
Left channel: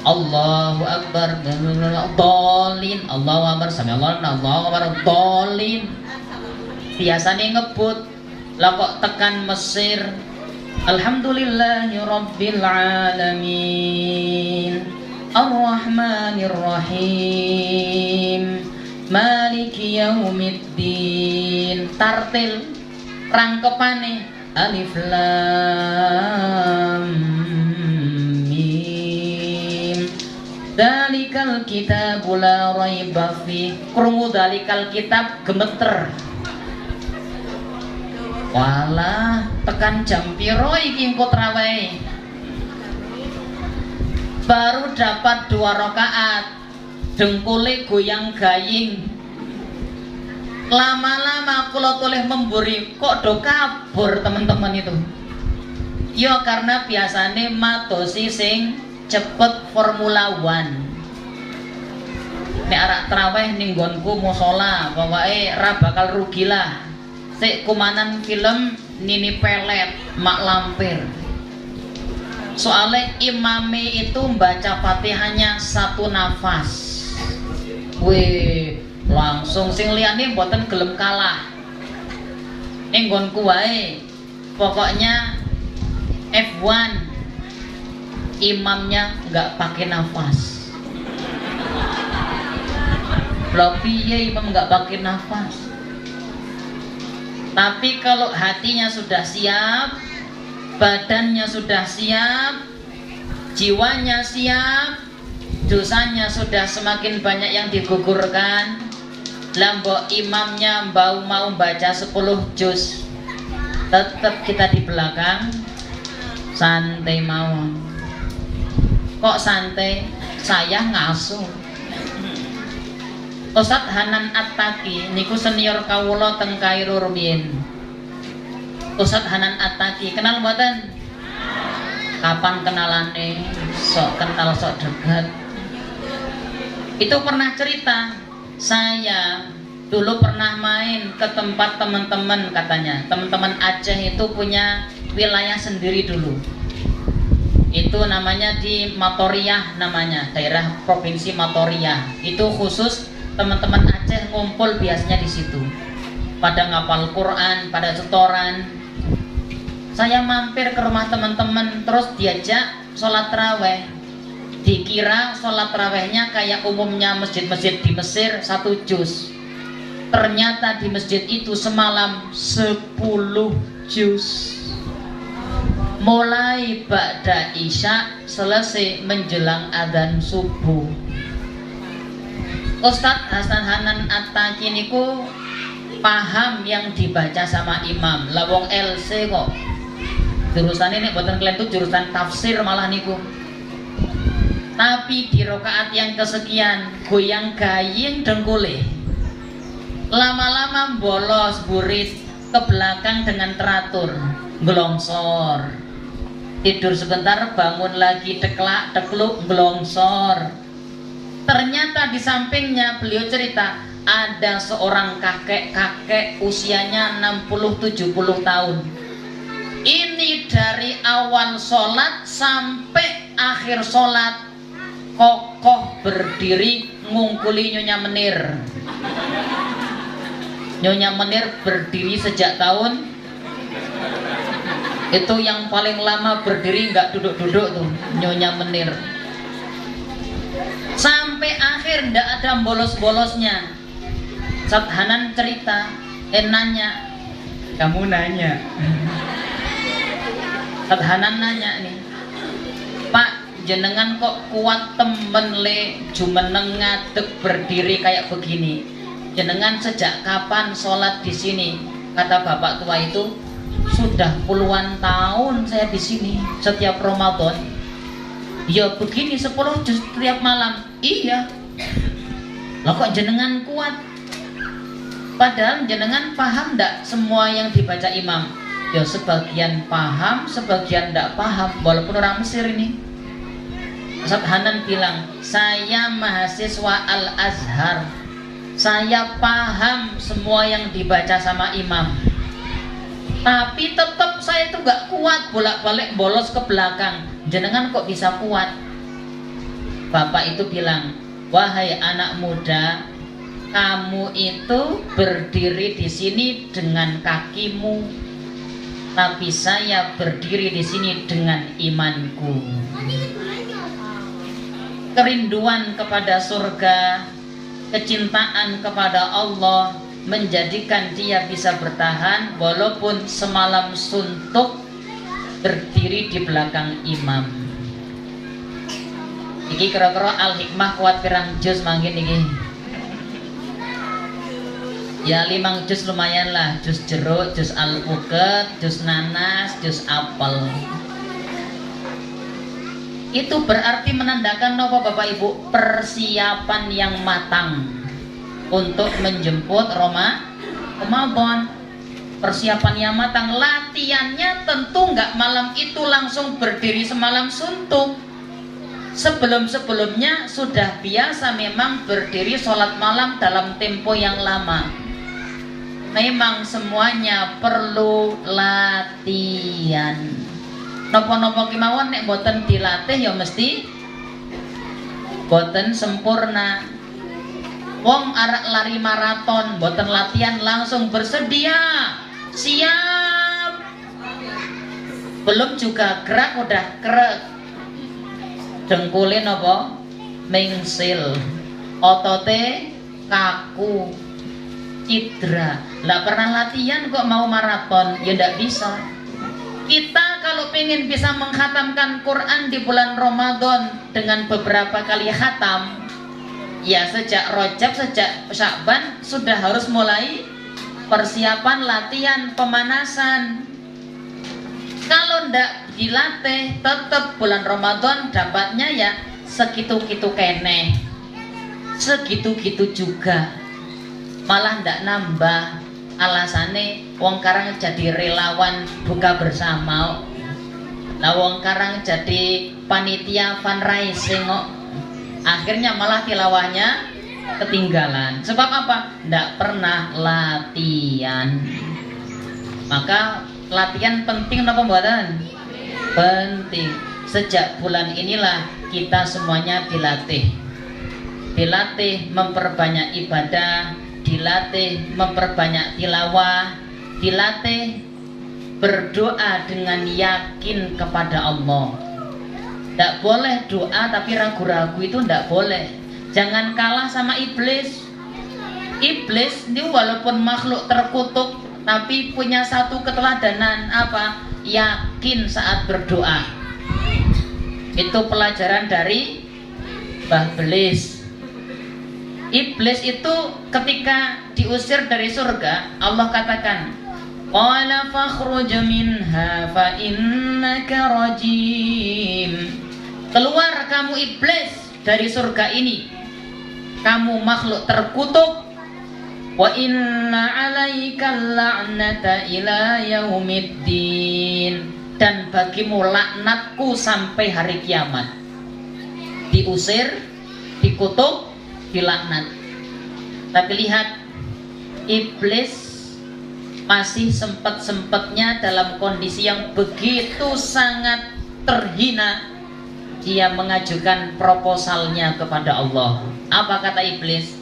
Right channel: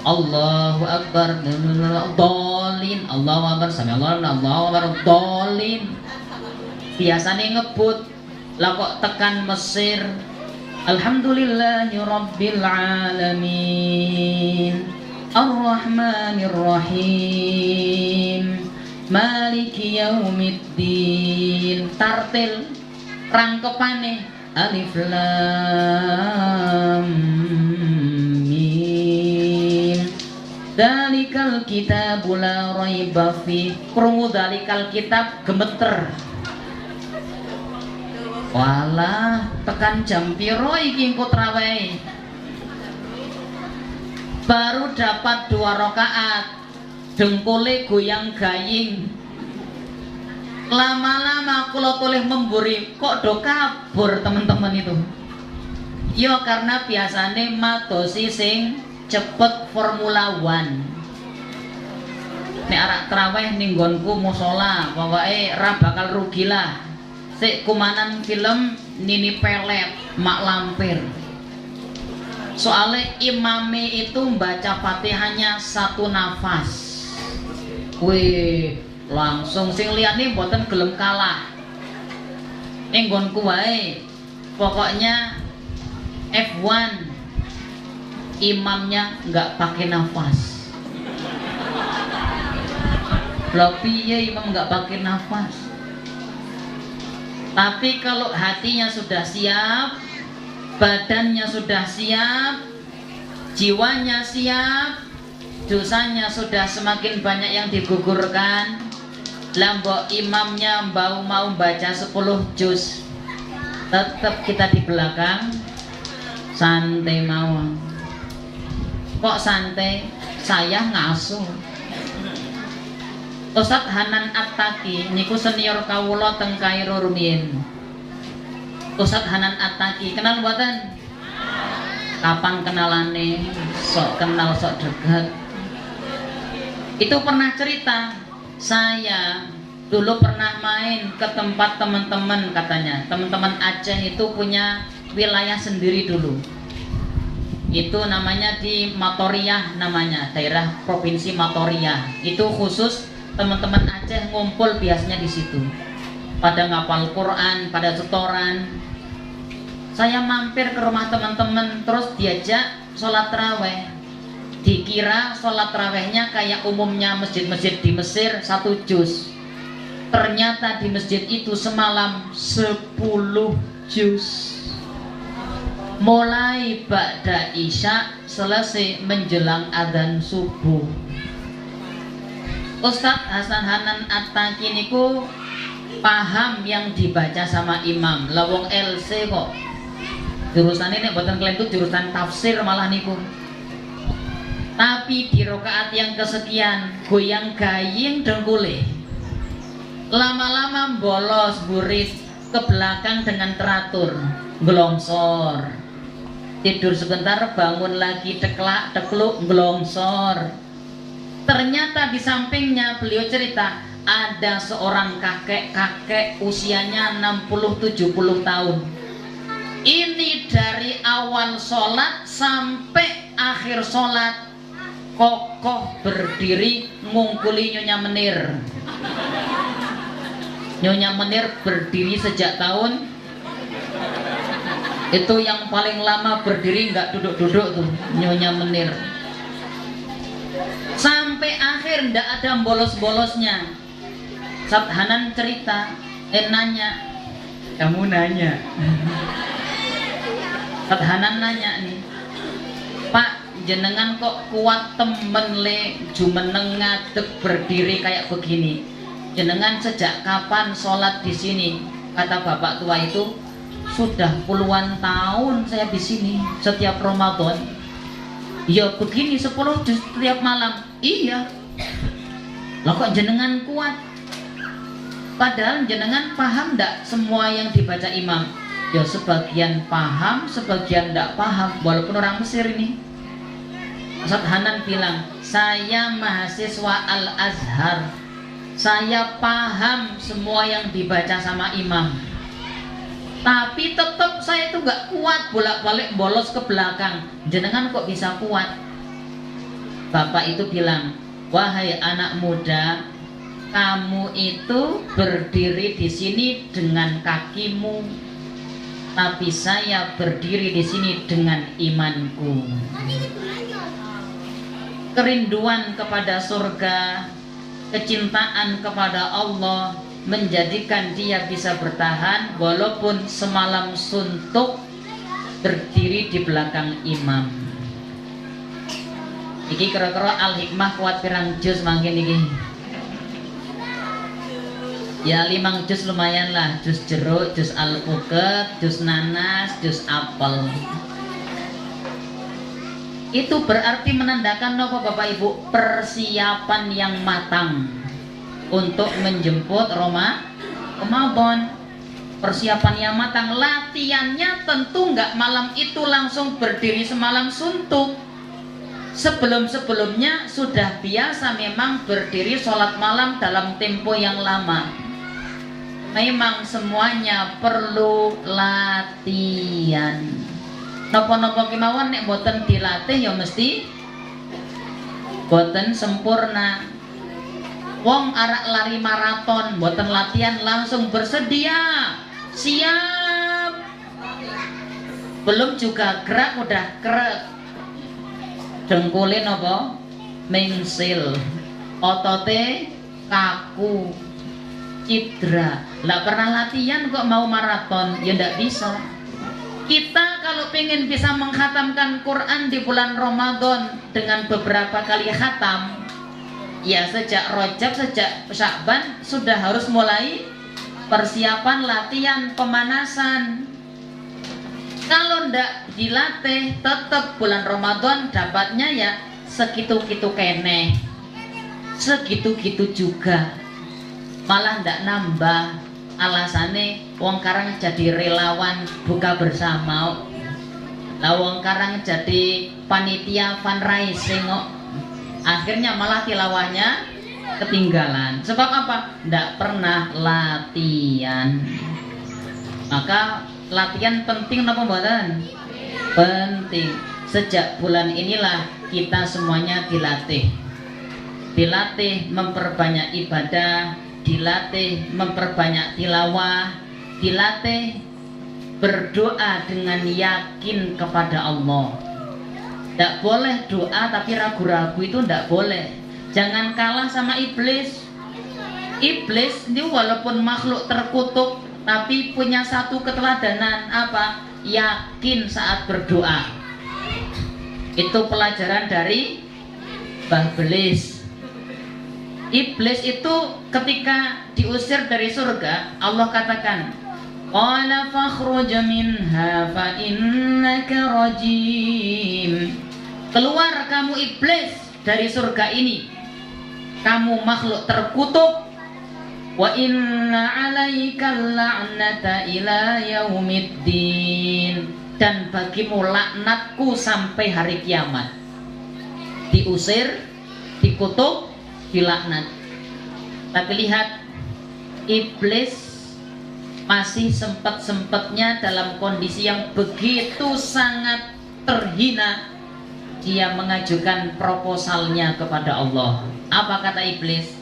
Allahu Akbar, dolin, Allahu Akbar, sami'allahu liman, Allahu Akbar, dolin. Biasanya ngebut, lah kok tekan Mesir. Alhamdulillahi Rabbil Alamin, Ar-Rahmanir Rahim, Maliki Yaumiddin. Tartil rangkepane Alif Lam Mim. Dalikal kitabu la raiba fi. Krungu dalikal kitab gemeter. Walah, tekan jam piro iki engko tarawih. Baru dapat 2 rakaat, dengkule goyang gaying. Lama-lama kula toleh memburi, kok do kabur teman-teman itu. Ya karena biasane madosi sing cepet Formula 1. Nek arak tarawih ning nggonku musala, pokoke ra bakal rugi lah. Sik kumanan film Nini Pelet, Mak Lampir. Soalnya imame itu membaca Fatihahnya 1 nafas. Wih, langsung sing liyane mboten gelem kalah. Ning nggonku wae. Pokoknya F1 imamnya nggak pakai nafas. Lha piye imam nggak pakai nafas? Tapi kalau hatinya sudah siap, badannya sudah siap, jiwanya siap, dosanya sudah semakin banyak yang digugurkan, Lambo imamnya mau baca 10 juz, tetap kita di belakang santai mawon. Kok santai? Saya ngasuh. Ustadz Hanan Attaqi niku senior kawula teng Kairo rumiyin. Ustadz Hanan Attaqi kenal mboten? Kapan kenalane? Sok kenal sok dekat. Itu pernah cerita, saya dulu pernah main ke tempat teman-teman, katanya teman-teman Aceh itu punya wilayah sendiri dulu. Itu namanya di Matoriah, namanya daerah provinsi Matoriah. Itu khusus teman-teman Aceh ngumpul biasanya di situ. Pada ngapal Quran, pada setoran. Saya mampir ke rumah teman-teman, terus diajak sholat taraweh. Dikira sholat tarawehnya kayak umumnya masjid-masjid di Mesir 1 juz. Ternyata di masjid itu semalam 10 juz. Mulai ba'da isya selesai menjelang adzan subuh. Ustadz Hasan Hanan Attaqi niku paham yang dibaca sama imam. Lawong LC kok. Jurusan ini buatan kalian itu jurusan tafsir malah niku. Tapi di rokaat yang kesekian goyang gaying dengkule. Lama-lama bolos burit ke belakang dengan teratur, gelongsor. Tidur sebentar, bangun lagi, deklak, dekluk, gelongsor. Ternyata di sampingnya beliau cerita ada seorang kakek-kakek usianya 60-70 tahun. Ini dari awal sholat sampai akhir sholat kokoh berdiri ngungkuli Nyonya Menir. Nyonya Menir berdiri sejak tahun itu yang paling lama berdiri, nggak duduk-duduk tuh Nyonya Menir. Sampai akhir ndak ada bolos-bolosnya. Ustadz Hanan cerita, nanya, kamu nanya. Ustadz Hanan nanya nih, Pak, jenengan kok kuat temen le jumeneng ngadeg berdiri kayak begini. Jenengan sejak kapan sholat di sini? Kata bapak tua itu, sudah puluhan tahun saya di sini setiap Ramadan. Ya begini 10 juz setiap malam. Iya. Lah kok jenengan kuat? Padahal jenengan paham ndak semua yang dibaca imam? Ya sebagian paham, sebagian ndak paham. Walaupun orang Mesir ini. Ustadz Hanan bilang, saya mahasiswa Al-Azhar, saya paham semua yang dibaca sama imam, tapi tetap saya itu gak kuat bolak-balik bolos ke belakang. Jenengan kok bisa kuat? Bapak itu bilang, wahai anak muda, kamu itu berdiri di sini dengan kakimu, tapi saya berdiri di sini dengan imanku. Kerinduan kepada surga, kecintaan kepada Allah menjadikan dia bisa bertahan walaupun semalam suntuk berdiri di belakang imam. Iki kira-kira Al-Hikmah kuat pirang juz mangkin iki? Ya 5 juz lumayan lah, juz jeruk, juz alpukat, juz nanas, juz apel. Itu berarti menandakan apa Bapak Ibu? Persiapan yang matang untuk menjemput Ramadan. Persiapan yang matang. Latihannya tentu nggak malam itu langsung berdiri semalam suntuk. Sebelum-sebelumnya sudah biasa memang berdiri sholat malam dalam tempo yang lama. Memang semuanya perlu latihan. Nopo-nopo kemauan nek boten dilatih ya mesti boten sempurna. Wong arek lari maraton boten latihan langsung bersedia, siap. Belum juga gerak udah krek. Dengkule nopo mengsil, otote kaku, cedera. Lah pernah latihan kok mau maraton ya ndak bisa. Kita kalau pengen bisa menghatamkan Quran di bulan Ramadan dengan beberapa kali khatam, Ya sejak Rajab, sejak Sya'ban sudah harus mulai persiapan latihan pemanasan. Kalau ndak dilatih, tetap bulan Ramadan dapatnya ya segitu-gitu keneh, segitu-gitu juga, malah ndak nambah. Alasannya wong karang jadi relawan buka bersama, lah wong karang jadi panitia fundraising kok, akhirnya malah tilawahnya ketinggalan. Sebab apa? Ndak pernah latihan. Maka latihan penting apa pembuatan? Penting. Sejak bulan inilah kita semuanya dilatih. Dilatih memperbanyak ibadah, dilatih memperbanyak tilawah, dilatih berdoa dengan yakin kepada Allah. Tidak boleh doa tapi ragu-ragu, itu tidak boleh. Jangan kalah sama iblis. Iblis ini walaupun makhluk terkutuk tapi punya satu keteladanan, apa? Yakin saat berdoa. Itu pelajaran dari Mbah Iblis. Iblis itu ketika diusir dari surga, Allah katakan, qala fakhruj minha fa innaka rajim. Keluar kamu iblis dari surga ini, kamu makhluk terkutuk. Wa inna 'alaika la'nata ila yaumiddin, dan bagimu laknatku sampai hari kiamat. Diusir, dikutuk, dilaknat. Tapi lihat, iblis masih sempat-sempatnya dalam kondisi yang begitu sangat terhina, dia mengajukan proposalnya kepada Allah. Apa kata iblis?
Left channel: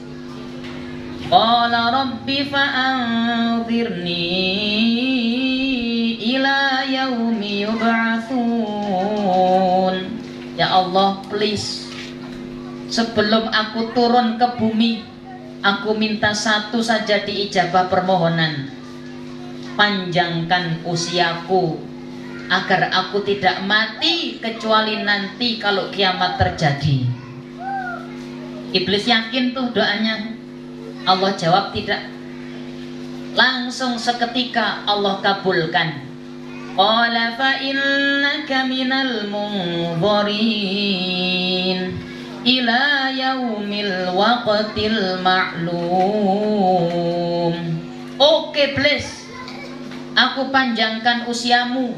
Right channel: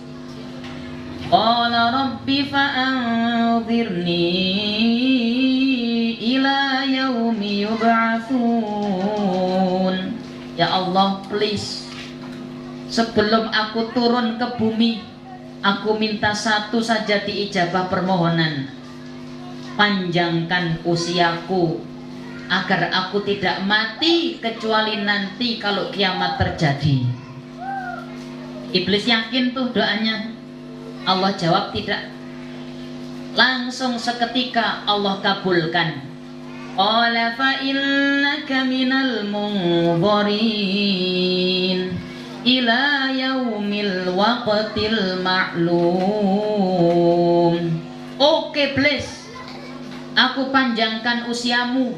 Qala rabbi fa'anzirni ila yaumi yub'atsun. Ya Allah, please, sebelum aku turun ke bumi, aku minta satu saja diijabah permohonan. Panjangkan usiaku agar aku tidak mati kecuali nanti kalau kiamat terjadi. Iblis yakin tuh doanya. Allah jawab tidak. Langsung seketika Allah kabulkan. Qala fa innaka minal munzirin ila yaumil waqtil ma'lum. Oke, please, aku panjangkan usiamu.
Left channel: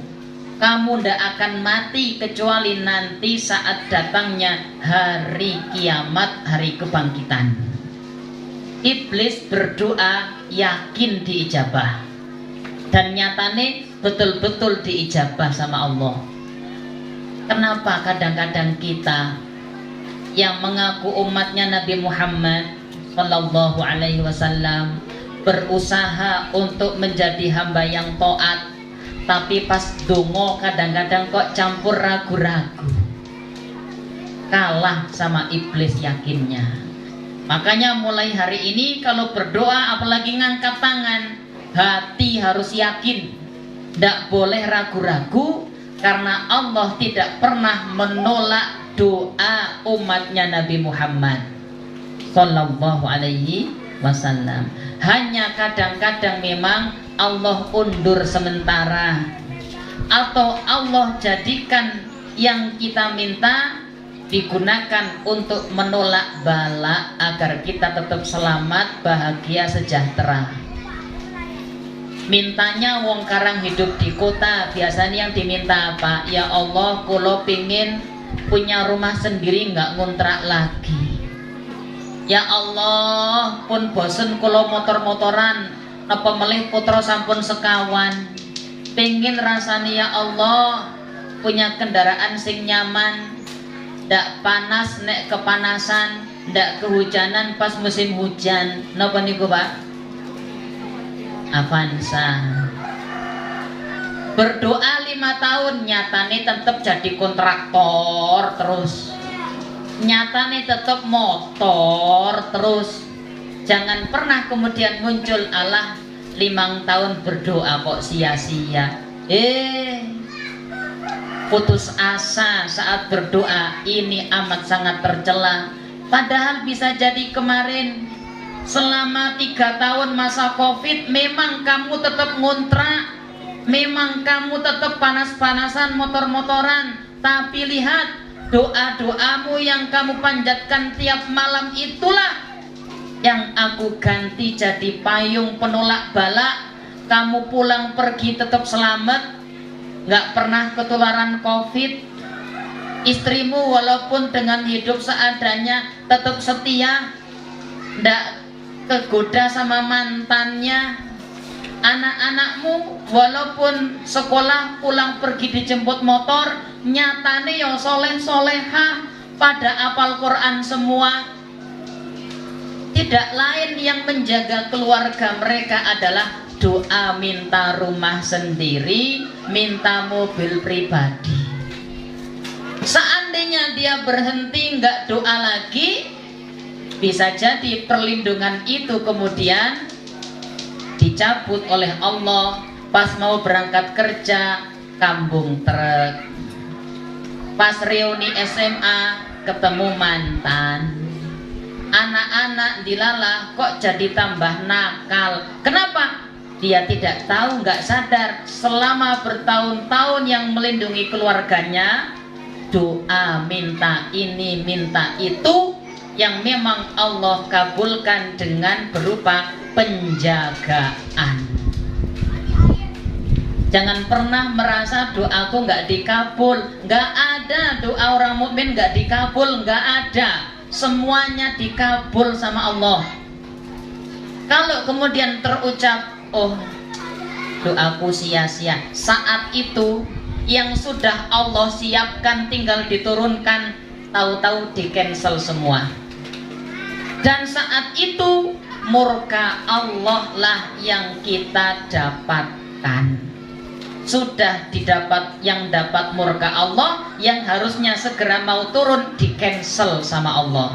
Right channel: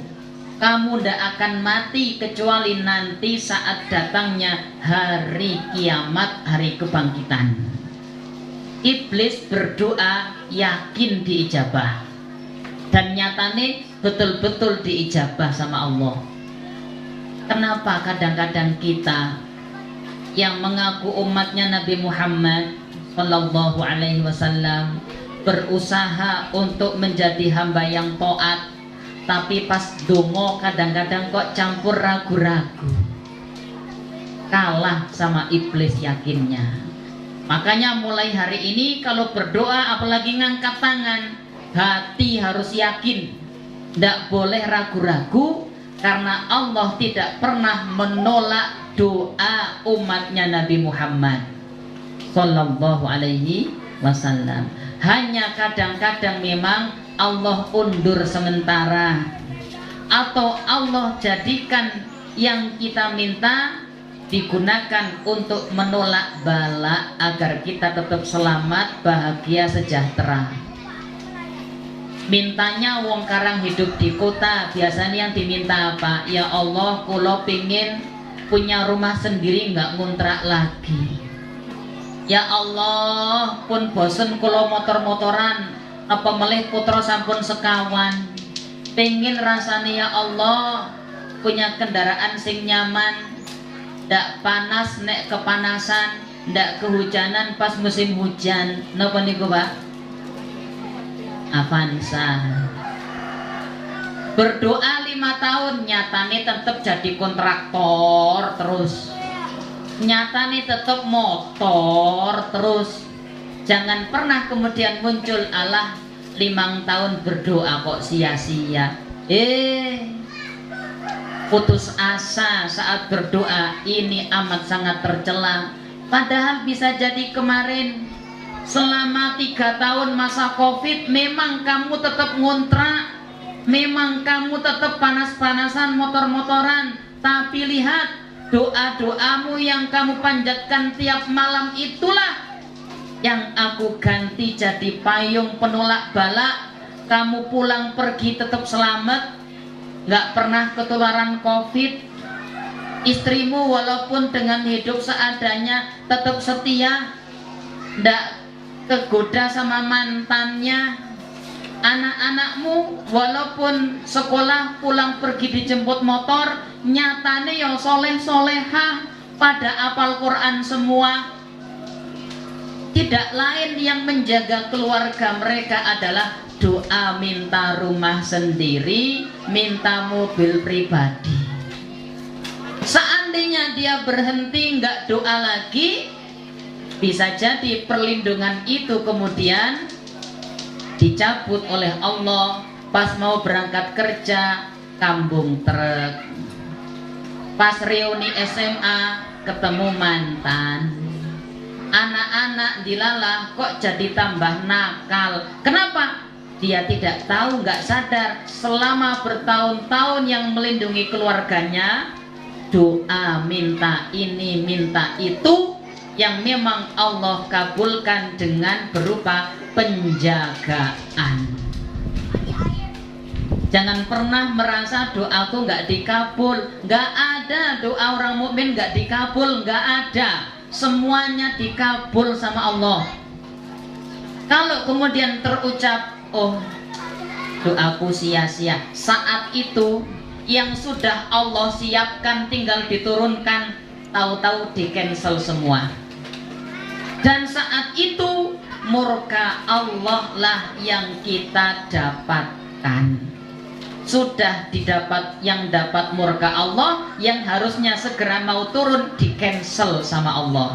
Kamu tidak akan mati kecuali nanti saat datangnya hari kiamat, hari kebangkitan. Iblis berdoa yakin diijabah, dan nyatane betul-betul diijabah sama Allah. Kenapa kadang-kadang kita yang mengaku umatnya Nabi Muhammad Sallallahu Alaihi Wasallam berusaha untuk menjadi hamba yang taat, tapi pas dongo kadang-kadang kok campur ragu-ragu, kalah sama iblis yakinnya. Makanya mulai hari ini kalau berdoa, apalagi ngangkat tangan, hati harus yakin, tidak boleh ragu-ragu, karena Allah tidak pernah menolak doa umatnya Nabi Muhammad Sallallahu Alaihi Wasallam. Hanya kadang-kadang memang Allah undur sementara, atau Allah jadikan yang kita minta digunakan untuk menolak bala agar kita tetap selamat, bahagia, sejahtera. Mintanya wong karang hidup di kota, biasanya yang diminta apa? Ya Allah, kulo pingin punya rumah sendiri, nggak ngontrak lagi. Ya Allah, pun bosen kulo motor-motoran, apa melih putra sampun sekawan. Pingin rasanya ya Allah punya kendaraan sing nyaman, ndak panas nek kepanasan, ndak kehujanan pas musim hujan. Napa niku, Pak? Avanza. Berdoa 5 tahun, nyatane tetap jadi kontraktor terus. Nyatane tetap motor terus. Jangan pernah kemudian muncul Allah 5 tahun berdoa kok sia-sia. Putus asa saat berdoa, ini amat sangat tercela. Padahal bisa jadi kemarin selama 3 tahun masa COVID memang kamu tetap ngontrak, memang kamu tetap panas-panasan motor-motoran, tapi lihat doa-doamu yang kamu panjatkan tiap malam itulah yang aku ganti jadi payung penolak bala. Kamu pulang pergi tetap selamat, nggak pernah ketularan COVID. Istrimu walaupun dengan hidup seadanya tetap setia, ndak kegoda sama mantannya. Anak-anakmu walaupun sekolah pulang pergi dijemput motor, nyatane yang soleh solehah, pada apal Quran semua. Tidak lain yang menjaga keluarga mereka adalah doa minta rumah sendiri, minta mobil pribadi. Seandainya dia berhenti nggak doa lagi, bisa jadi perlindungan itu kemudian dicabut oleh Allah. Pas mau berangkat kerja kambung truk, pas reuni SMA ketemu mantan, anak-anak dilalah kok jadi tambah nakal. Kenapa? Dia tidak tahu, nggak sadar selama bertahun-tahun yang melindungi keluarganya, doa minta ini minta itu yang memang Allah kabulkan dengan berupa penjagaan. Jangan pernah merasa doaku nggak dikabul. Nggak ada doa orang mukmin nggak dikabul, nggak ada. Semuanya dikabul sama Allah. Kalau kemudian terucap, oh doaku sia-sia, saat itu yang sudah Allah siapkan tinggal diturunkan, tahu-tahu di cancel semua. Dan saat itu murka Allah lah yang kita dapatkan. Sudah didapat, yang dapat murka Allah, yang harusnya segera mau turun di cancel sama Allah.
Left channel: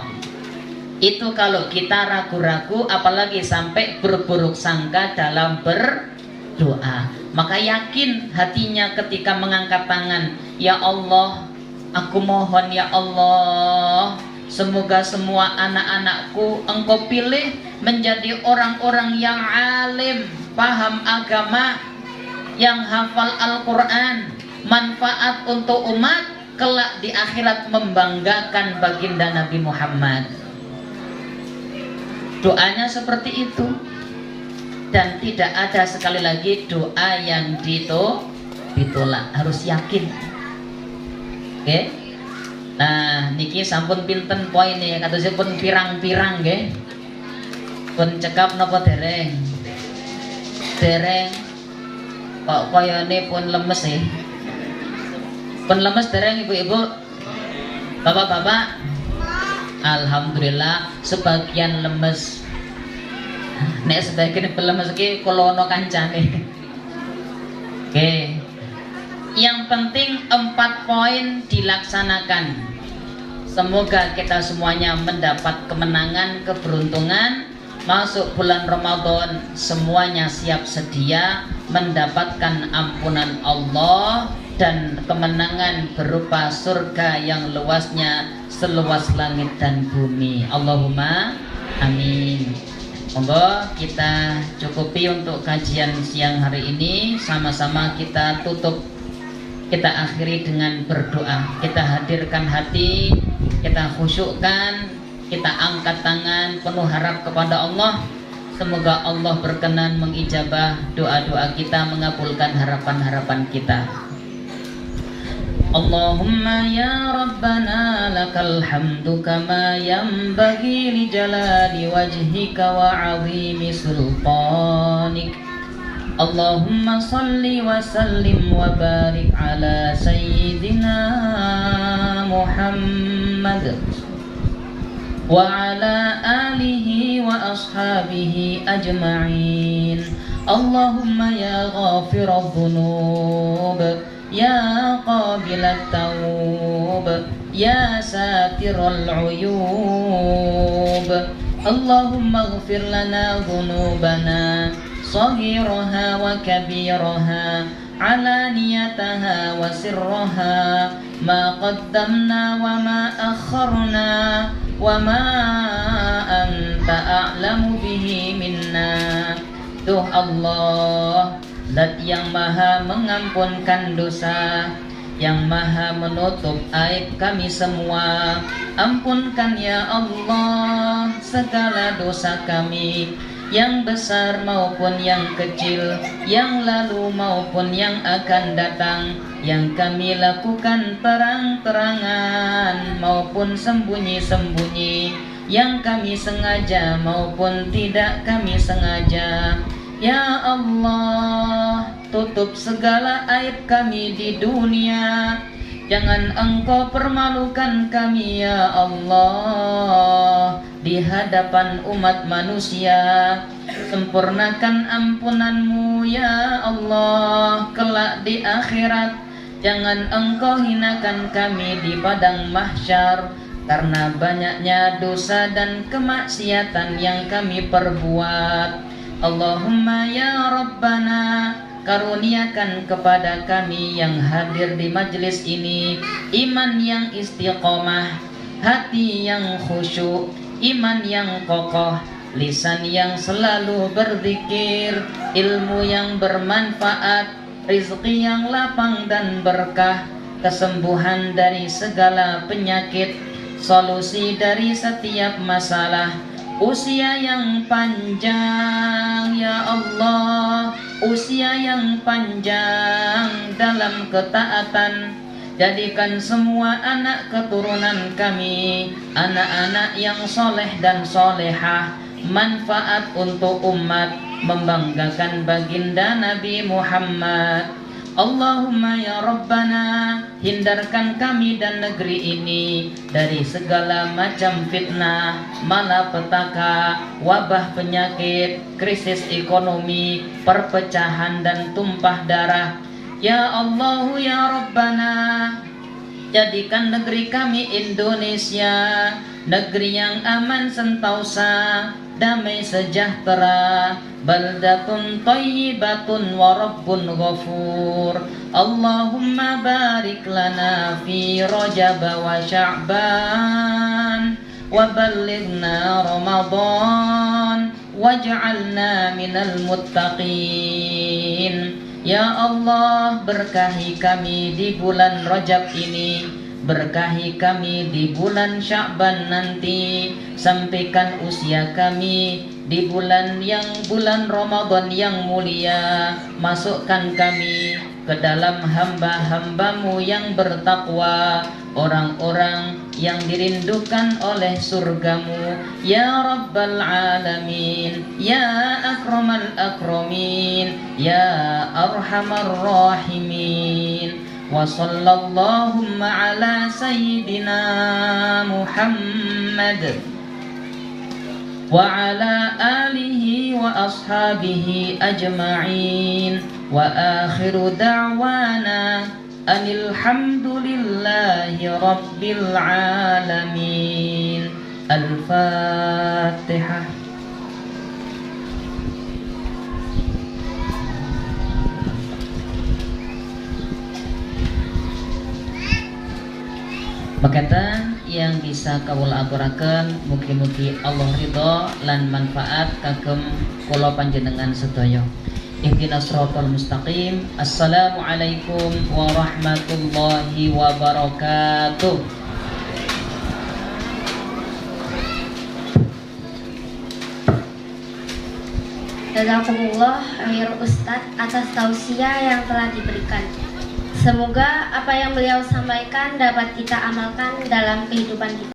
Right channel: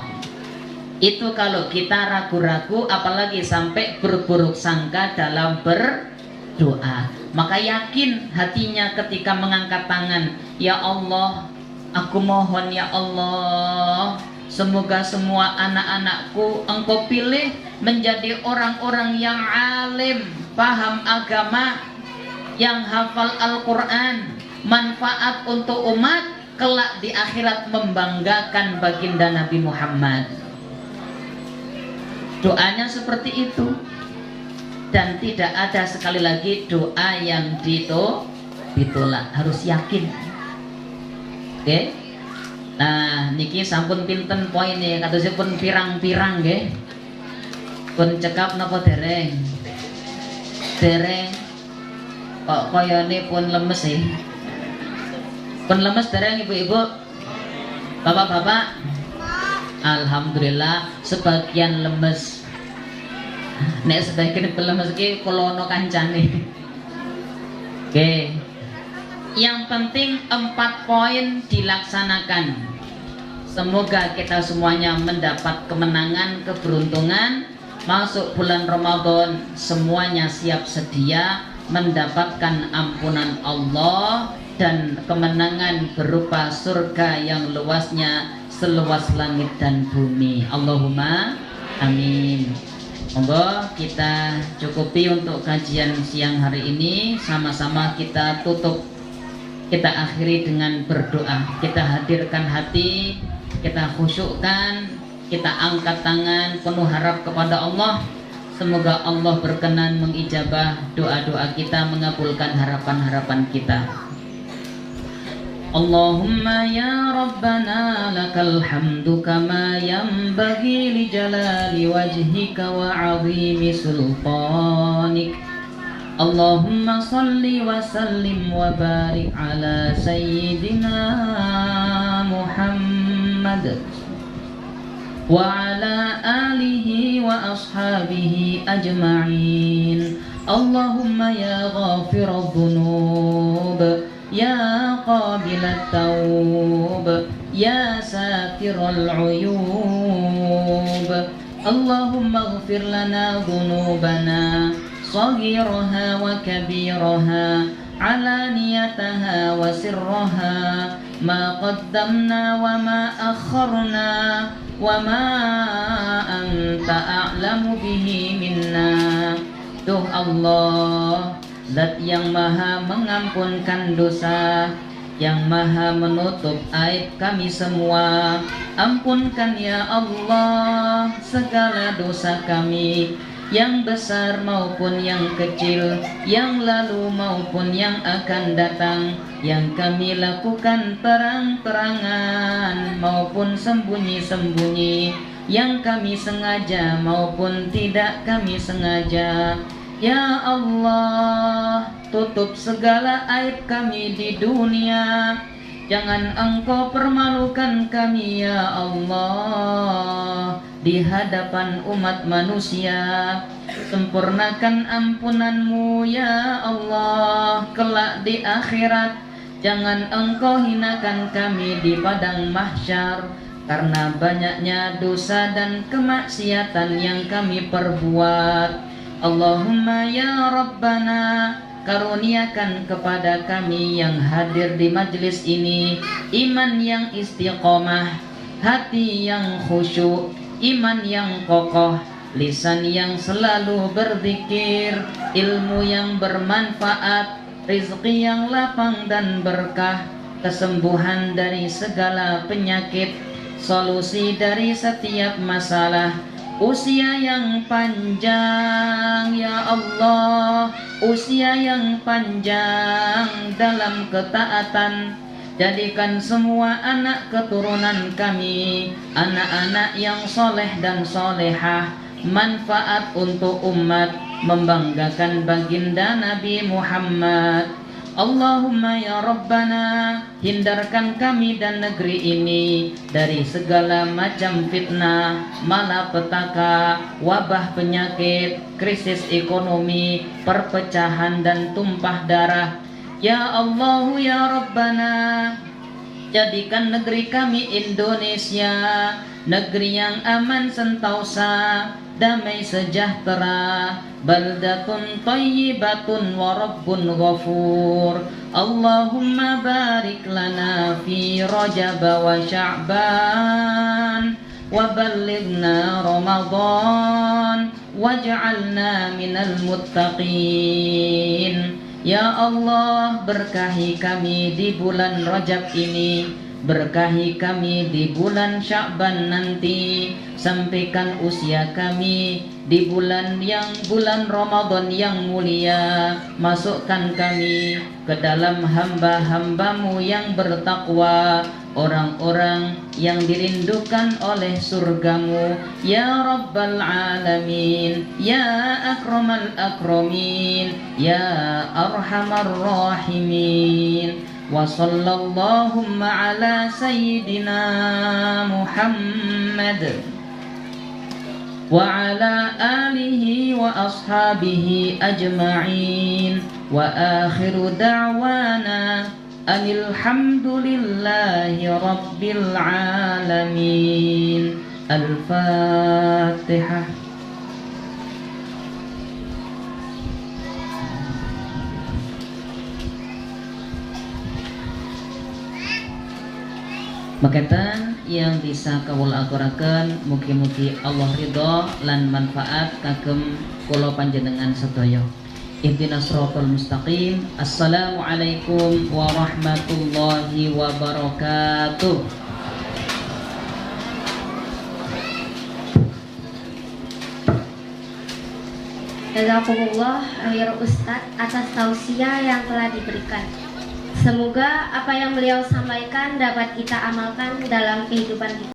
Itu kalau kita ragu-ragu, apalagi sampai berburuk sangka dalam berdoa. Maka yakin hatinya ketika mengangkat tangan, ya Allah, aku mohon ya Allah, semoga semua anak-anakku Engkau pilih menjadi orang-orang yang alim, paham agama, yang hafal Al-Quran, manfaat untuk umat, kelak di akhirat membanggakan baginda Nabi Muhammad. Doanya seperti itu. Dan tidak ada sekali lagi doa yang ditolak, harus yakin. Oke? Nah, niki sampun pinten poin ya, katanya pun pirang-pirang nggih. Pun cekap napa dereng? Dereng. Kok koyone pun lemes ya? Pun lemes dereng ibu-ibu? Bapak-bapak? Alhamdulillah sebagian lemes. Nek sebagian lemes iki kula ana kancane. Oke. Yang penting 4 poin dilaksanakan. Semoga kita semuanya mendapat kemenangan, keberuntungan. Masuk bulan Ramadan semuanya siap sedia mendapatkan ampunan Allah dan kemenangan berupa surga yang luasnya seluas langit dan bumi. Allahumma amin. Monggo kita cukupi untuk kajian siang hari ini. Sama-sama kita tutup, kita akhiri dengan berdoa. Kita hadirkan hati, kita khusyukkan, kita angkat tangan penuh harap kepada Allah. Semoga Allah berkenan mengijabah doa-doa kita, mengabulkan harapan-harapan kita. Allahumma ya Rabbana lakal hamdu kama yanbaghi li jalali wajhika wa 'azimi sultanik. Allahumma salli wa sallim wa barik ala sayyidina Muhammad wa ala alihi wa ashabihi ajma'in. Allahumma ya ghafiradh dhunub, ya qabilat tawb, ya satiral uyub. Allahumma ighfir lana dhunubana صغيرها وكبيرها علانيتها وسرها ما قدمنا وما أخرنا wa ma anta a'lamu bihi minna. Duh Allah, Zat yang maha mengampunkan dosa, yang maha menutup aib kami semua. Ampunkan ya Allah segala dosa kami, yang besar maupun yang kecil, yang lalu maupun yang akan datang, yang kami lakukan terang-terangan maupun sembunyi-sembunyi, yang kami sengaja maupun tidak kami sengaja. Ya Allah, tutup segala aib kami di dunia, jangan Engkau permalukan kami ya Allah di hadapan umat manusia. Sempurnakan ampunan-Mu ya Allah kelak di akhirat, jangan Engkau hinakan kami di padang mahsyar karena banyaknya dosa dan kemaksiatan yang kami perbuat. Allahumma ya Rabbana, karuniakan kepada kami yang hadir di majlis ini iman yang istiqomah, hati yang khusyuk, iman yang kokoh, lisan yang selalu berzikir, ilmu yang bermanfaat, rizki yang lapang dan berkah, kesembuhan dari segala penyakit, solusi dari setiap masalah, usia yang panjang ya Allah, usia yang panjang dalam ketaatan. Jadikan semua anak keturunan kami anak-anak yang soleh dan solehah, manfaat untuk umat, membanggakan baginda Nabi Muhammad. Allahumma ya Rabbana, hindarkan kami dan negeri ini dari segala macam fitnah, malapetaka, wabah penyakit, krisis ekonomi, perpecahan dan tumpah darah. Ya Allah ya Rabbana, jadikan negeri kami Indonesia negeri yang aman sentosa, damai sejahtera, baldatun thayyibatun wa rabbun ghafur. Allahumma barik lana fi Rajab wa Sya'ban wa ballighna Ramadan waj'alna minal muttaqin. Ya Allah, berkahi kami di bulan Rajab ini, berkahi kami di bulan Sya'ban nanti, sampaikan usia kami di bulan Ramadan yang mulia. Masukkan kami ke dalam hamba-hambamu yang bertakwa, orang-orang yang dirindukan oleh surgamu ya Rabbal Alamin, ya Akramal Akramin, ya Arhamar Rahimin. Wa sallallahu ala sayyidina Muhammad wa ala alihi wa ashabihi ajma'in. Wa akhiru da'wana alhamdulillahi rabbil alamin. Al-Fatihah. Makatan yang bisa kawula aturaken, mugi-mugi Allah ridho lan manfaat kagem kula panjenengan sedaya. Ihdinas siratal mustaqim. Assalamualaikum warahmatullahi wabarakatuh. Jazakumullah khair Ustadz atas tausiah yang telah diberikan. Semoga apa yang beliau sampaikan dapat kita amalkan dalam kehidupan kita.